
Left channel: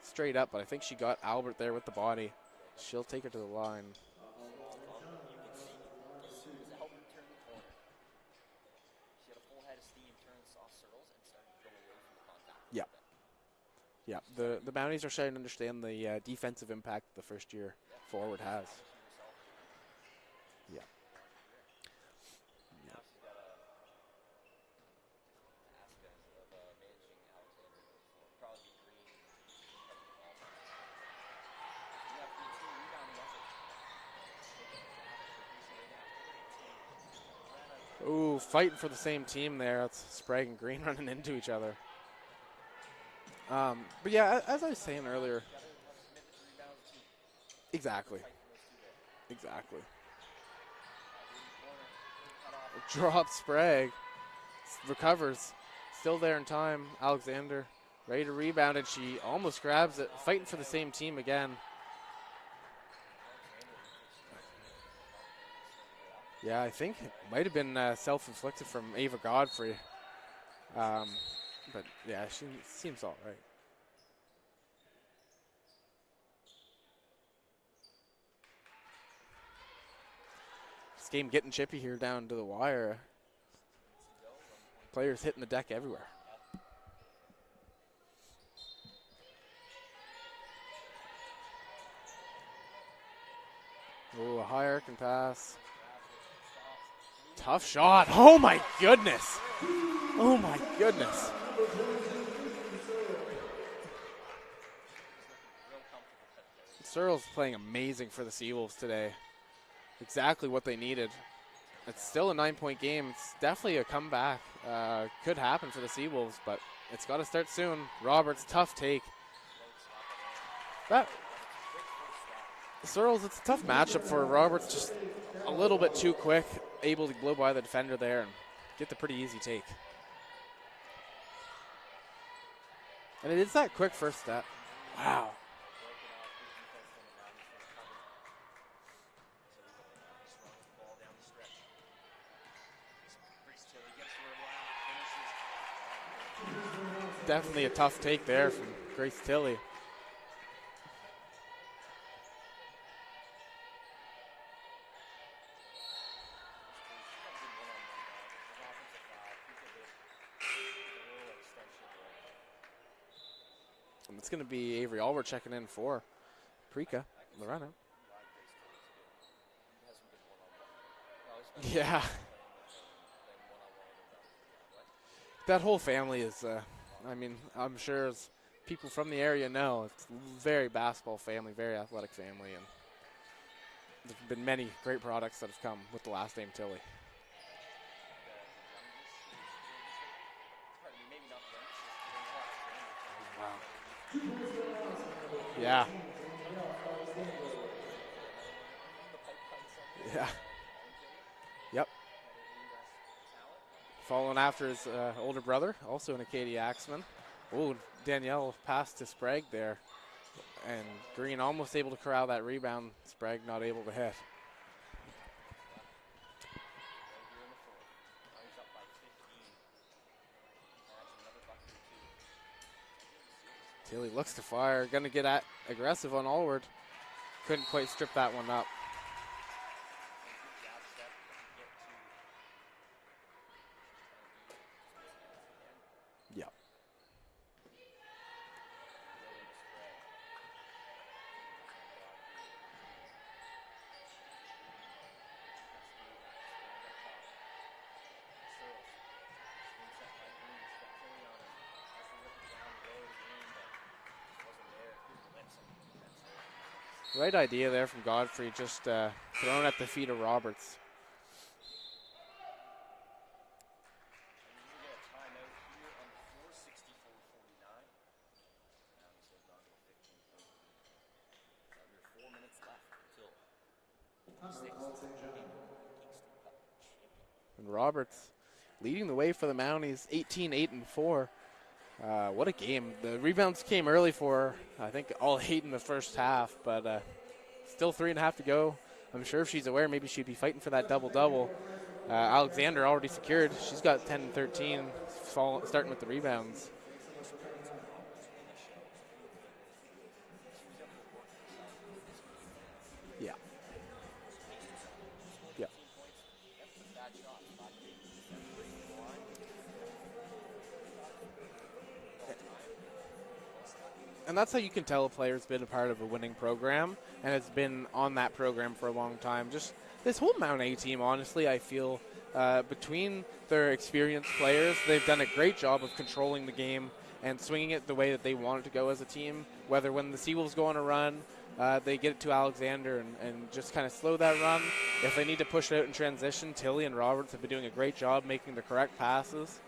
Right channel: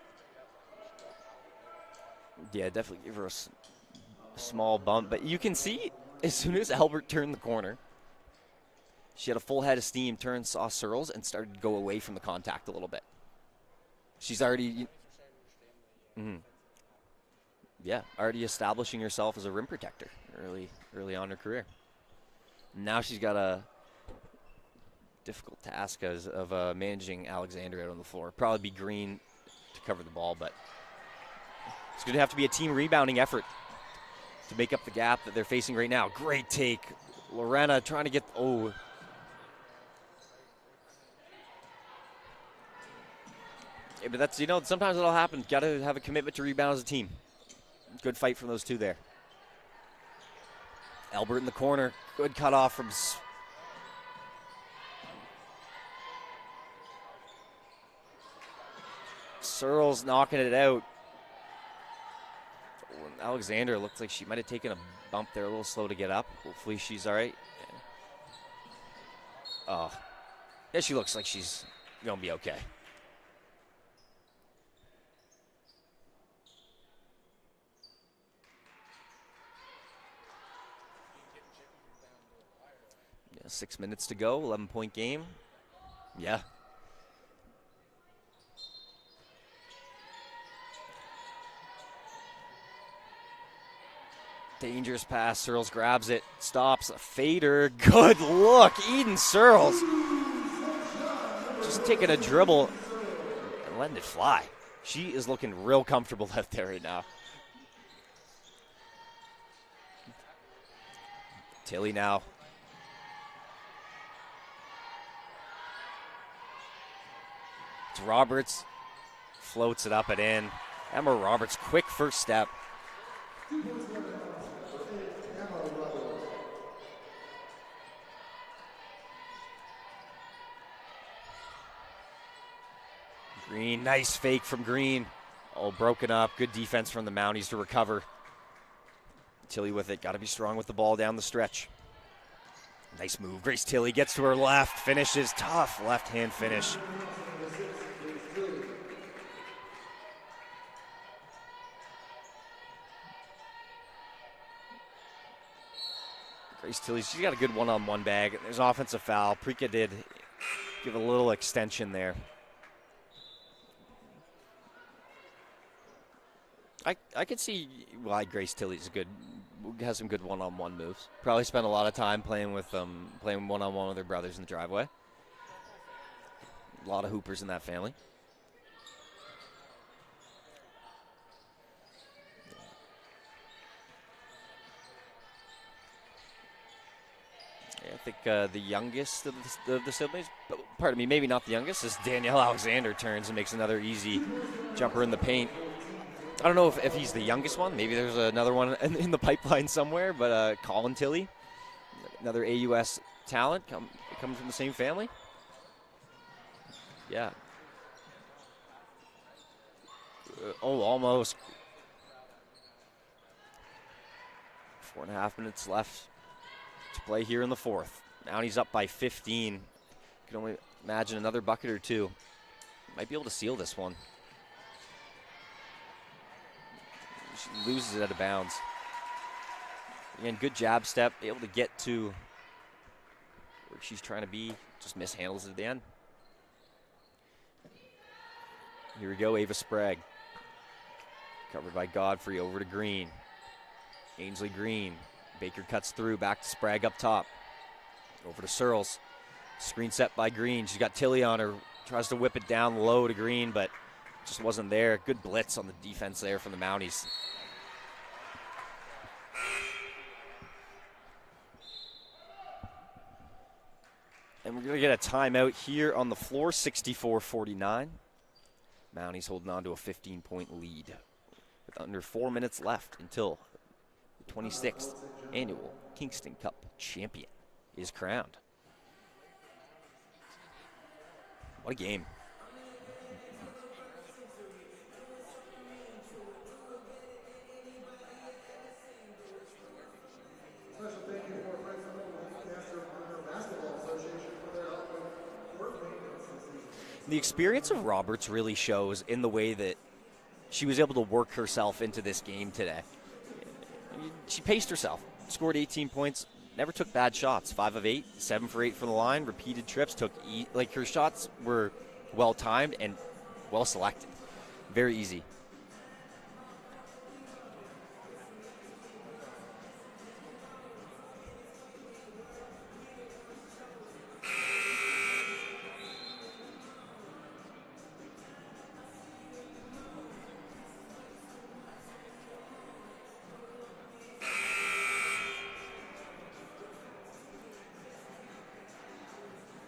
straight up, but I think she got Albert there with the body. Yeah, definitely. She'll take it to the line. Small bump, but you can see as soon as Albert turned the corner, she had a full head of steam, saw Searles, and started to go away from the contact a little bit. Yeah, she's already. The Mounties are starting to understand the defensive impact the first year. Yeah, already establishing herself as a rim protector early on in her career. Now she's got a difficult task of managing Alexander out on the floor. Probably be Green to cover the ball, but it's going to have to be a team rebounding effort to make up the gap that they're facing right now. Great take. Lorena trying to get fight for the same team there. It's Sprague and Green running into each other. Sometimes it'll happen. Got to have a commitment to rebound as a team. Exactly. Good fight from those two there. Exactly. Albert in the corner. Good cutoff from Drop Sprague. Recovers. Still there in time. Alexander ready to rebound, and she almost Searles knocking it out. The same team again. Alexander looks like she might have taken a bump there, a little slow to get up. Yeah, hopefully I think she's all right. Might have been self-inflicted from Ava Godfrey. Oh. Yeah, she looks like she's going to be okay. Seems all right. This game getting chippy here down to the wire. Yeah, 6 minutes to go, 11-point game. Players hitting the deck everywhere. Yeah. Ooh, dangerous pass. Searles grabs it, stops, a fader. Good look, my goodness. Eden Searles. Oh my goodness. Just taking a dribble and letting it fly. She is looking real comfortable out there right now. Searles playing amazing for the Seawolves today. Exactly what they needed. Tilly now. Still a 9-point game. It's definitely a comeback. Could happen for the Seawolves, but it's got to start soon. Roberts, tough take. Floats it up and in. Emma Roberts, quick first step. Searles, it's a tough matchup for Roberts. Just a little bit too quick, able to blow by the defender there and get the pretty easy take. And it is Green, that quick nice first fake step. from Green. Wow. Oh, broken up. Good defense from the Mounties to recover. Tilly with it. Got to be strong with the ball down the stretch. Nice move. Grace Tilly gets to her left, finishes. Tough left-hand finish. Definitely a tough take there from Grace Tilly. Grace Tilly, she's got a good one-on-one bag. There's an offensive foul. Prika did give a little extension there. And it's going to be Avery Allward checking in for Prika. I could see why Grace Tilly's a good has some good one-on-one moves. Probably spent a lot of Yeah. time playing one-on-one with their brothers in the driveway. That whole family is A lot of hoopers in that I'm family. sure as people from the area know, it's a very basketball family, very athletic family. And there's been many great products that have come with the last name Tilly. Yeah, I think the youngest of the siblings, pardon me, maybe not the youngest, is Danielle Alexander turns and makes another easy jumper in the paint. Yeah. I don't know if he's the youngest one. Maybe there's another one in the pipeline somewhere, but Colin Tilly. Yep. Another AUS talent. Following Coming from the after same his family. older brother, also an ACAA axeman. Yeah. Oh, Danielle passed to Sprague there. Almost. Green almost able to corral that rebound. Sprague not able to hit. 4.5 minutes left to play here in the fourth. Mounties up by 15. Can only imagine another bucket or two. Might be able to seal this one. Tilly looks to fire. Going to get aggressive on Allward. Couldn't quite Loses it out step of that one bounds. up. Again, good jab step. Able to get to where she's trying to be. Just mishandles it at the end. Yeah. Here we go, Ava Sprague. Covered by Godfrey, over to Green. Ainsley Green. Baker cuts through, back to Sprague up top. Over to Searles. Screen set by Green. She's got Tilly on her. Tries to whip it down low to Green, but just wasn't there. Good blitz on the defense there from the Mounties. Right idea there from Godfrey, just thrown at the feet of Roberts. And we're going to get a timeout here on the floor, 64-49. Mounties holding on to a 15-point lead with under 4 minutes left until the 26th annual Kingston Cup champion And is Roberts crowned. leading the way for the Mounties, 18-8-4. What a game. What a game. The rebounds came early for her. I think all 8 in the first half, but still 3.5 to go. I'm sure if she's aware, maybe she'd be fighting for that double-double. Alexander already secured. She's got 10 and 13, starting with the rebounds. The experience of Roberts really shows in the way that she was able to work herself into this game today. Yeah. She paced herself, scored 18 points, never took bad shots. 5 of 8, 7 for 8 from the line, repeated trips, her shots were well timed and well selected. And that's how you can Very tell easy. a player's been a part of a winning program and has been on that program for a long time. Just this whole Mount A team, honestly, I feel between their experienced players, they've done a great job of controlling the game and swinging it the way that they wanted to go as a team. Whether when the Seawolves go on a run, they get it to Alexander and just kind of slow that run. If they need to push it out in transition, Tilly and Roberts have been doing a great job making the correct passes.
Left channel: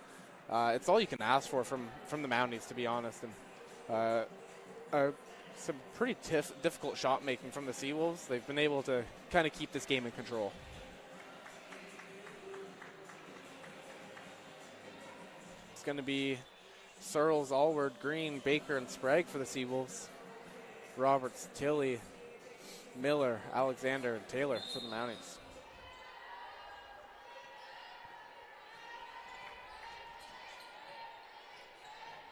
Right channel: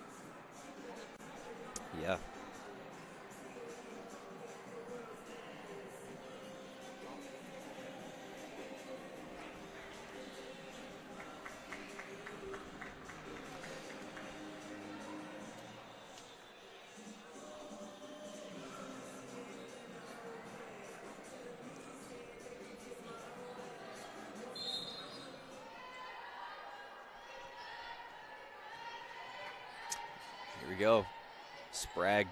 It's all you can ask for from the Mounties, to be honest. And some pretty difficult shot making from the Seawolves. They've been able to kind of keep this game in control. It's going to be Searles, Allward, Green, Baker, and Sprague for the Seawolves. Roberts, Tilly, Miller, Alexander, and Taylor for the Mounties. Here we go. Sprague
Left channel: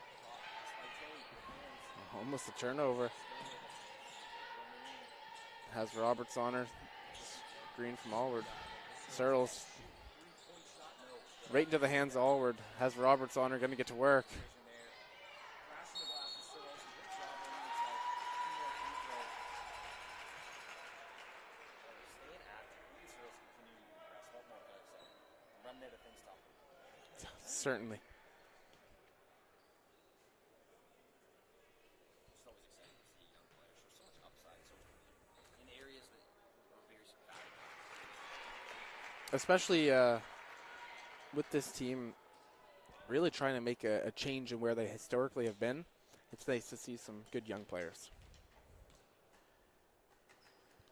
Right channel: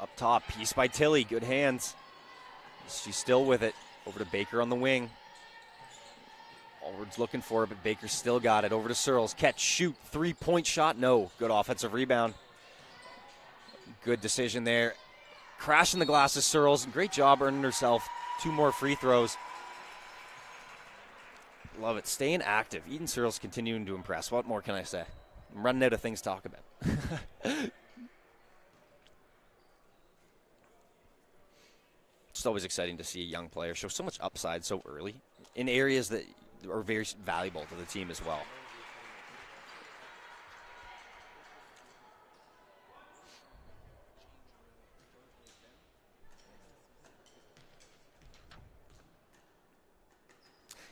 up top, piece by Tilly, good hands. Almost a turnover. She's still with it. Over to Baker on the wing. Has Roberts on her. Allward's looking for it, but Green Baker's from still Allward. got it. Over to Searles. Searles. Catch, shoot, 3-point shot. No. Good Right to offensive the hands rebound. Allward. Has Roberts on her, going to get to work. Good decision there. Crashing the glasses, Searles. Great job earning herself 2 more free throws. Love it. Staying active. Eden Searles continuing to impress. What more can I say? I'm running out of things to talk about. Certainly. It's always exciting to see a young player show so much upside so early in areas that are very valuable to the team as well. Especially with this team really trying to make a change in where they historically have been. It's nice to see some good young players.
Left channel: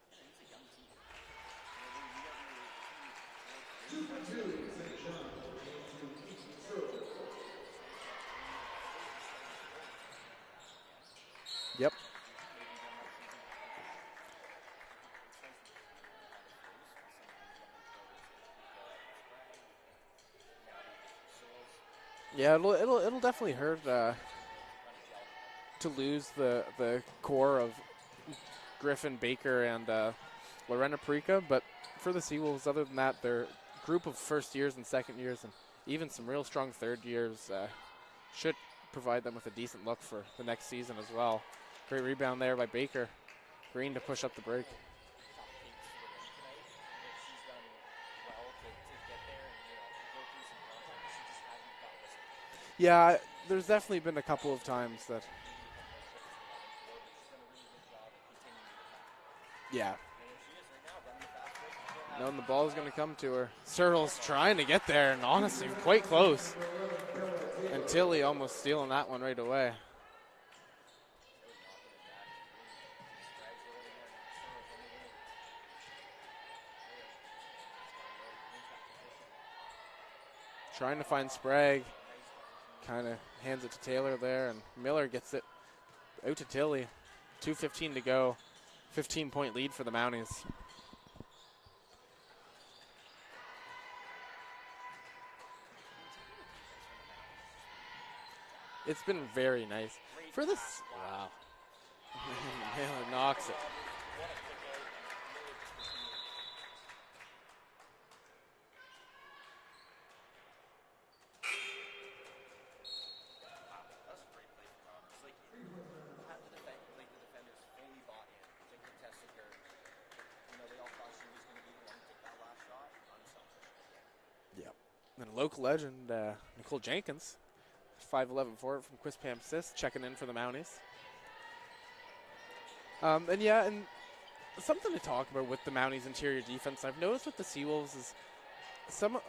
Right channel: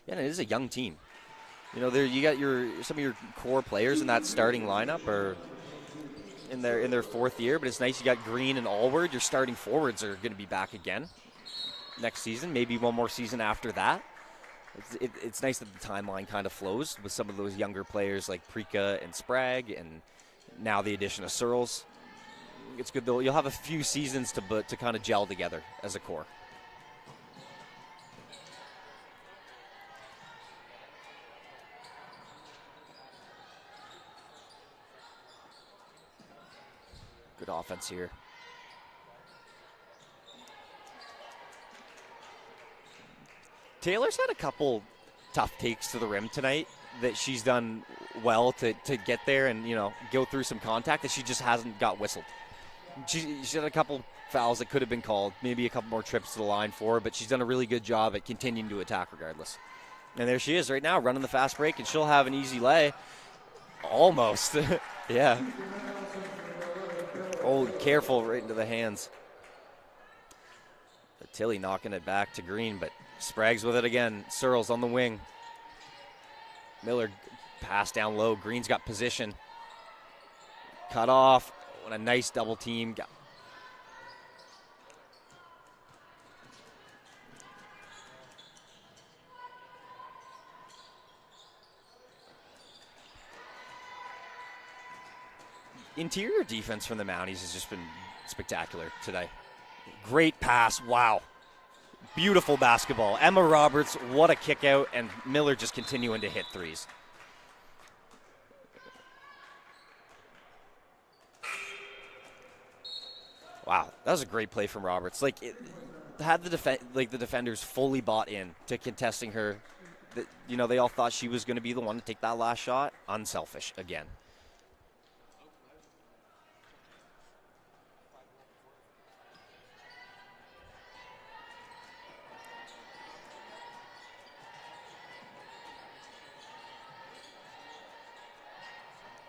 Yeah, and it is a young team. You know, you got some of your core players in that starting lineup are in their 4th year, but it's nice you got Green and Allward. Your starting forwards are going to be back again. Yep. Next season, maybe one more season after that. It's nice that the timeline kind of flows with some of those younger players like Prika and Sprague, and now the addition of Searles. Yeah, You'll have a few seasons to kind of gel together as a core. The core of Griffin, Baker, and Lorena Prika, but for the Seawolves, other than that, their group of first years and second years, and even some real strong third years. Good offense here. Should provide them with a decent look for the next season as well. Great rebound there by Baker. Green Taylor's push had up a the break. couple tough takes to the rim tonight that she's done well to get there and, go through some contact that she just hasn't got whistled. Yeah, She had a couple fouls that could have been called, maybe a couple more trips to the line for her, but she's done a really good job at continuing to attack regardless. Yeah. And there she is right now, running the fast break, and she'll have an easy lay. Come to her. Searles Almost. trying to get there. Yeah. Honestly, quite close. Oh, careful, Tilly right into the stealing hands. that one right away. Tilly knocking it back to Green, but Sprague's with it again. Searles on the wing. Miller pass down low. Green's got position. Trying Cut to find off. Sprague. What a nice double team. Hands it to Taylor there, and Miller gets it out to Tilly. 2:15 to go. 15-point lead for the Mounties. Interior defense from the Mounties has just been spectacular It's today. been very nice. Great pass. Wow. Beautiful basketball. Emma Roberts, what a kick out, and Miller just continuing to hit threes. Wow, that was a great play from Roberts. Had the defenders fully bought in to contesting her. They all thought she was going to be the one to take that last shot. Unselfish again. Yeah. And local legend Nicole Jenkins, 5'11" forward from Quispam Sis, checking in for the Mounties. And something to talk about with the Mounties' interior defense. I've noticed with the Seawolves is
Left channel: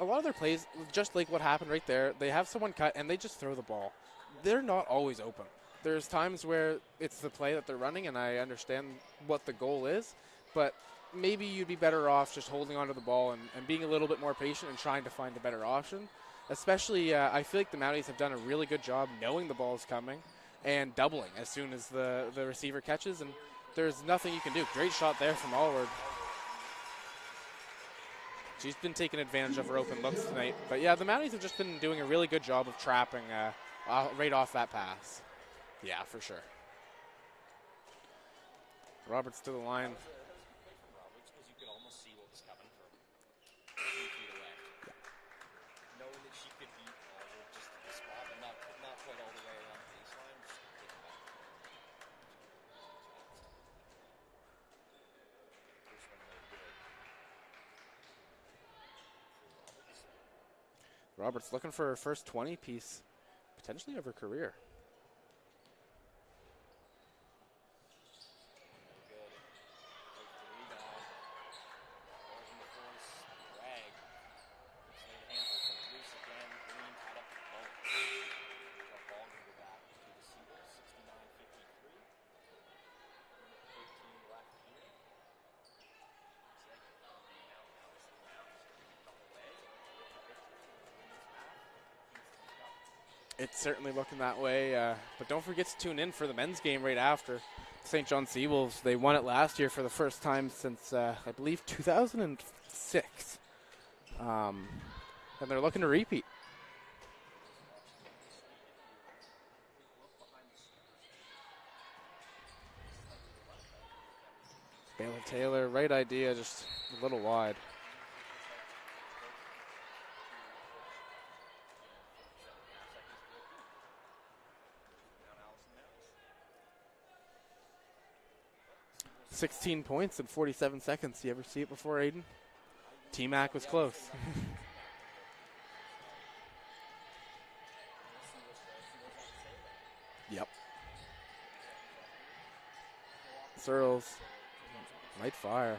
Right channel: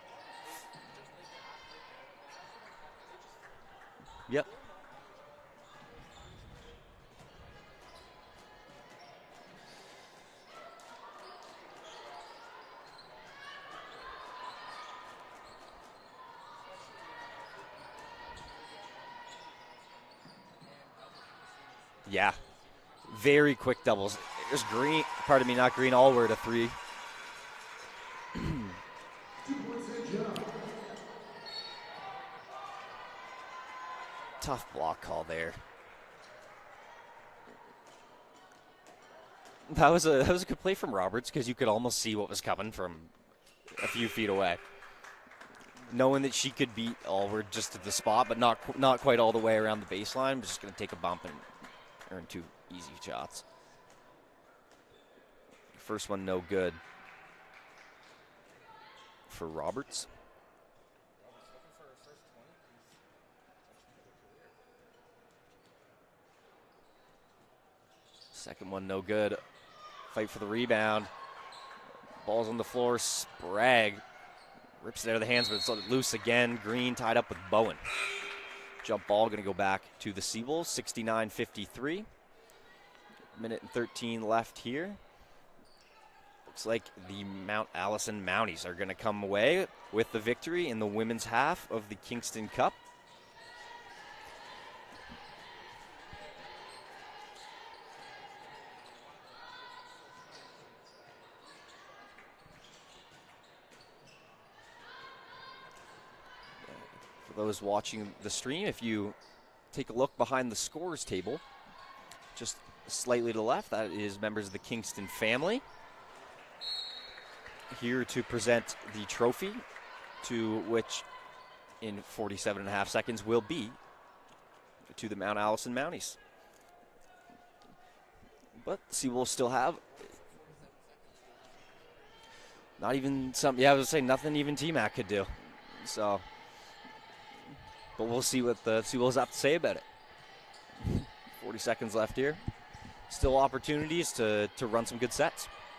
a lot of their plays, just like what happened right there, they have someone cut and they just throw the ball. Yep. They're not always open. There's times where it's the play that they're running, and I understand what the goal is, but maybe you'd be better off just holding onto the ball and being a little bit more patient and trying to find the better option. Especially, I feel like the Mounties have done a really good job knowing the ball is coming and doubling as soon as the receiver catches. Very quick There's doubles. nothing you can There's do. Great shot there. Pardon me, not Green. Allward a three. She's been taking advantage of her open looks tonight. But yeah, the Mounties have just been doing a really good job of trapping right off Tough that pass. block call there. Yeah, for sure. Roberts to the line. That was a good play from Roberts because you could almost see what was coming from a few feet away. Knowing that she could beat Allward just at the spot, but not quite all the way around the baseline. But just going to take a bump and earn 2 easy shots. First one no good for Roberts. Roberts looking for her first 20-piece, potentially of her career. Second one no good. Fight for the rebound. Ball's on the floor. Sprague rips it out of the hands, but it's loose again. Green tied up with Bowen. Jump ball going to go back to the Seawolves. 69-53. Minute and 13 left here. Looks like the Mount Allison Mounties are going to come away with the victory in the women's half of the Kingston Cup. It's certainly looking that way, but don't forget to tune in for the men's game right after. St. John Seawolves, they won it last year for the first time since, I believe, 2006. And they're looking to repeat. For those watching the stream, if you take a look behind the scores table, just slightly to the left, that is members of the Kingston family. Taylor, right idea, just a little wide. Here to present the trophy, to which in 47.5 seconds will be to the Mount Allison Mounties. But Seawolves still 16 have points in 47 seconds. You ever see it before, Aiden? not even T-Mac some. was Yeah, I was close. saying nothing even T-Mac could do. So, but we'll see what the Seawolves have to say about it. Yep. 40 seconds left here. Still opportunities to run some good sets. Fire.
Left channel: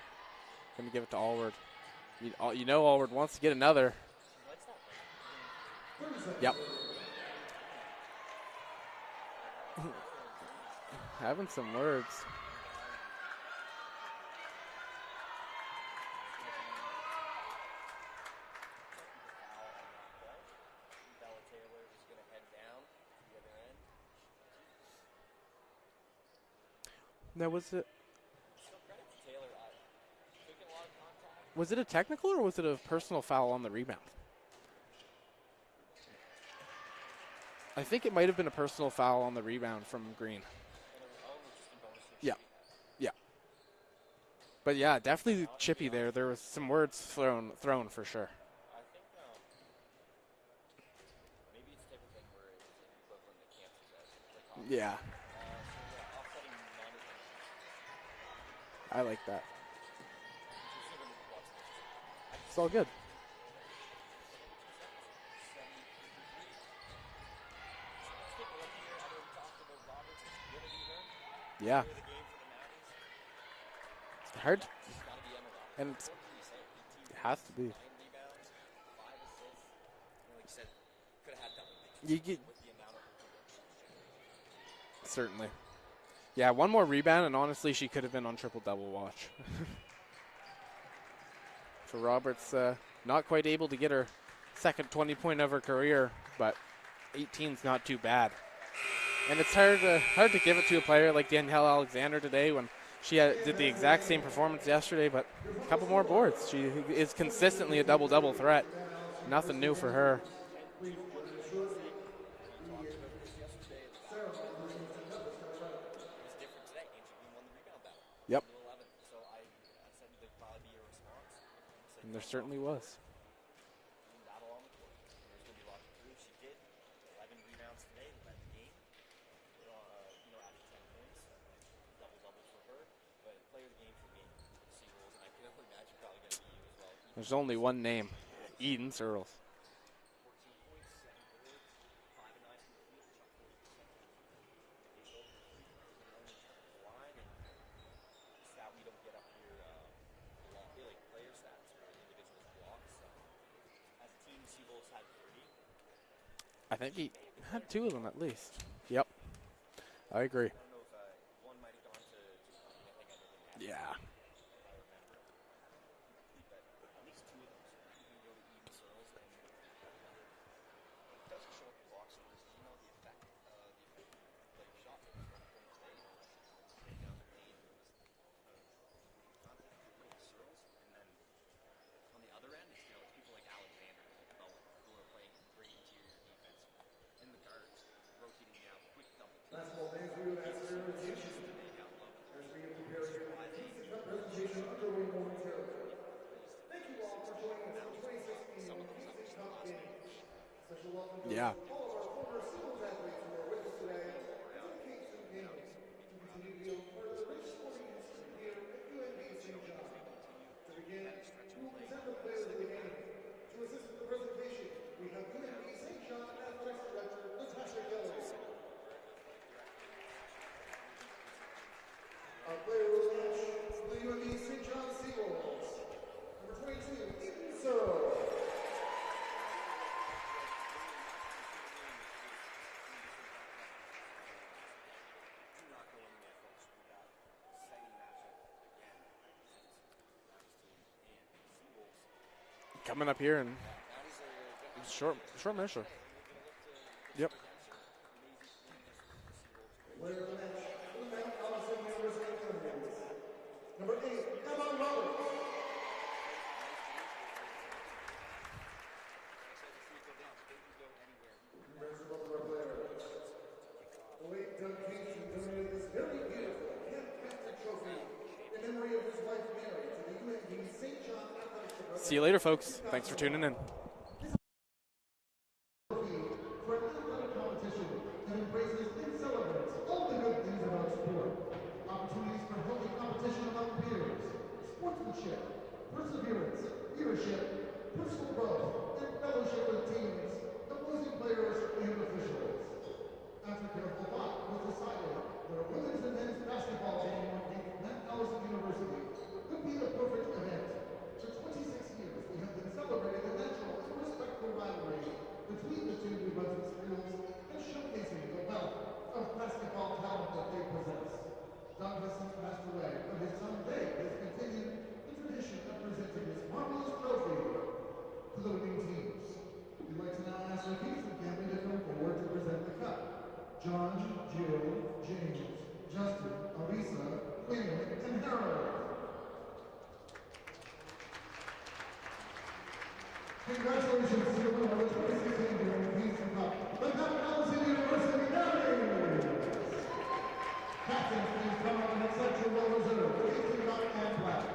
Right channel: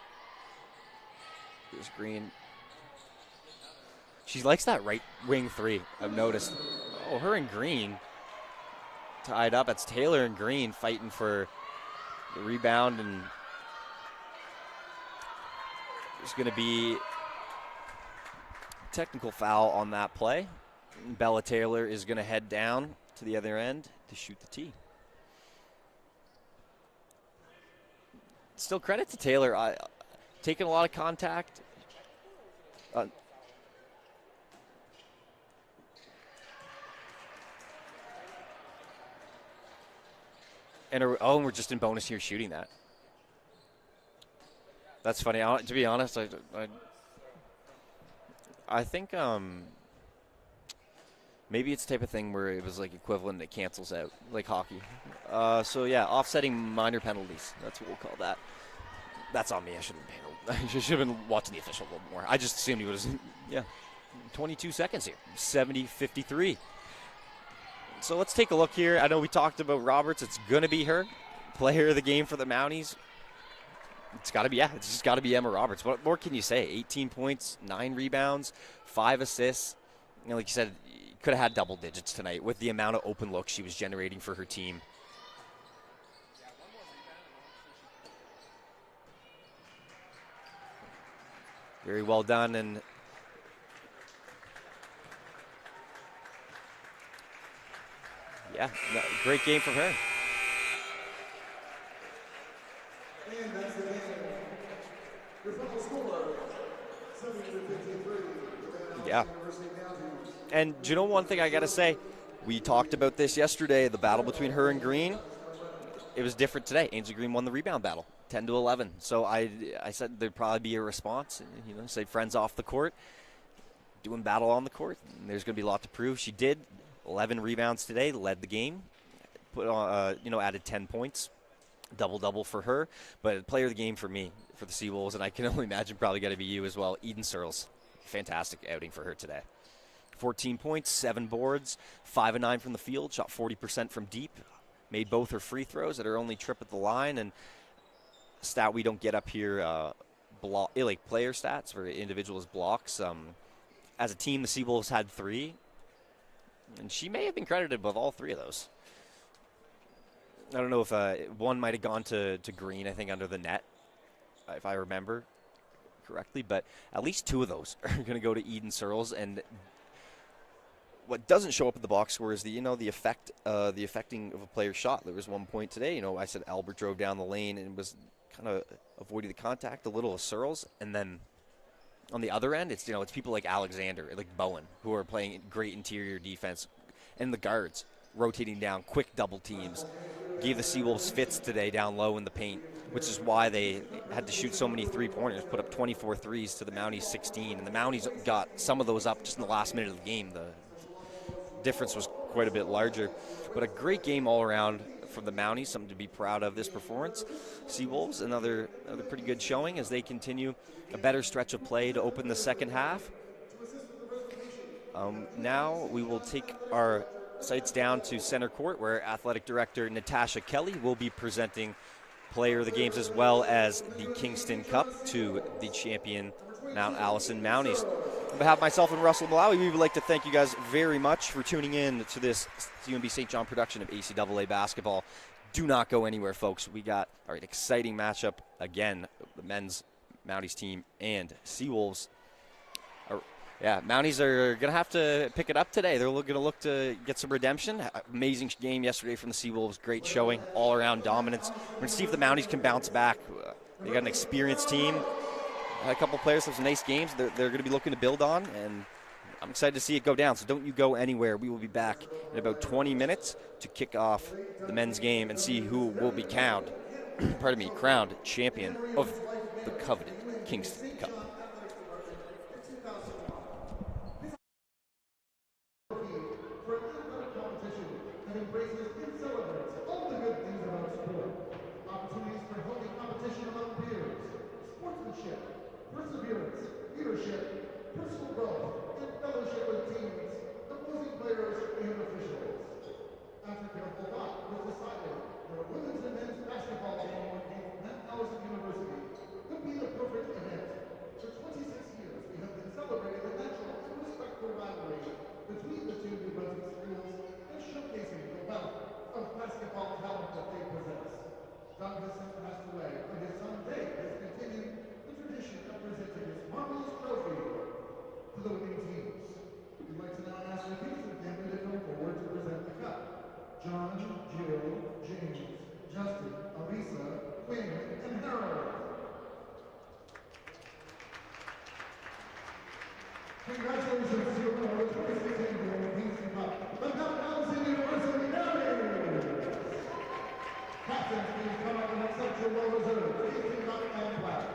Gonna give it to Allward. Here's Green. You know Allward wants to get another. She likes that right wing three, I've noticed. Yep. Oh, her and Green tied up. It's Taylor and Green fighting for Having some words. the rebound, and there's going to be technical foul on that play. Bella Taylor is going to head down to the other end to shoot the tee. Now, was it Still credit to Taylor. Taking a lot of contact. a technical or was it a personal foul on the rebound? I think it might have been a personal foul on the rebound from Green. And we're just in bonus here shooting that. Yeah. But yeah, That's funny. definitely To be chippy honest, there was some words thrown for sure. I think maybe it's the type of thing where it was like equivalent that cancels out, like hockey. Yeah. So yeah, offsetting minor penalties. That's what we'll call that. I like that. That's on me. I should have been watching the official a little more. I just assumed it was, 22 seconds here. 70-53. So let's take a look here. I know we talked about Roberts. It's going to be her. Player of the game for the Mounties. It's got to be, it's just got to be Emma Roberts. And What more can you say? 18 points, 9 rebounds, 5 assists. Like you said, could have had double digits tonight with the amount of open looks she was generating for her team. Certainly. Yeah, one more rebound, and honestly, she could have been on triple-double watch. Very well done. And not quite able to get her second 20-point of her career, but 18's not too bad. Yeah, great game for for her. Hard to give it to a player like Danielle Alexander today when she did the exact same performance yesterday, but a couple more boards. She is consistently a double-double threat. Yeah. Nothing new for her. And do you know one thing I got to say? We talked about this yesterday, the battle between her and Green. It was different today. Ainsley Green won the rebound battle, 10-11. So I said there'd probably be a response. Say friends off the court, doing battle on the court. And there's going to be a lot to prove. She did 11 rebounds today, led the game, put on, added 10 points, double-double for her. But player of the game for me, for the Seawolves, and I can only imagine probably got to be you as well. Eden Searles. Only one name. Fantastic outing for her Searles. today. 14 points, 7 boards, 5 of 9 from the field, shot 40% from deep. Made both her free throws at her only trip at the line, and a stat we don't get up here, like player stats for individuals blocks. As a team, the Seawolves had 3. I think she may have been credited with all 3 of those. Yep, I agree. I don't know if one might have gone to Green, I think, under the net. Yeah, if I remember correctly, but at least 2 of those are going to go to Eden Searles. And what doesn't show up in the box score is the affecting of a player's shot. There was one point today, I said Albert drove down the lane and was kind of avoiding the contact a little of Searles, and then on the other end, it's people like Alexander, like Bowen, who are playing great interior defense, and the guards rotating down quick double teams. Gave the Seawolves fits today down low in the paint, which is why they had to shoot so many three-pointers, put up 24 threes to the Mounties 16, and the Mounties got some of those up just in the last minute of the game. The difference was quite a bit larger, but a great game all around from the Mounties, something to be proud of this performance. Seawolves, another pretty good showing as they continue a better stretch of play to open the second half. Now we will take our sights down to center court, where Athletic Director Natasha Kelly will be presenting player of the games as well as the Kingston Cup to the champion Mount Allison Mounties. On behalf of myself and Russell Malawi, we would like to thank you guys very much for tuning in to this UNB St. John production of ACAA basketball. Do not go anywhere, folks. We got an exciting matchup again, the men's Mounties team and Seawolves. Coming up here. Mounties are going to have to pick it up today. They're going to look to get some redemption. Amazing game yesterday from the Seawolves. Great showing, all-around dominance. We're going to see if the Mounties can bounce back. They got an experienced team. A couple players have some nice games they're going to be looking to build on, and I'm excited to see it go down. So don't you go anywhere. We will be back in about 20 minutes to kick off the men's game and see who will be crowned champion of the coveted Kingston Cup. See you later, folks. Thanks for tuning in. For an athletic competition that embraces and celebrates all the good things about sport. Opportunities for healthy competition among peers, sportsmanship, perseverance, leadership, personal growth, and fellowship with teams, opposing players, and officials. After careful thought, it was decided that a women's and men's basketball game against Mount Allison University would be the perfect event. For 26 years, we have been celebrating the natural and respectful rivalry between the two New Brunswick schools and showcasing the wealth of basketball talent that they possess. Doug has since passed away, but his son Dave has continued the tradition of presenting his marvelous trophy to the winning teams. We'd like to now ask the Kingston family to come forward to present the cup. John, Jill, James, Justin, Alisa, Quinn, and Harold. Congratulations to your winner of the 2016 Kingston Cup, the Mount Allison University Mounties. Captains, please come up and accept your well-deserved Kingston Cup and plaque.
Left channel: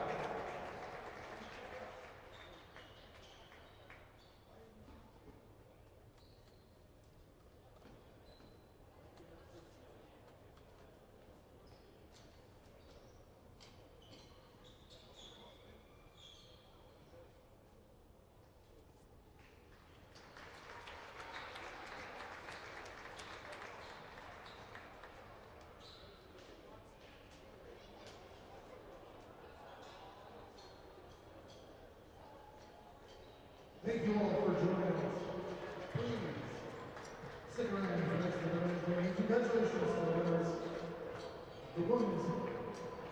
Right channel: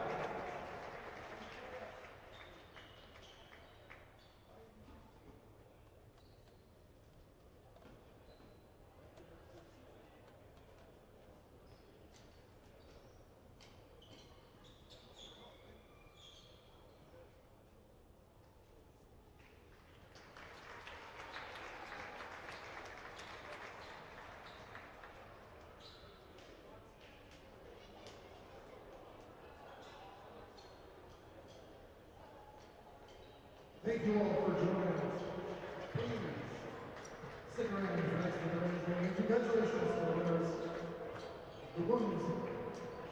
Thank you all for joining us. Please stick around for the next event. Congratulations to the winners. The women's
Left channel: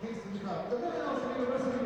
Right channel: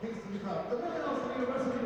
Kingston Cup. The men also need a recipe.